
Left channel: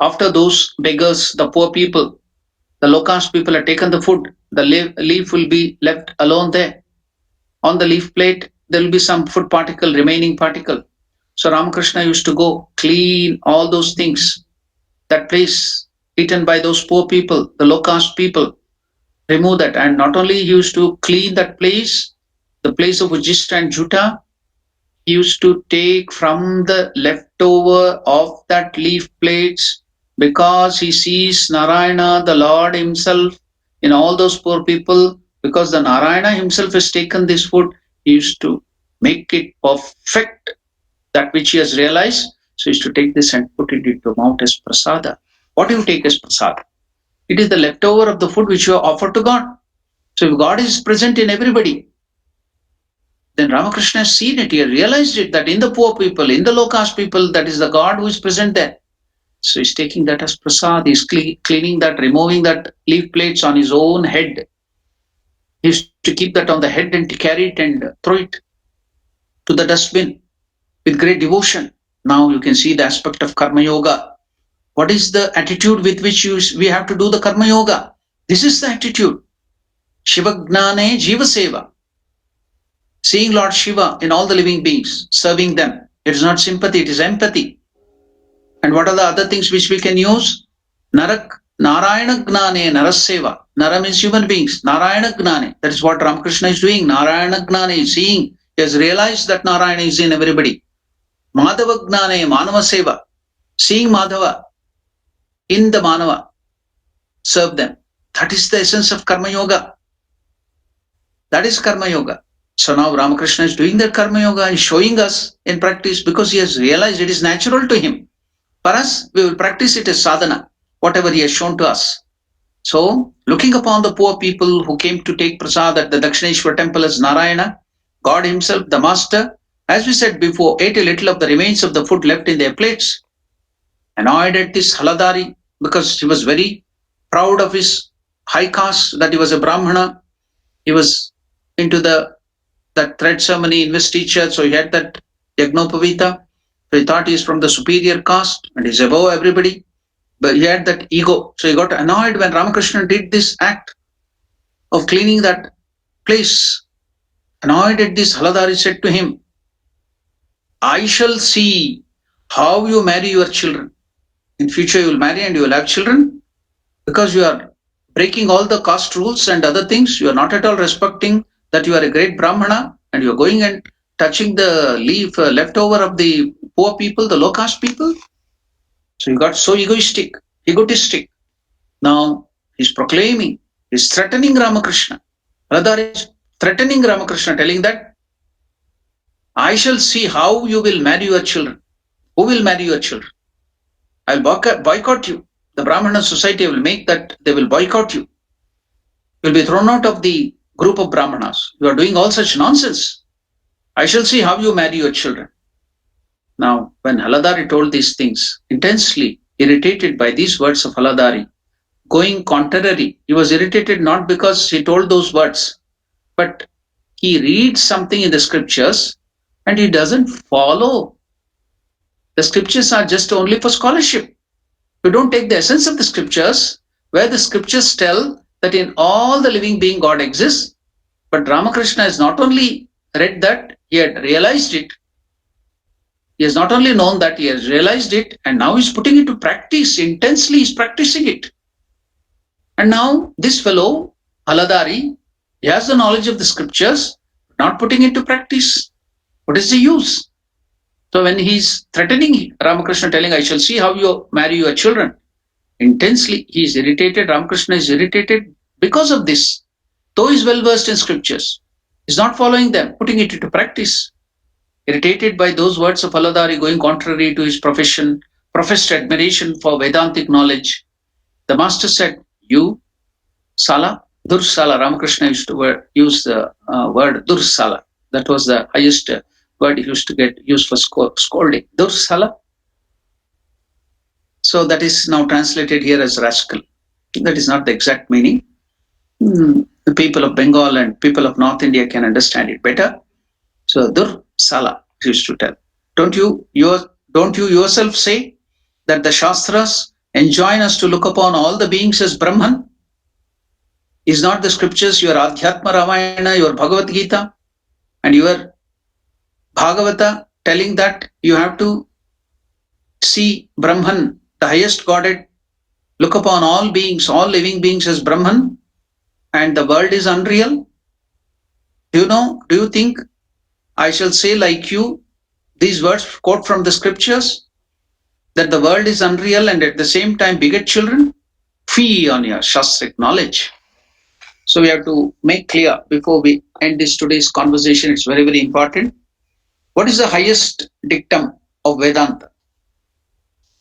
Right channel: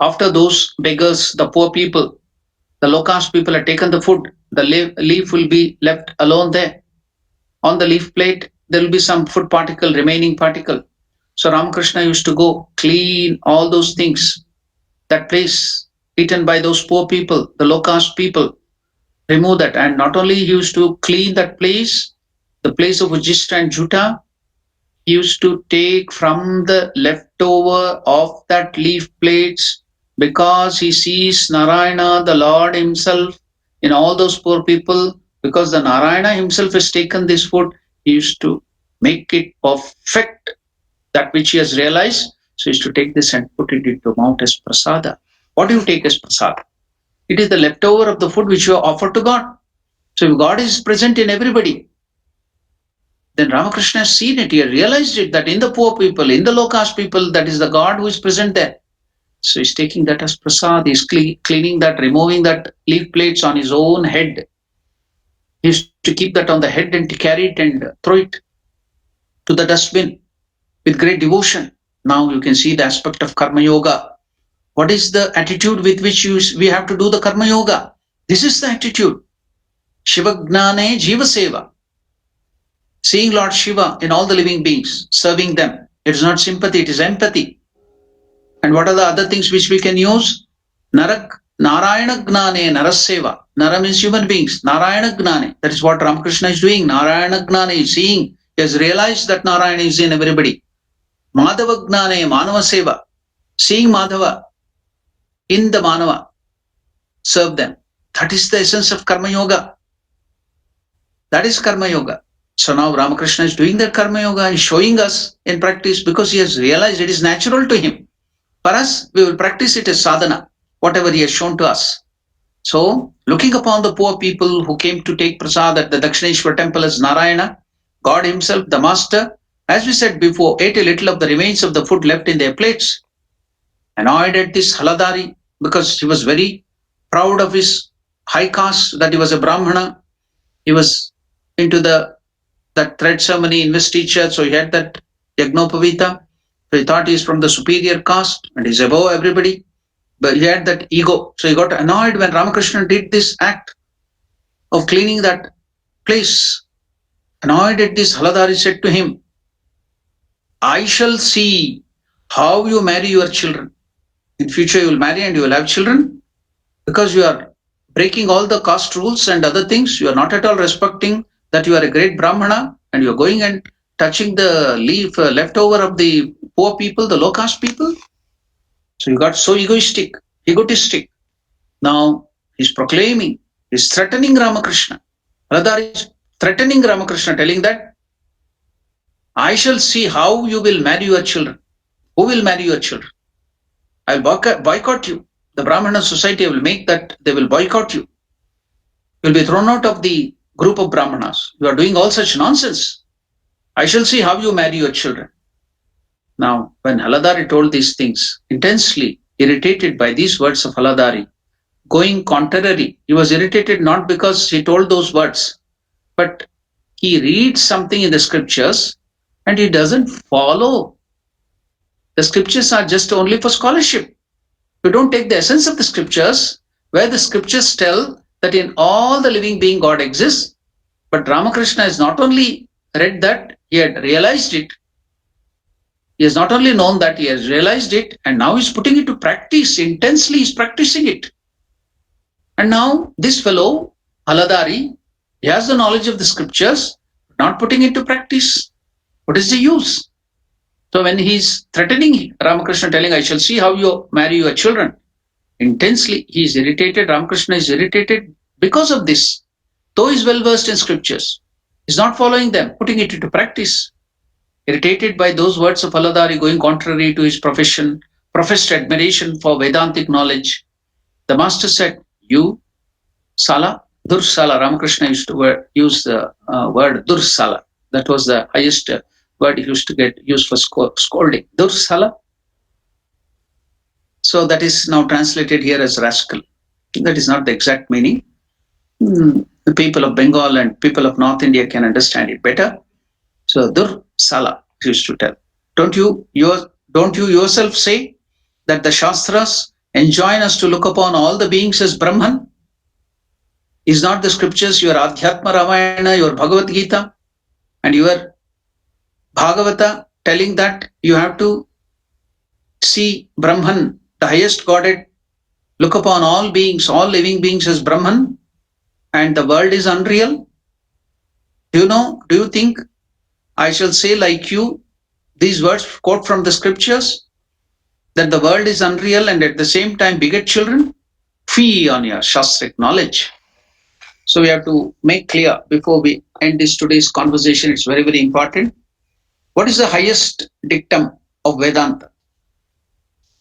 After those beggars, the poor people, the low caste people had taken the food, the leaf will be left alone there. On the leaf plate, there will be some food particle, remaining particle. So Ramakrishna used to go clean all those things, that place eaten by those poor people, the low caste people, remove that. And not only he used to clean that place, the place of Ujista and Juta, he used to take from the leftover of that leaf plates because he sees Narayana, the Lord himself, in all those poor people. Because the Narayana himself has taken this food, he used to make it perfect, that which he has realized. So he used to take this and put it into mouth as prasada. What do you take as prasada? It is the leftover of the food which you offer to God. So if God is present in everybody, then Ramakrishna has seen it, he has realized it, that in the poor people, in the low caste people, that is the God who is present there. So he's taking that as prasad, he's cleaning that, removing that leaf plates on his own head. He used to keep that on the head and to carry it and throw it to the dustbin with great devotion. Now you can see the aspect of Karma Yoga. What is the attitude with which we have to do the Karma Yoga? This is the attitude. Shiva Gnane Jiva Seva. Seeing Lord Shiva in all the living beings, serving them. It is not sympathy, it is empathy. And what are the other things which we can use? Narayana Gnane Naraseva. Nara means human beings. Narayana Gnane. That is what Ramakrishna is doing. Narayana Gnane is seeing. He has realized that Narayana is in everybody. Madhava Gnane Manava Seva. Seeing Madhava in the Manava. Serve them. That is the essence of Karma Yoga. That is Karma Yoga. So now Ramakrishna is doing that Karma Yoga and showing us in practice because he has realized it is natural to him. For us, we will practice it as sadhana, whatever he has shown to us. So, looking upon the poor people who came to take prasad at the Dakshineshwar temple as Narayana, God himself, the master, as we said before, ate a little of the remains of the food left in their plates. Annoyed at this Haladari because he was very proud of his high caste, that he was a Brahmana. He was into that thread ceremony investiture, so he had that Yagnopavita. So he thought he's from the superior caste and he's above everybody. But he had that ego. So he got annoyed when Ramakrishna did this act of cleaning that place. Annoyed at this, Haladari said to him, I shall see how you marry your children. In future you will marry and you will have children because you are breaking all the caste rules and other things. You are not at all respecting that you are a great Brahmana and you are going and touching the leaf leftover of the poor people, the low caste people. So you got so egoistic. Now he's proclaiming, he's threatening Ramakrishna. Haladari is threatening Ramakrishna, telling that I shall see how you will marry your children. Who will marry your children? I will boycott you. The Brahmana society will make that they will boycott you. You will be thrown out of the group of Brahmanas. You are doing all such nonsense. I shall see how you marry your children. Now, when Haladari told these things, intensely irritated by these words of Haladari, going contrary, he was irritated not because he told those words, but he reads something in the scriptures and he doesn't follow. The scriptures are just only for scholarship. You don't take the essence of the scriptures, where the scriptures tell that in all the living being God exists, but Ramakrishna has not only read that, he had realized it. He has not only known that, he has realized it, and now he's putting it to practice. Intensely, he's practicing it. And now this fellow, Haladari, he has the knowledge of the scriptures, not putting it to practice. What is the use? So when he's threatening Ramakrishna, telling, I shall see how you marry your children, intensely he is irritated. Ramakrishna is irritated because of this. Though he's well versed in scriptures, he's not following them, putting it into practice. Irritated by those words of Aladari going contrary to his profession, professed admiration for Vedantic knowledge, the master said, "You, Sala, Dursala." Ramakrishna used to use the word Dursala. That was the highest word he used to get used for scolding. Dursala. So that is now translated here as rascal. That is not the exact meaning. The people of Bengal and people of North India can understand it better. So Dursala used to tell. Don't you yourself say that the Shastras enjoin us to look upon all the beings as Brahman? Is not the scriptures your Adhyatma Ramayana, your Bhagavad Gita, and your Bhagavata telling that you have to see Brahman, the highest Godhead, look upon all beings, all living beings as Brahman, and the world is unreal? Do you think I shall say like you these words quote from the scriptures that the world is unreal and at the same time beget children? Fee on your Shastric knowledge. So we have to make clear before we end this today's conversation, it's very, very important. What is the highest dictum of Vedanta?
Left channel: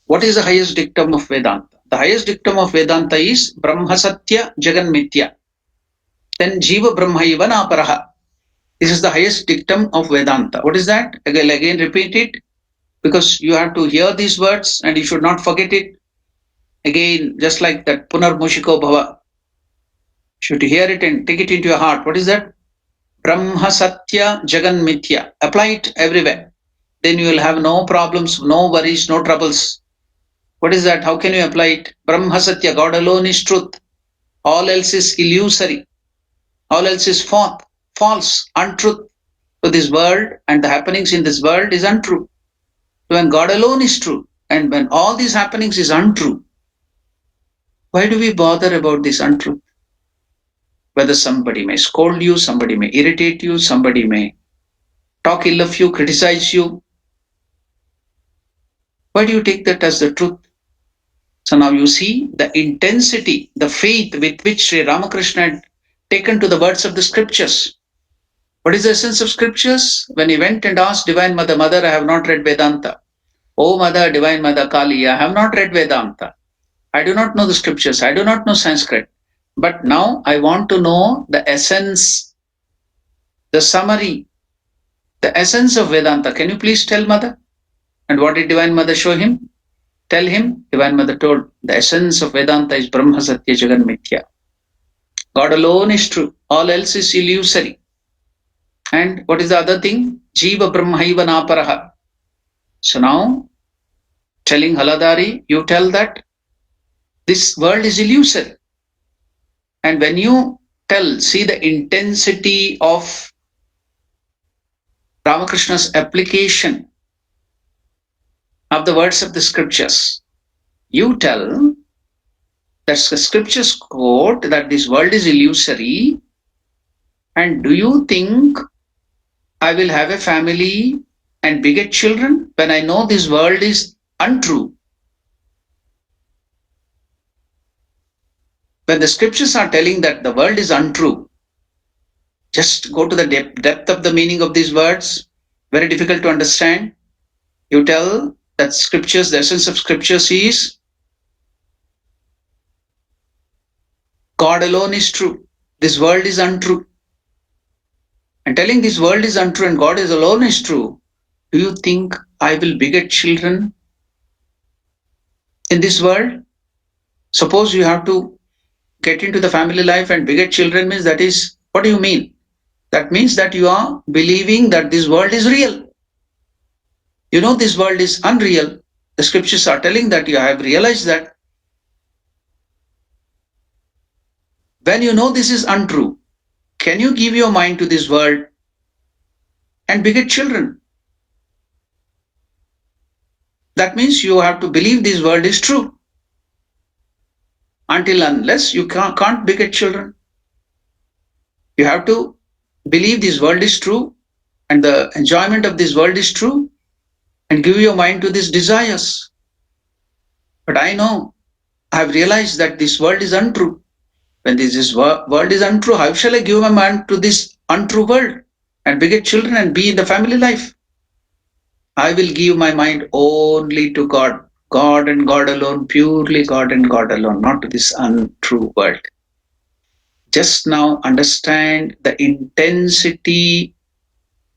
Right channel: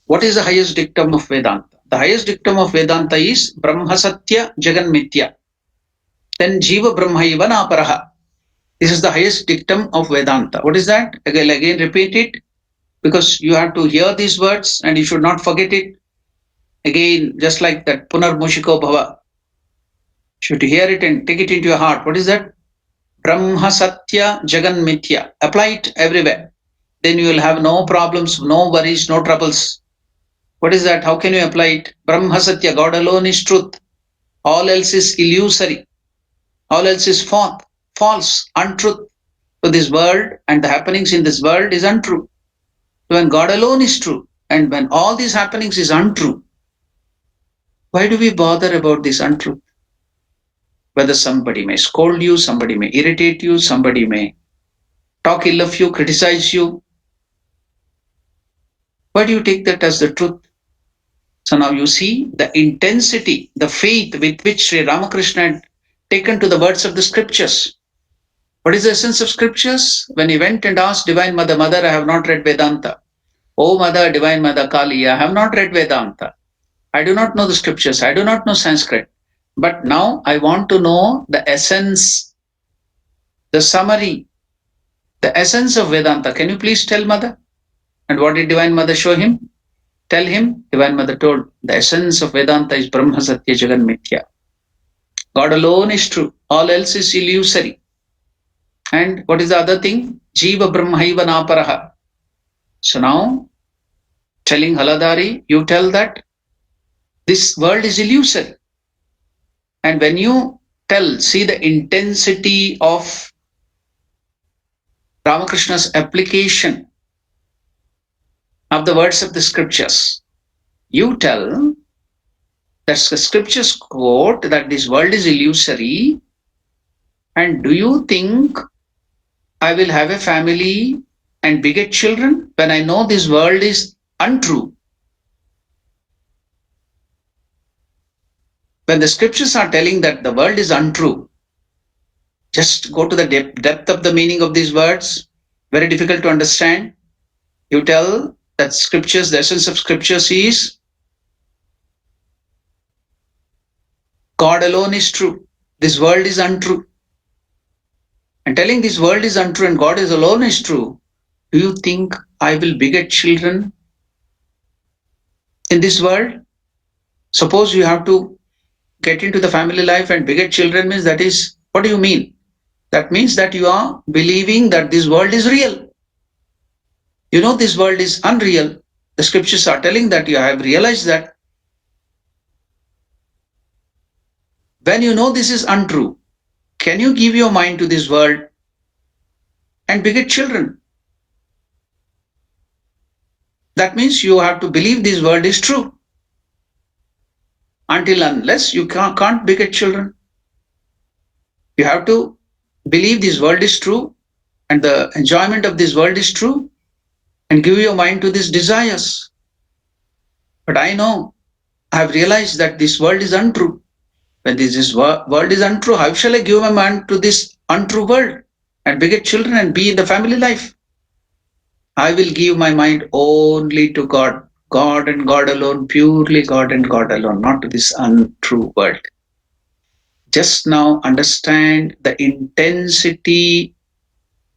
What is the highest dictum of Vedanta? The highest dictum of Vedanta is Brahma Satya Jagan Mithya. Then Jiva Brahmaiva Naparaha. This is the highest dictum of Vedanta. What is that? Again repeat it, because you have to hear these words and you should not forget it. Again, just like that Punar Mushiko Bhava. You should hear it and take it into your heart. What is that? Brahma Satya Jagan Mithya. Apply it everywhere. Then you will have no problems, no worries, no troubles. What is that? How can you apply it? Brahma Satya, God alone is truth. All else is illusory. All else is false, untruth. So this world and the happenings in this world is untrue. So when God alone is true and when all these happenings is untrue, why do we bother about this untruth? Whether somebody may scold you, somebody may irritate you, somebody may talk ill of you, criticize you. Why do you take that as the truth? So now you see the intensity, the faith with which Sri Ramakrishna had taken to the words of the scriptures. What is the essence of scriptures? When he went and asked Divine Mother, Mother, I have not read Vedanta. Oh Mother, Divine Mother Kali, I have not read Vedanta. I do not know the scriptures. I do not know Sanskrit. But now I want to know the essence, the summary, the essence of Vedanta. Can you please tell Mother? And what did Divine Mother show him? Tell him, Divine Mother told, the essence of Vedanta is Brahma Satya Jagan Mithya. God alone is true. All else is illusory. And what is the other thing? Jiva Brahmaiva Naparaha. So now, telling Haladari, you tell that this world is illusory. And when you see the intensity of Ramakrishna's application of the words of the scriptures, you tell that the scriptures quote that this world is illusory. And do you think I will have a family and beget children when I know this world is untrue? When the scriptures are telling that the world is untrue, just go to the depth of the meaning of these words. Very difficult to understand. You tell that scriptures, the essence of scriptures is God alone is true. This world is untrue. And telling this world is untrue and God is alone is true, do you think I will beget children in this world? Suppose you have to get into the family life and beget children means that is, what do you mean? That means that you are believing that this world is real. You know this world is unreal. The scriptures are telling that you have realized that. When you know this is untrue, can you give your mind to this world and beget children? That means you have to believe this world is true. Until unless you can't beget children. You have to believe this world is true and the enjoyment of this world is true and give your mind to these desires. But I know, I have realized that this world is untrue. When this world is untrue, how shall I give my mind to this untrue world and beget children and be in the family life? I will give my mind only to God, God and God alone, purely God and God alone, not to this untrue world. Just now understand the intensity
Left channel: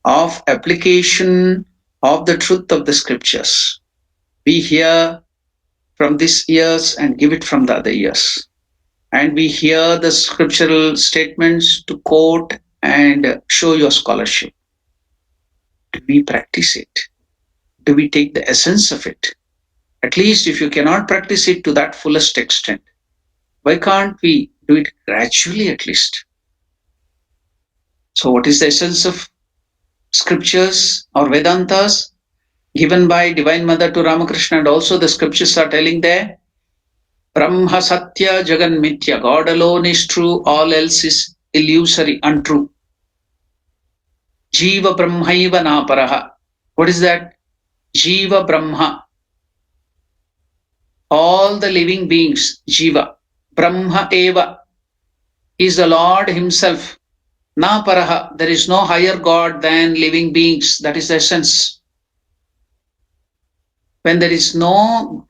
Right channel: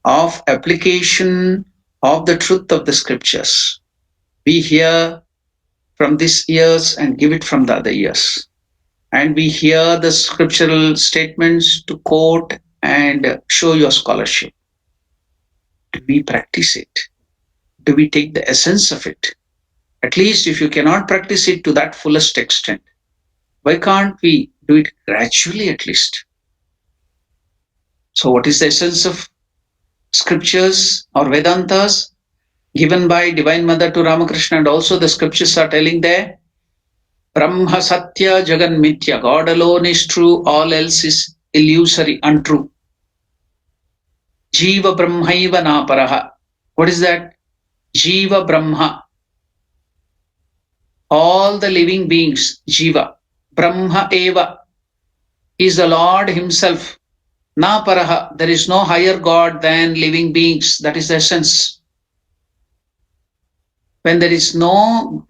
of application of the truth of the scriptures. We hear from this ears and give it from the other ears. And we hear the scriptural statements to quote and show your scholarship. Do we practice it? Do we take the essence of it? At least if you cannot practice it to that fullest extent, why can't we do it gradually at least? So, what is the essence of scriptures or Vedantas given by Divine Mother to Ramakrishna? And also, the scriptures are telling there Brahma Satya Jagan Mithya. God alone is true, all else is illusory, untrue. Jiva Brahmaiva Naparaha. What is that? Jiva Brahma. All the living beings, Jiva. Brahma Eva is the Lord Himself. Na paraha, there is no higher God than living beings. That is the essence. When there is no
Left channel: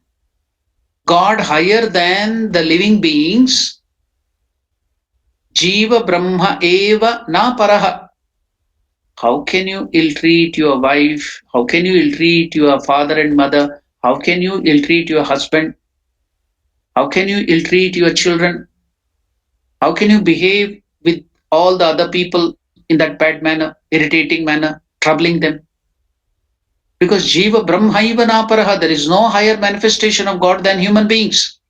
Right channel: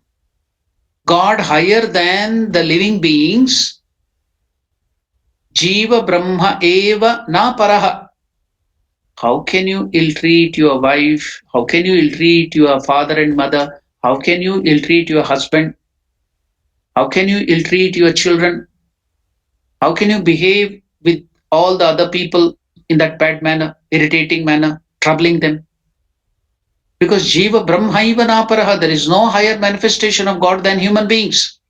God higher than the living beings, Jiva Brahma Eva Na paraha. How can you ill-treat your wife? How can you ill-treat your father and mother? How can you ill-treat your husband? How can you ill-treat your children? How can you behave with all the other people in that bad manner, irritating manner, troubling them? Because Jiva Brahmaiva Naparaha, there is no higher manifestation of God than human beings.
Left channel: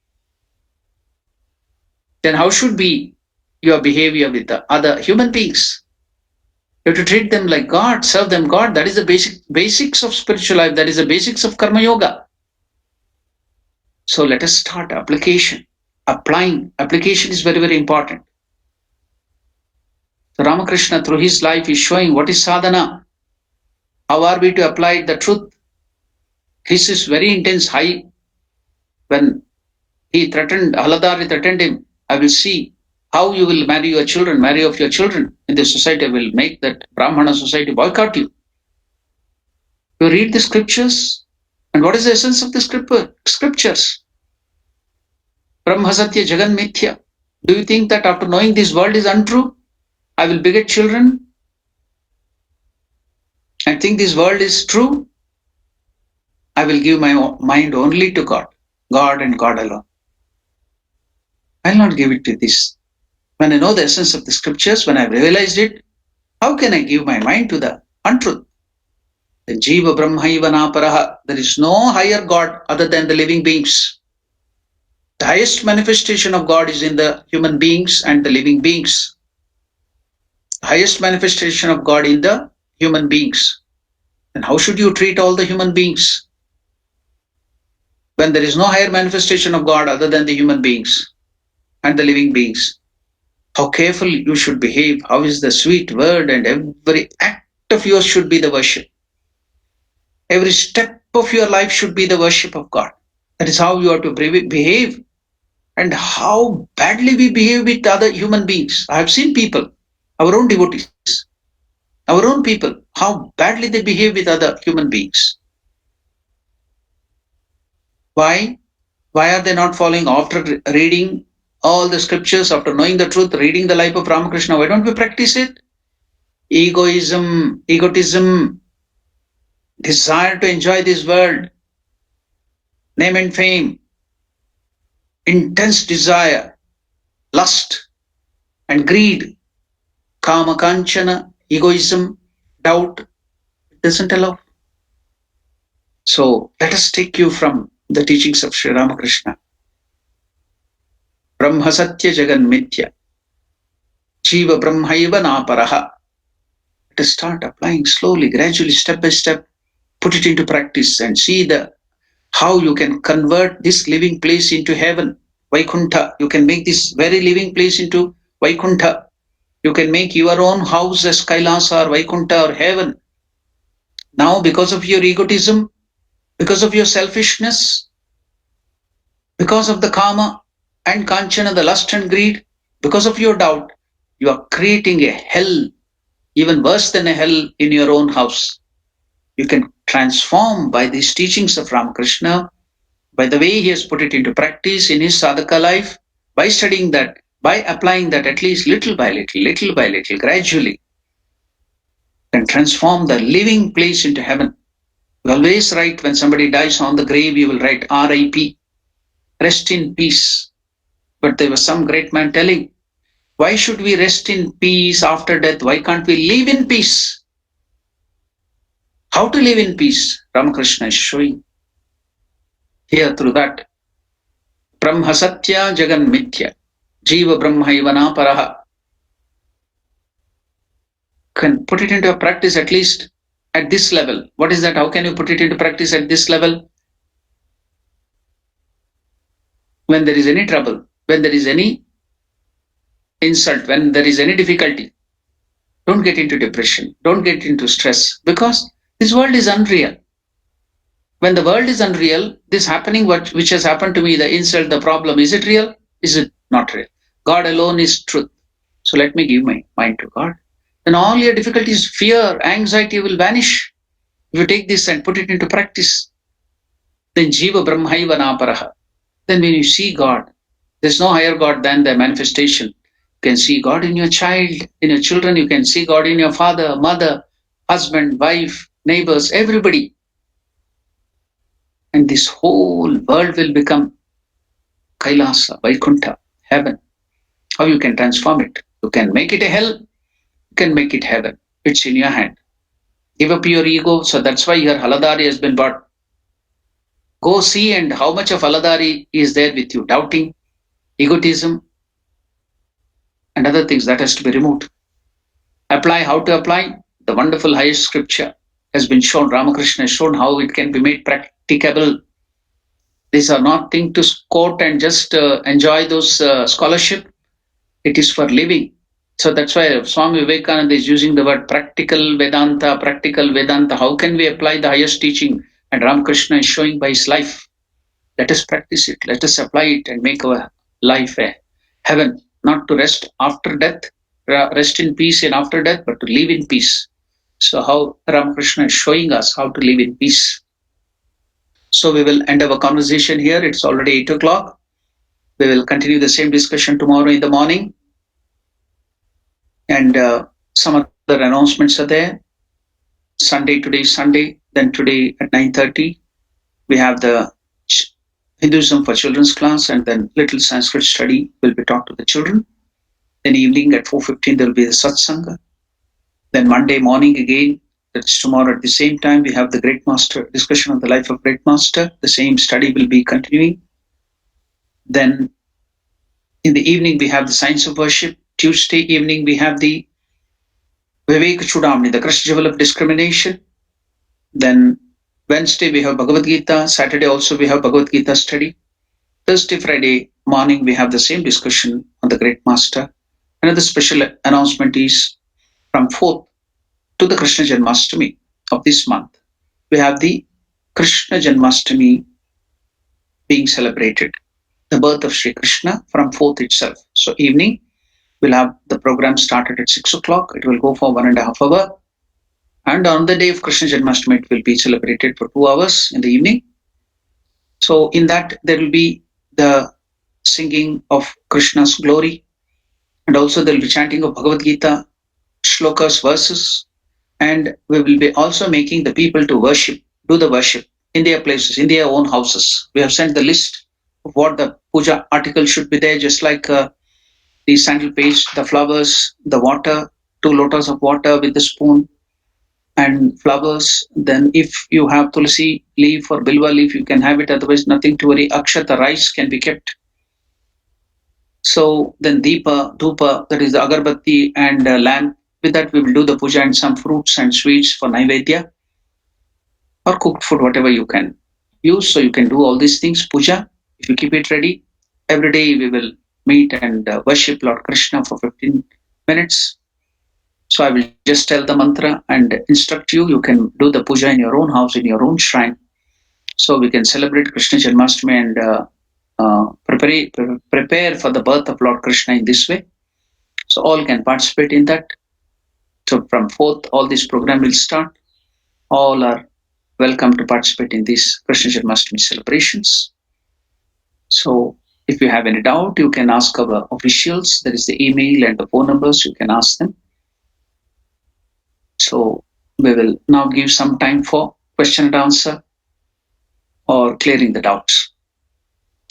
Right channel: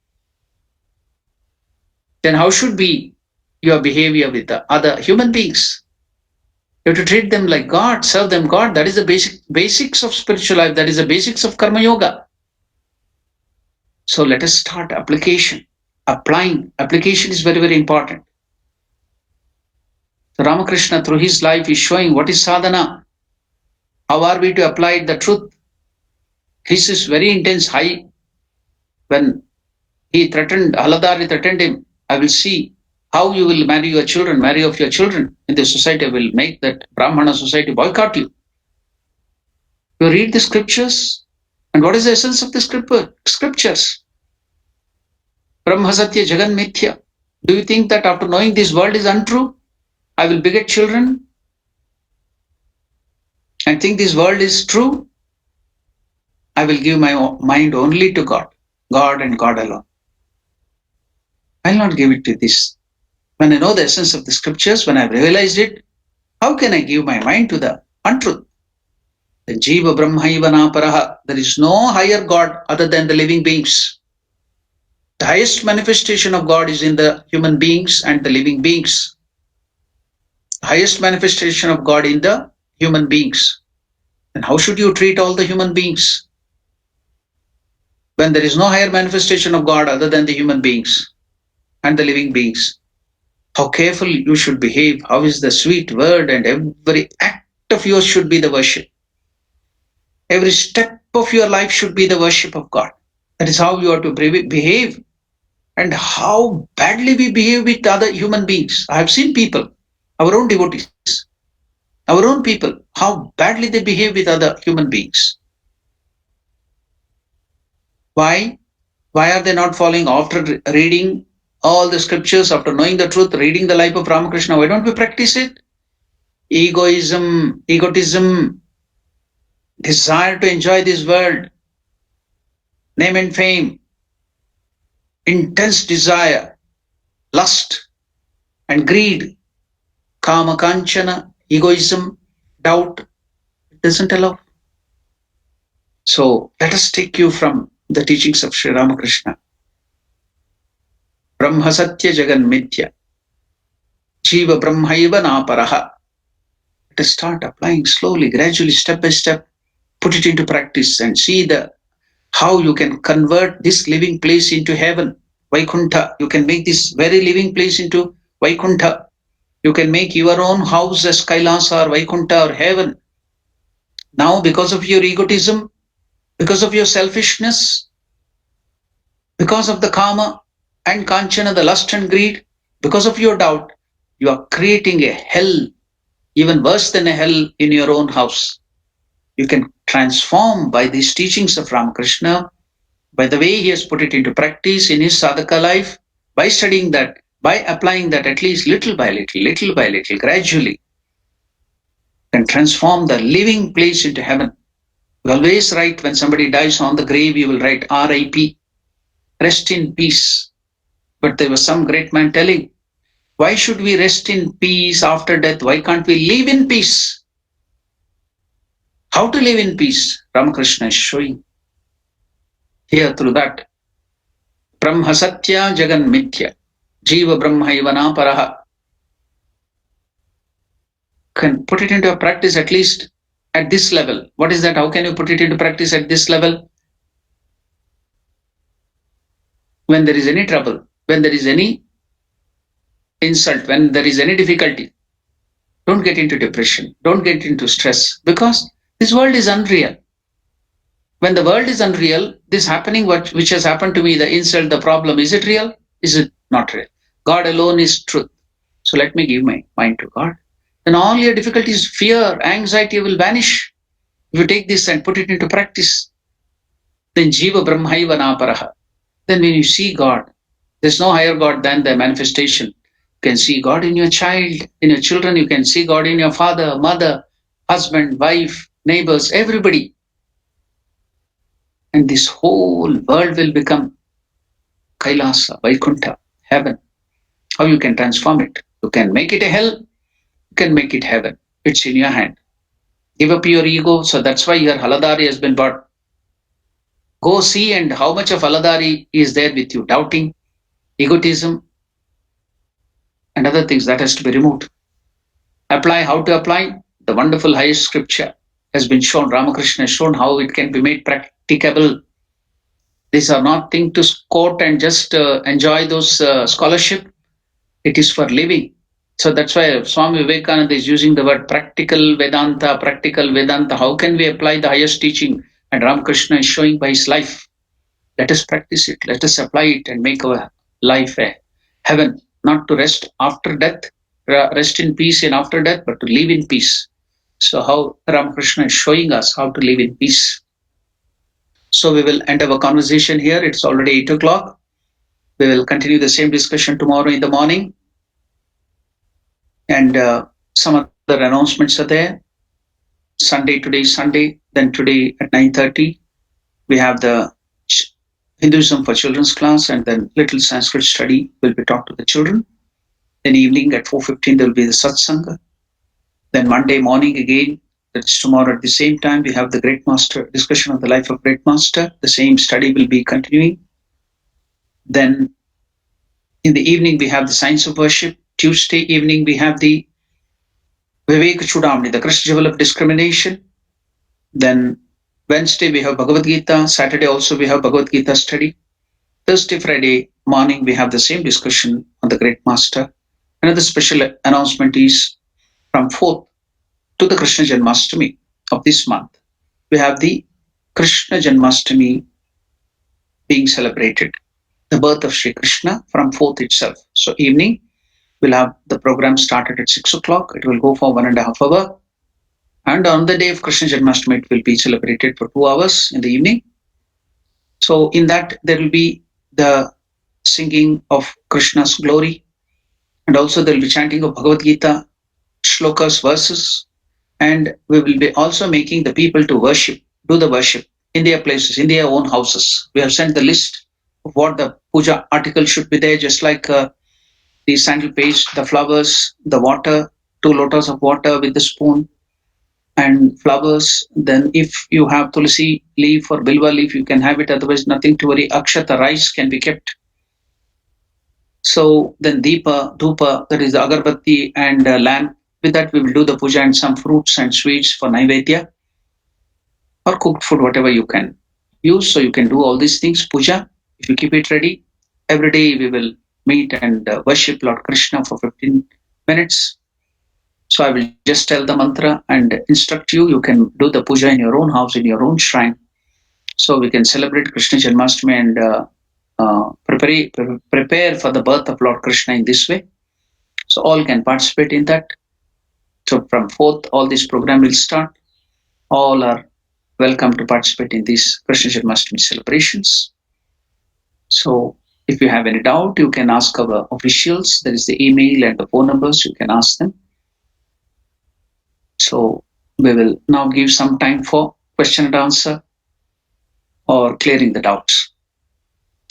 Then how should be your behavior with the other human beings? You have to treat them like God, serve them God. That is the basics of spiritual life. That is the basics of Karma Yoga. So let us start application. Applying. Application is very, very important. So Ramakrishna through his life is showing what is sadhana. How are we to apply the truth? This is very intense high. When he threatened, Haladari threatened him, I will see how you will marry your children, marry off your children in the society. I will make that Brahmana society boycott you. You read the scriptures, and what is the essence of the scriptures? Brahma Satya Jagan Mithya. Do you think that after knowing this world is untrue, I will beget children and think this world is true? I will give my mind only to God, God and God alone. I'll not give it to this. When I know the essence of the scriptures, when I've realized it, how can I give my mind to the untruth? The Jiva Brahmaiva Naparaha. There is no higher God other than the living beings. The highest manifestation of God is in the human beings and the living beings. The highest manifestation of God in the human beings. And how should you treat all the human beings? When there is no higher manifestation of God other than the human beings and the living beings. How careful you should behave. How is the sweet word, and every act of yours should be the worship. Every step of your life should be the worship of God. That is how you are to behave. And how badly we behave with other human beings. I have seen people, our own devotees, our own people, how badly they behave with other human beings. Why? Why are they not following after reading all the scriptures, after knowing the truth, reading the life of Ramakrishna? Why don't we practice it? Egotism, desire to enjoy this world, name and fame, intense desire, lust and greed, kama kanchana, egoism, doubt, it doesn't allow. So let us take you from the teachings of Sri Ramakrishna. Brahma Satya Jagan Mithya. Jiva Brahmaiva Naparaha. Let us start applying slowly, gradually, step by step. Put it into practice and see how you can convert this living place into heaven, Vaikuntha. You can make this very living place into Vaikuntha. You can make your own house as Kailasa or Vaikuntha or heaven. Now, because of your egotism, because of your selfishness, because of the kama and kanchana, the lust and greed, because of your doubt, you are creating a hell, even worse than a hell in your own house. You can transform by these teachings of Ramakrishna, by the way he has put it into practice in his sadhaka life, by studying that, by applying that at least little by little, gradually, can transform the living place into heaven. We always write when somebody dies on the grave, you will write RIP, rest in peace. But there was some great man telling, why should we rest in peace after death? Why can't we live in peace? How to live in peace? Ramakrishna is showing here through that. Brahma Satya Jagan Mithya. Jiva Brahma Ivana Paraha. Can put it into a practice at least at this level. What is that? How can you put it into practice at this level? When there is any trouble, when there is any insult, when there is any difficulty, don't get into depression, don't get into stress, because this world is unreal. When the world is unreal, this happening, which has happened to me, the insult, the problem, is it real? Is it not real? God alone is truth. So let me give my mind to God. Then all your difficulties, fear, anxiety will vanish. If you take this and put it into practice, then Jiva Brahmaiva Naparaha. Then when you see God, there's no higher God than the manifestation. You can see God in your child, in your children. You can see God in your father, mother, husband, wife, neighbors, everybody. And this whole world will become Kailasa, Vaikuntha, heaven. How you can transform it? You can make it a hell, you can make it heaven. It's in your hand. Give up your ego. So that's why your Haladari has been bought. Go see and how much of Haladari is there with you. Doubting, egotism, and other things that has to be removed. Apply, how to apply? The wonderful highest scripture has been shown. Ramakrishna has shown how it can be made practicable. These are not things to quote and just enjoy those scholarship. It is for living. So that's why Swami Vivekananda is using the word practical Vedanta, practical Vedanta. How can we apply the highest teaching? And Ramakrishna is showing by his life. Let us practice it. Let us apply it and make our life a heaven, not to rest after death, rest in peace and after death, but to live in peace. So how Ramakrishna is showing us how to live in peace. So we will end our conversation here. It's already 8 o'clock. We will continue the same discussion tomorrow in the morning. And some other announcements are there. Today is Sunday. Then today at 9:30, we have the Hinduism for Children's class, and then little Sanskrit study will be taught to the children. Then evening at 4:15, there will be the Satsanga. Then Monday morning again, that's tomorrow at the same time, we have the Great Master, discussion on the life of Great Master. The same study will be continuing. Then in the evening, we have the Science of Worship. Tuesday evening, we have the Vivek Chudamani, the Crush Jewel of Discrimination. Then Wednesday, we have Bhagavad Gita. Saturday also, we have Bhagavad Gita study. Thursday, Friday morning, we have the same discussion on the Great Master. Another special announcement is from 4th to the Krishna Janmashtami of this month. We have the Krishna Janmashtami being celebrated, the birth of Sri Krishna from 4th itself. So evening, we'll have the program started at 6 o'clock. It will go for 1.5 hours. And on the day of Krishna Janmashtami, it will be celebrated for 2 hours in the evening. So in that, there will be the singing of Krishna's glory. And also there will be chanting of Bhagavad Gita, shlokas, verses. And we will be also making the people to worship, do the worship in their places, in their own houses. We have sent the list of what the puja article should be there, just like the sandal paste, the flowers, the water, 2 lotus of water with the spoon and flowers. Then if you have tulsi leaf or bilva leaf, you can have it. Otherwise, nothing to worry. Akshata rice can be kept. So then Deepa, Dhupa, that is the agarbatti and lamp. With that, we will do the puja and some fruits and sweets for Naivedya or cooked food, whatever you can use. So you can do all these things, puja. If you keep it ready, every day we will meet and worship Lord Krishna for 15 minutes. So I will just tell the mantra and instruct you. You can do the puja in your own house, in your own shrine. So we can celebrate Krishna Janmashtami and prepare for the birth of Lord Krishna in this way. So all can participate in that. So from 4th, all this program will start. all are welcome to participate in these Krishna Janmashtami celebrations. So if you have any doubt, you can ask our officials. There is the email and the phone numbers. You can ask them. So we will now give some time for question and answer or clearing the doubts.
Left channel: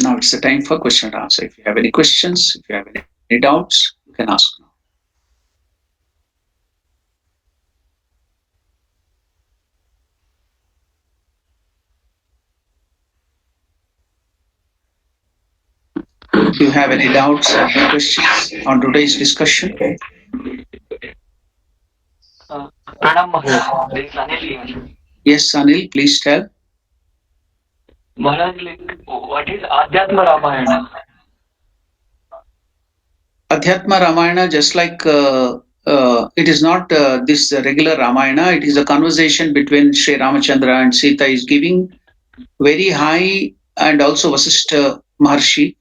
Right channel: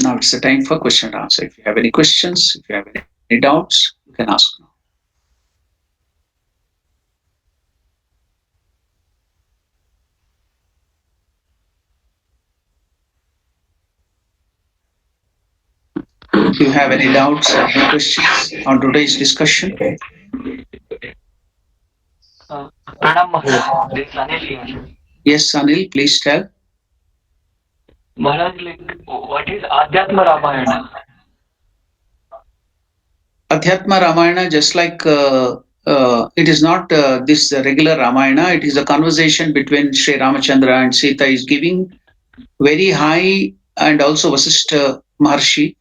Now it's the time for question and answer. If you have any questions, if you have any doubts, you can ask now. If you have any doubts or any questions on today's discussion. Pranam Maharaj, this is Anil here. Yes, Anil, please tell. Maharaj, like, what is Adhyatma Ramayana? Adhyatma Ramayana, just like it is not this regular Ramayana, it is a conversation between Sri Ramachandra and Sita is giving very high, and also Vasishtha Maharshi,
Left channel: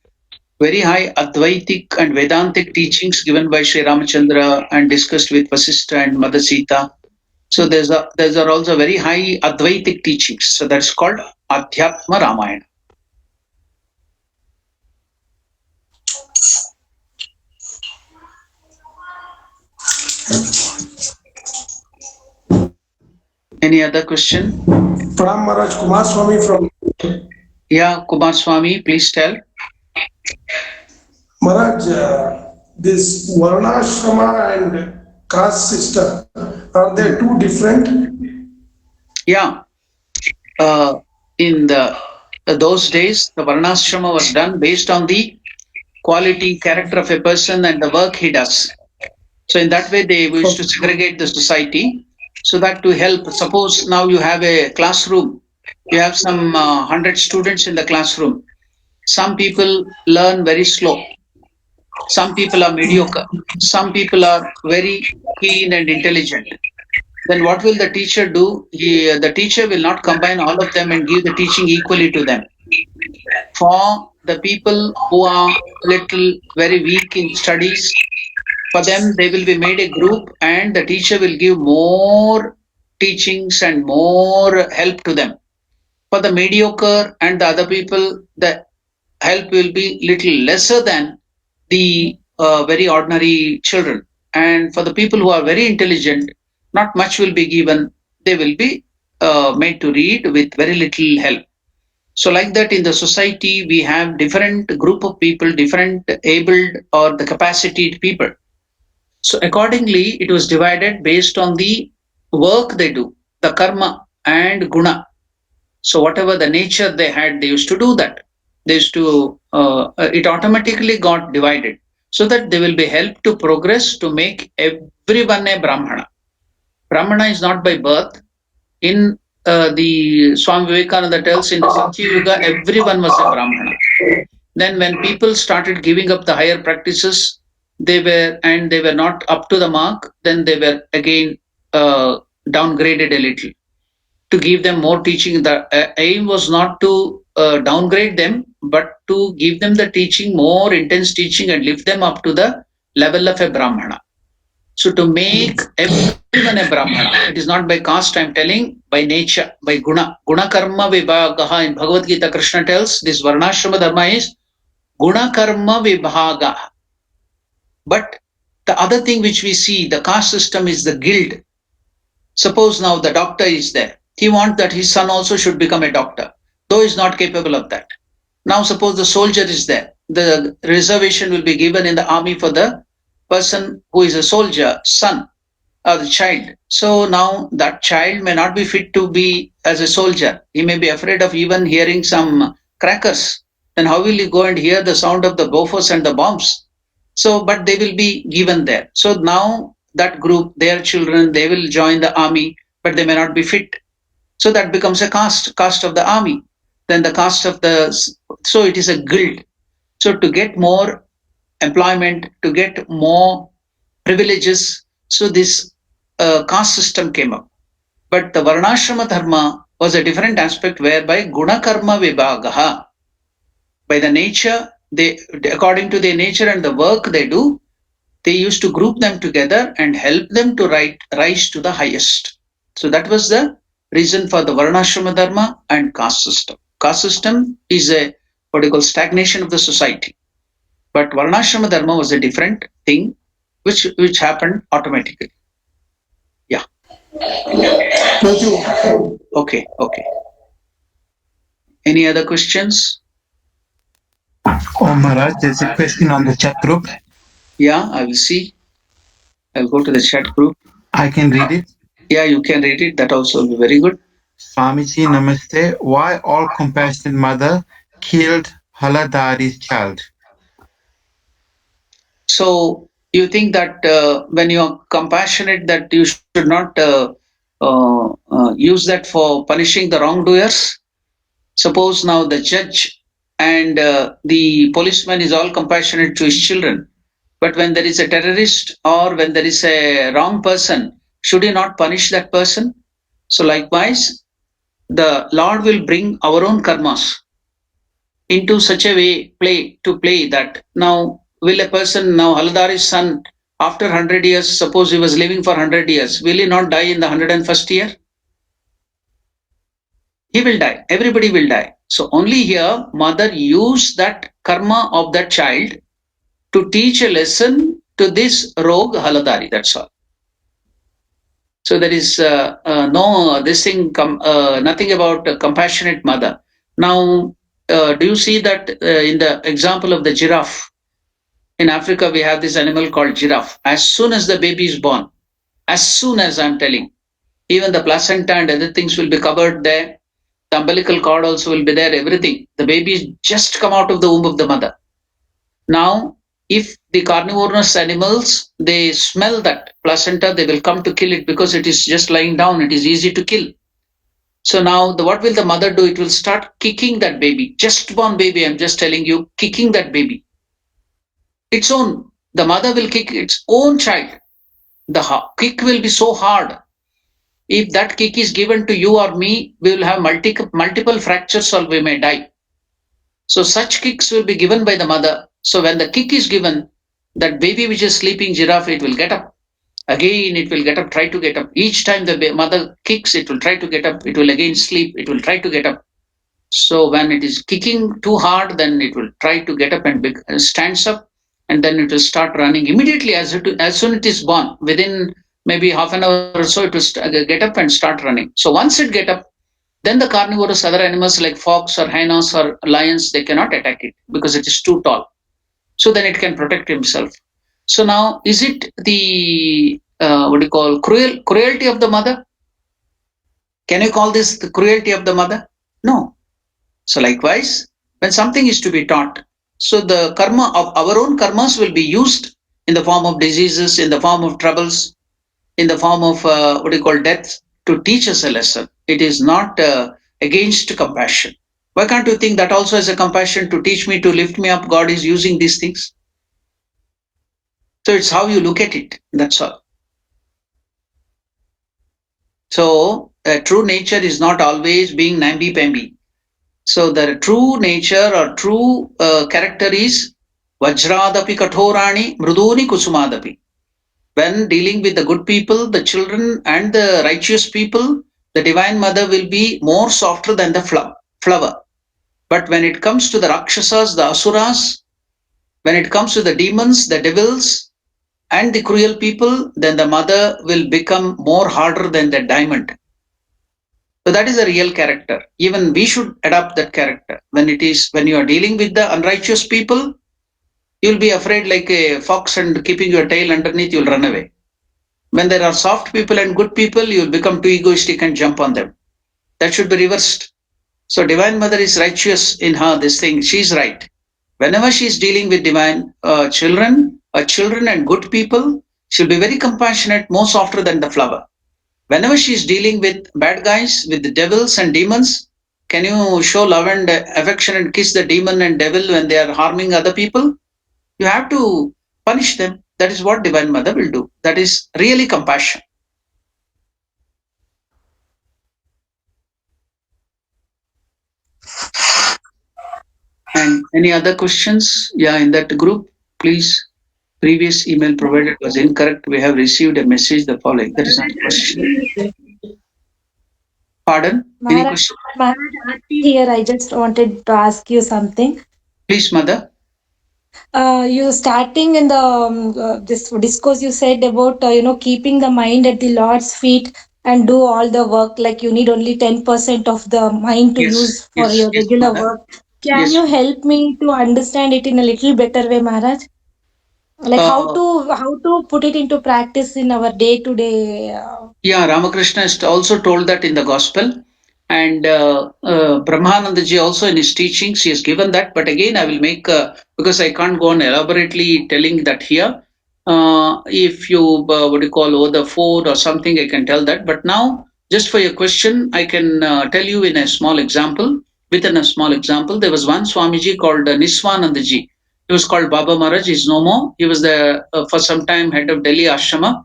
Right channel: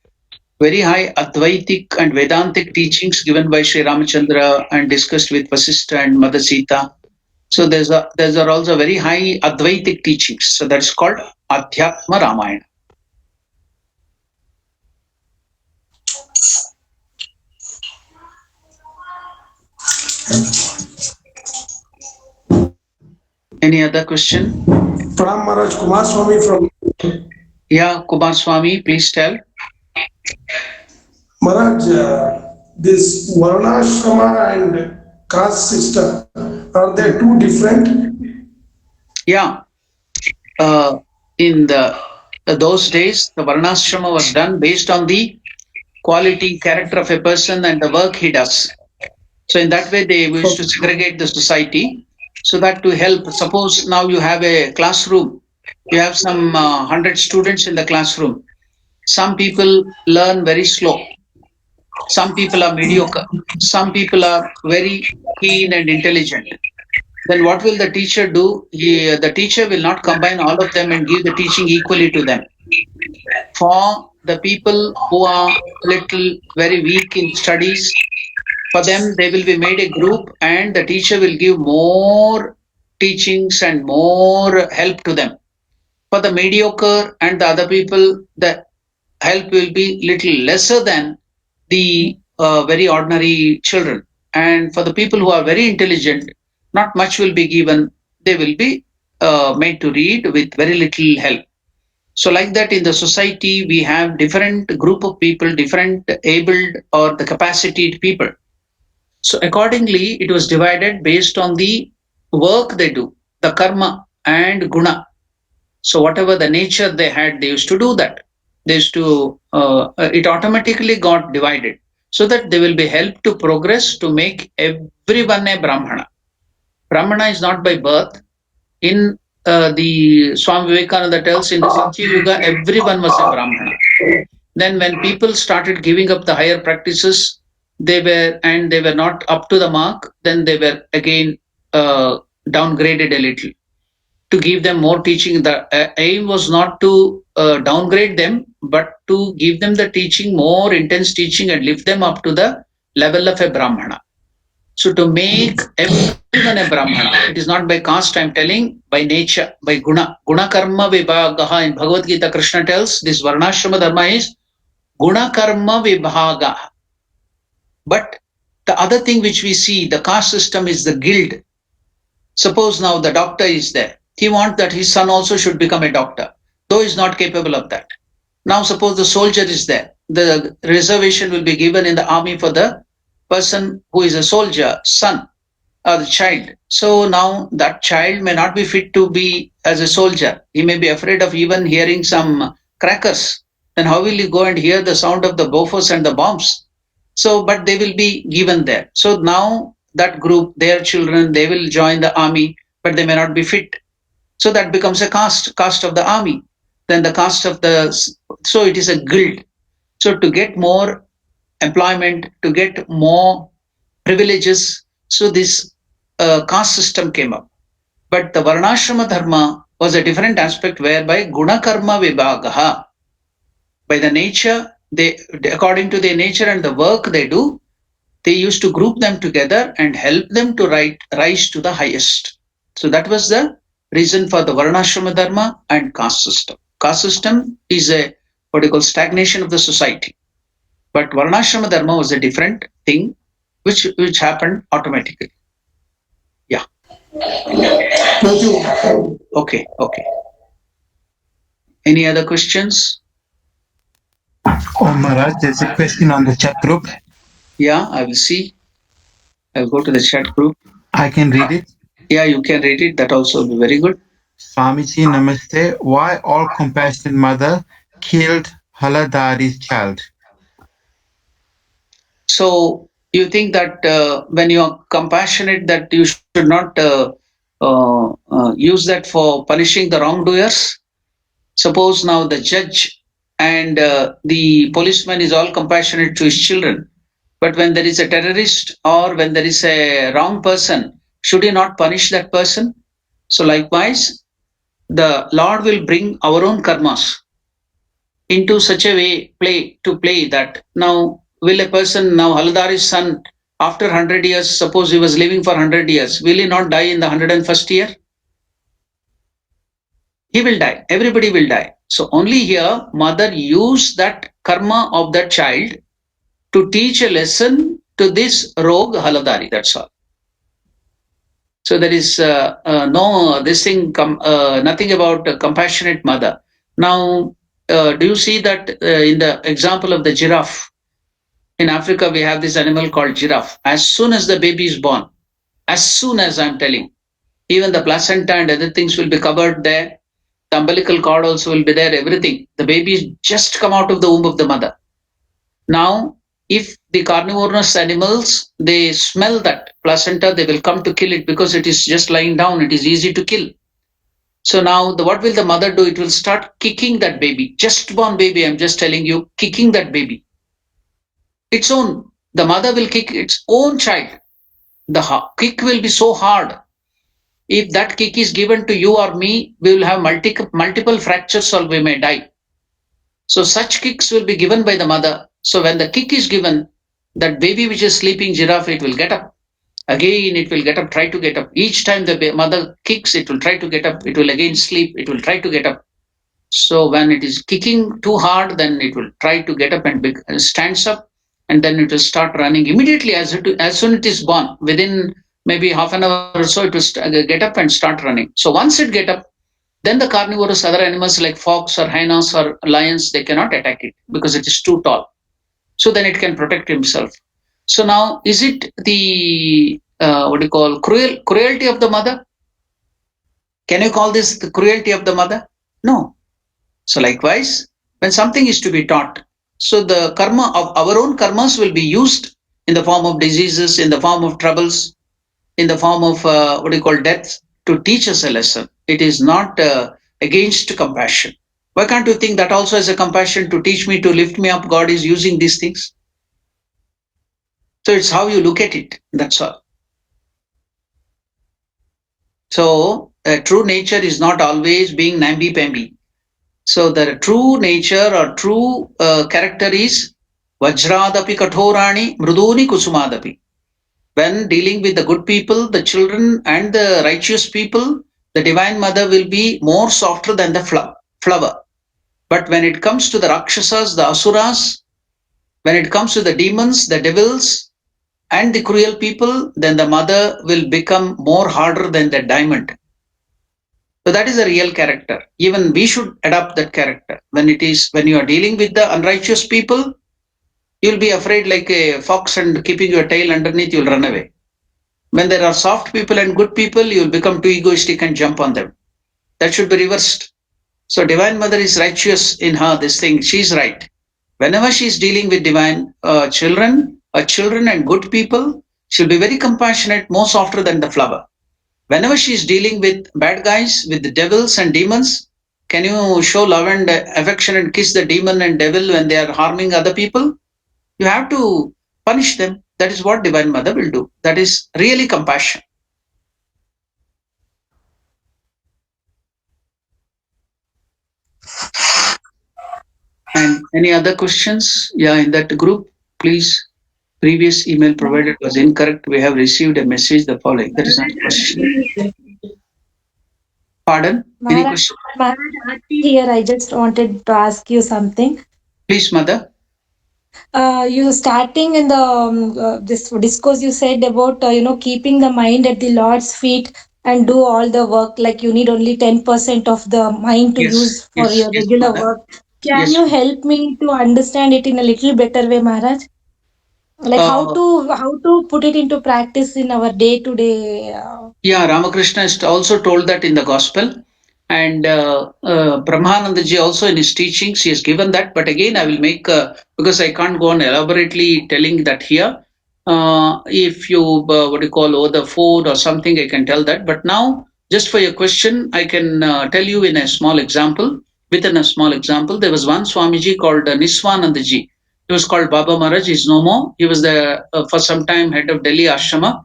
very high Advaitic and Vedantic teachings given by Sri Ramachandra and discussed with Vasishtha and Mother Sita. So there's are also very high Advaitic teachings. So that's called Adhyatma Ramayana. Any other question? Pranam Maharaj, Kumar Swami from. Yeah, Kumar Swami, please tell. Maharaj, this Varnashrama and caste system, are they two different? Yeah. In those days, the Varnashrama was done based on the quality, character of a person and the work he does. So in that way, they wish to segregate the society so that to help. Suppose now you have a classroom, you have some 100 students in the classroom. Some people learn very slow. Some people are mediocre. Some people are very keen and intelligent. Then what will the teacher do? The teacher will not combine all of them and give the teaching equally to them. For the people who are little very weak in studies, for them they will be made a group and the teacher will give more teachings and more help to them. For the mediocre and the other people, the help will be little lesser than the very ordinary children. And for the people who are very intelligent, not much will be given. They will be made to read with very little help. So like that in the society, we have different group of people, different abled or the capacitated people. So accordingly, it was divided based on the work they do, the karma and guna. So whatever the nature they had, they used to do that. They used to, it automatically got divided so that they will be helped to progress to make everyone a Brahmana. Brahmana is not by birth. In the Swami Vivekananda tells in the Satya Yuga, everyone was a Brahmana. Then when people started giving up the higher practices, they were not up to the mark, then they were again downgraded a little. To give them more teaching, the aim was not to downgrade them, but to give them the teaching, more intense teaching, and lift them up to the level of a Brahmana. So to make everyone a Brahmana, it is not by caste, I'm telling, by nature, by guna. Guna karma vibhagaha. In Bhagavad Gita, Krishna tells this Varnashrama dharma is guna karma vibhaga. But the other thing which we see, the caste system is the guild. Suppose now the doctor is there. He wants that his son also should become a doctor, though he is not capable of that. Now suppose the soldier is there. The reservation will be given in the army for the person who is a soldier, son or the child. So now that child may not be fit to be as a soldier. He may be afraid of even hearing some crackers. Then how will he go and hear the sound of the Bofors and the bombs? So, but they will be given there. So now that group, their children, they will join the army, but they may not be fit. So that becomes a caste of the army. Then the caste of the, so it is a guild. So to get more employment, to get more privileges, so this caste system came up. But the Varnashrama dharma was a different aspect whereby guna karma vibhagaha. By the nature, they, according to their nature and the work they do, they used to group them together and help them to rise to the highest. So that was the reason for the Varnashrama Dharma and caste system. Caste system is a what you call stagnation of the society. But Varnashrama Dharma was a different thing which happened automatically. Yeah. Thank you. Okay. Any other questions? Oh, Maharaj, there's a question on the chat group. Yeah, I will see. I'll go to the chat group. I can read it. Yeah, you can read it. That also will be very good. Swamiji, namaste. Why all compassionate mother killed Haladari's child? So you think that when you are compassionate, that you should not use that for punishing the wrongdoers? Suppose now the judge and the policeman is all compassionate to his children, but when there is a terrorist or when there is a wrong person, should he not punish that person? So likewise, the Lord will bring our own karmas into such a way play that now will a person, now Haladari's son, after 100 years, suppose he was living for 100 years, will he not die in the 101st year? He will die. Everybody will die. So only here, mother used that karma of that child to teach a lesson to this rogue Haladari. That's all. So there is nothing about a compassionate mother. Now, do you see that in the example of the giraffe? In Africa, we have this animal called giraffe. As soon as the baby is born, as soon as I'm telling, even the placenta and other things will be covered there. The umbilical cord also will be there, everything. The baby is just come out of the womb of the mother. Now, if the carnivorous animals, they smell that placenta, they will come to kill it because it is just lying down. It is easy to kill. So now, what will the mother do? It will start kicking that baby. Just born baby, I'm just telling you, kicking that baby. Its own. The mother will kick its own child. The kick will be so hard. If that kick is given to you or me, we will have multiple fractures or we may die. So such kicks will be given by the mother. So when the kick is given, that baby which is sleeping giraffe, it will get up. Again, it will get up, try to get up. Each time the mother kicks, it will try to get up. It will again sleep. It will try to get up. So when it is kicking too hard, then it will try to get up and stands up. And then it will start running immediately as soon it is born. Within maybe half an hour or so, it will get up and start running. So once it get up, then the carnivorous other animals like fox or hyenas or lions, they cannot attack it because it is too tall. So then it can protect himself. So now, is it the cruelty of the mother? Can you call this the cruelty of the mother? No. So likewise, when something is to be taught, so the karma of our own karmas will be used in the form of diseases, in the form of troubles, in the form of death, to teach us a lesson. It is not against compassion. Why can't you think that also as a compassion to teach me, to lift me up? God is using these things. So it's how you look at it. That's all. So true nature is not always being namby-pamby. So the true nature or true character is Vajradapi Kathorani Mruduni Kusumadapi. When dealing with the good people, the children and the righteous people, the Divine Mother will be more softer than the flower. But when it comes to the Rakshasas, the Asuras, when it comes to the demons, the devils, and the cruel people, then the mother will become more harder than the diamond. So that is a real character. Even we should adopt that character. When you are dealing with the unrighteous people, you'll be afraid like a fox and keeping your tail underneath, you'll run away. When there are soft people and good people, you'll become too egoistic and jump on them. That should be reversed. So Divine Mother is righteous in her, this thing. She's right. Whenever she's dealing with divine children and good people, she'll be very compassionate, more softer than the flower. Whenever she's dealing with bad guys, with the devils and demons, can you show love and affection and kiss the demon and devil when they are harming other people? You have to punish them. That is what Divine Mother will do. That is really compassion. And any other questions? Yeah, in that group, please. Previous email provided was incorrect. We have received a message the following. That is not a question. Pardon? Any Maharaj, question? Maharaj, here I just wanted to ask you something. Please, mother. You starting in the this discourse, you said about keeping the mind at the Lord's feet and do all the work. Like you need only 10% of the mind to Yes, use for yes, your yes, regular mother. work. Can Yes. you help me to understand it in a little better way, Maharaj? Like Uh, how to put it into practice in our day to day. yeah, Ramakrishna has also told that in the gospel. And Brahmanandaji also in his teachings, he has given that. But again, I will make, because I can't go on elaborately telling that here. If you, what do you call, over the phone or something, I can tell that. But now, just for your question, I can tell you in a small example. Within a small example, there was one Swamiji called Niswanandaji. He was called Baba Maharaj. He's no more. He was the, for some time, head of Delhi Ashrama.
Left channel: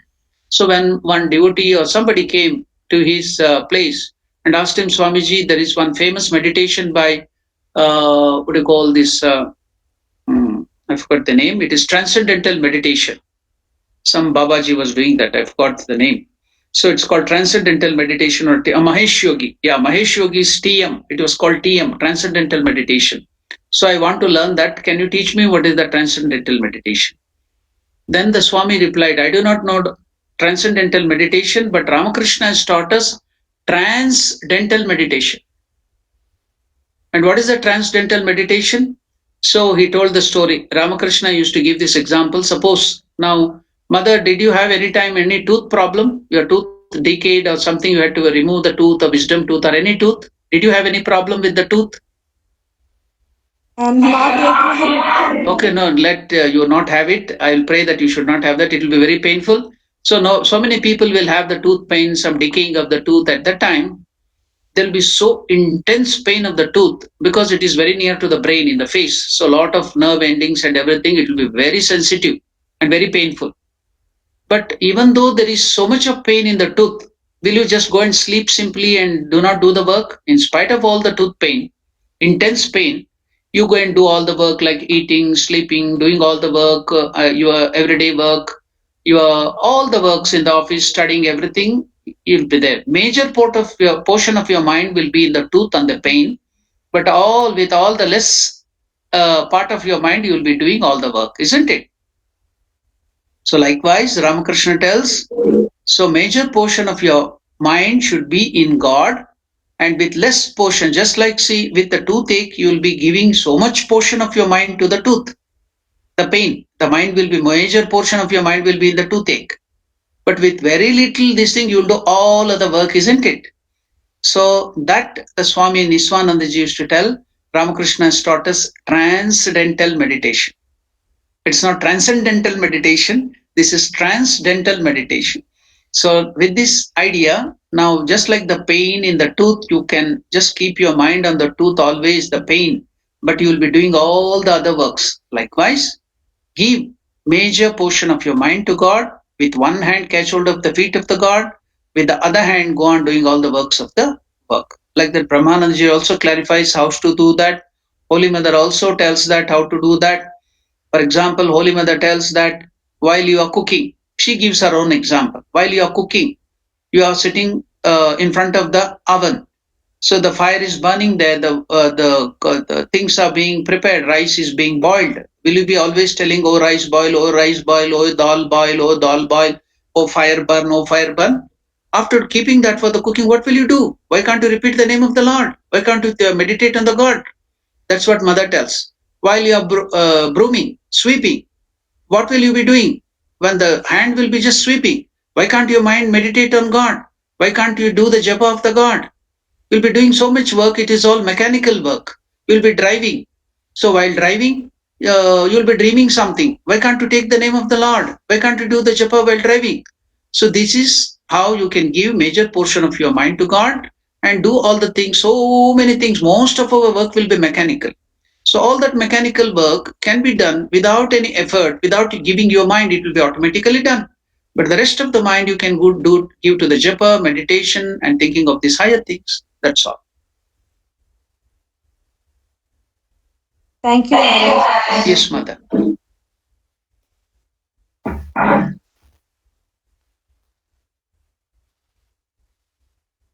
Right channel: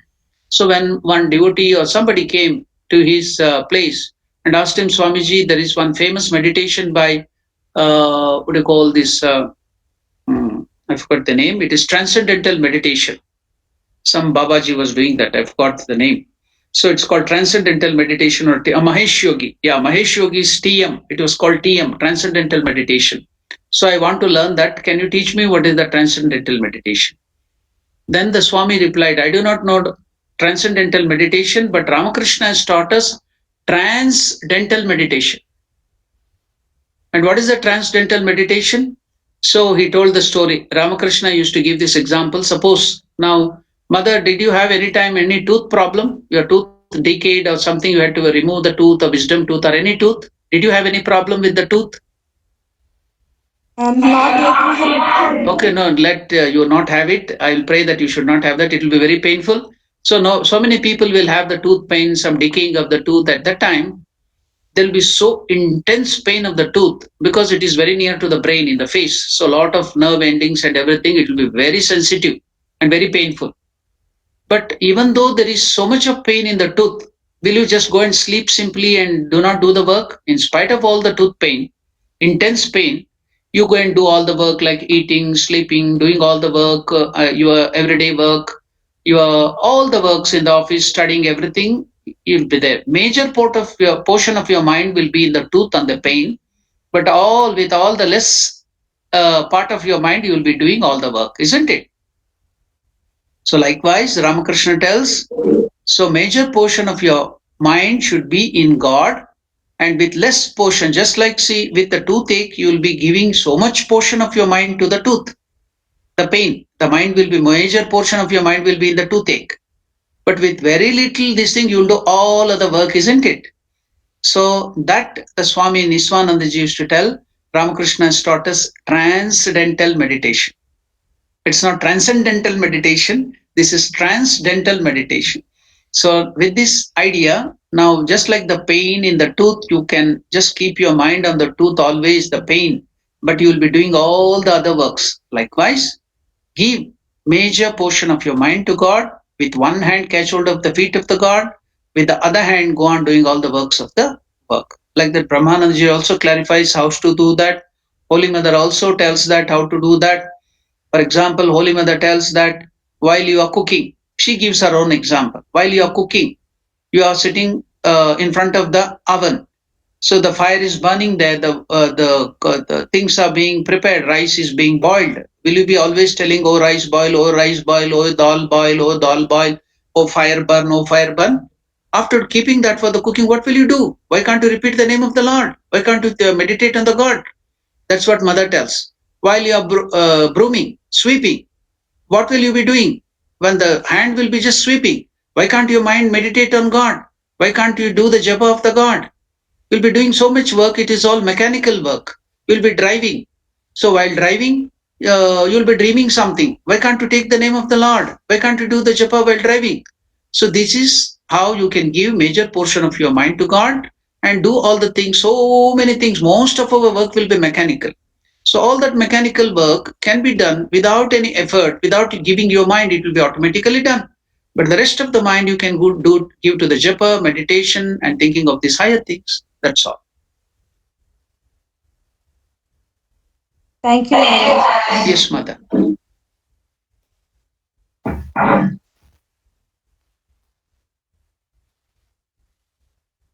So when one devotee or somebody came to his place and asked him, Swamiji, there is one famous meditation by, what do you call this? I forgot the name. It is transcendental meditation. Some Babaji was doing that. I forgot the name. So it's called transcendental meditation or Mahesh Yogi. Yeah, Mahesh Yogi's TM. It was called TM, transcendental meditation. So I want to learn that. Can you teach me what is the transcendental meditation? Then the Swami replied, I do not know transcendental meditation, but Ramakrishna has taught us transcendental meditation. And what is the transcendental meditation? So he told the story. Ramakrishna used to give this example. Suppose now, mother, did you have any time any tooth problem? Your tooth decayed or something, you had to remove the tooth, a wisdom tooth, or any tooth? Did you have any problem with the tooth? Not yet, Maharaj. Okay, no, let you not have it. I'll pray that you should not have that. It will be very painful. So no, so many people will have the tooth pain, some decaying of the tooth. At that time, there'll be so intense pain of the tooth because it is very near to the brain in the face. So a lot of nerve endings and everything, it will be very sensitive and very painful. But even though there is so much of pain in the tooth, will you just go and sleep simply and do not do the work? In spite of all the tooth pain, intense pain, you go and do all the work like eating, sleeping, doing all the work, your everyday work, your all the works in the office, studying everything, you'll be there. Major part of your portion of your mind will be in the tooth and the pain, but all with all the less part of your mind, you will be doing all the work, isn't it? So likewise, Ramakrishna tells, so major portion of your mind should be in God and with less portion, just like see with the toothache, you will be giving so much portion of your mind to the tooth, the pain. The mind will be major portion of your mind will be in the toothache. But with very little this thing, you'll do all of the work, isn't it? So that the Swami Niswanandaji used to tell, Ramakrishna has taught us transcendental meditation. It's not transcendental meditation. This is transcendental meditation. So with this idea, now just like the pain in the tooth, you can just keep your mind on the tooth always, the pain, but you will be doing all the other works. Likewise, give major portion of your mind to God. With one hand, catch hold of the feet of the God. With the other hand, go on doing all the works of the work. Like that, Brahmanandaji also clarifies how to do that. Holy Mother also tells that how to do that. For example, Holy Mother tells that while you are cooking, she gives her own example. While you are cooking, you are sitting in front of the oven. So the fire is burning there. The things are being prepared. Rice is being boiled. Will you be always telling, "Oh rice boil, oh rice boil, oh dal boil, oh dal boil, oh fire burn, oh fire burn"? After keeping that for the cooking, what will you do? Why can't you repeat the name of the Lord? Why can't you meditate on the God? That's what Mother tells. While you are brooming, sweeping, what will you be doing? When the hand will be just sweeping, why can't your mind meditate on God? Why can't you do the japa of the God? You'll be doing so much work, it is all mechanical work. You'll be driving. So while driving, you'll be dreaming something. Why can't you take the name of the Lord? Why can't you do the japa while driving? So this is how you can give major portion of your mind to God and do all the things, so many things. Most of our work will be mechanical. So all that mechanical work can be done without any effort, without giving your mind, it will be automatically done. But the rest of the mind you can give to the japa, meditation, and thinking of these higher things. That's all. Thank you, Maharaj. Yes, mother.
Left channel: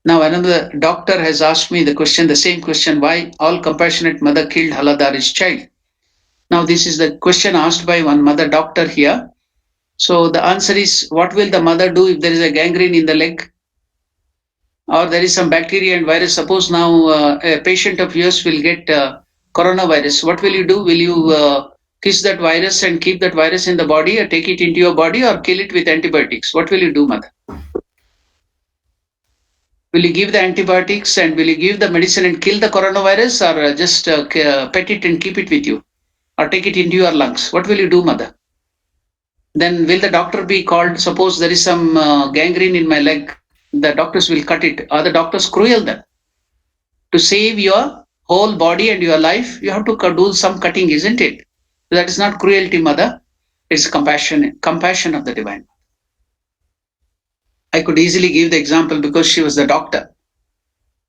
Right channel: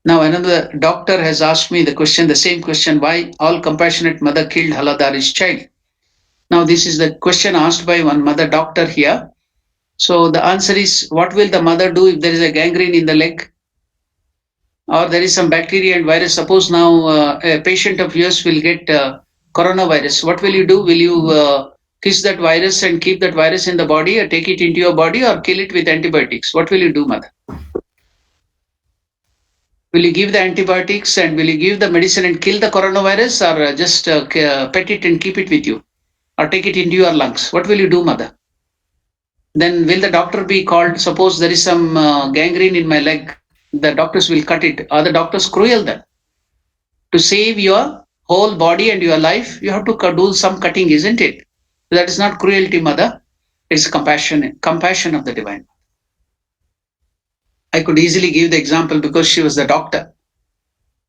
Now another doctor has asked me the question, the same question, why all compassionate mother killed Haladari's child? Now this is the question asked by one mother doctor here. So the answer is, what will the mother do if there is a gangrene in the leg? Or there is some bacteria and virus. Suppose now a patient of yours will get coronavirus. What will you do? Will you kiss that virus and keep that virus in the body, or take it into your body, or kill it with antibiotics? What will you do, mother? Will you give the antibiotics and will you give the medicine and kill the coronavirus, or just pet it and keep it with you, or take it into your lungs? What will you do, mother? Then will the doctor be called? Suppose there is some gangrene in my leg, the doctors will cut it. Are the doctors cruel then? To save your whole body and your life, you have to do some cutting, isn't it? That is not cruelty, mother. It's compassion of the divine. I could easily give the example because she was the doctor.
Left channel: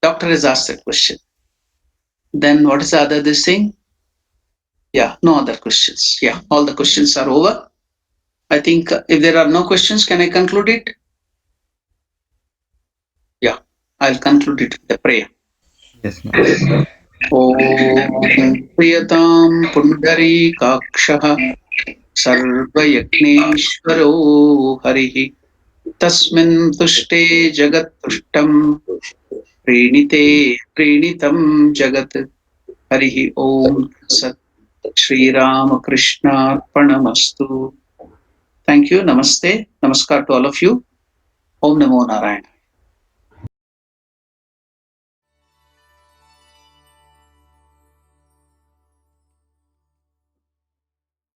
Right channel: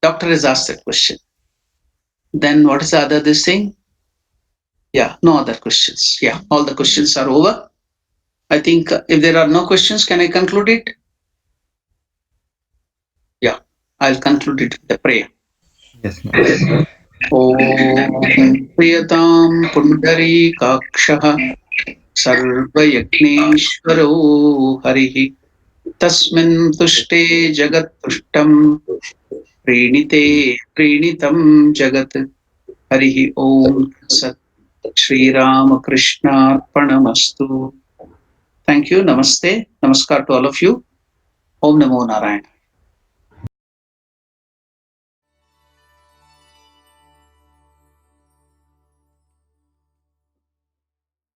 Doctor has asked that question. Then what is the other this thing? Yeah, no other questions. Yeah, all the questions are over. I think if there are no questions, can I conclude it? Yeah, I'll conclude it with a prayer. Yes, ma'am. ॐ प्रियतां पुण्डरीकाक्षः सर्वयज्ञेश्वरो हरिः तस्मिन् तुष्टे जगत्तुष्टं प्रीणिते प्रीणितं जगत् हरिः ॐ सत् श्रीरामकृष्णार्पणमस्तु. Thank you. Namaste. Namaskar to all of you. Om Namo Narayana.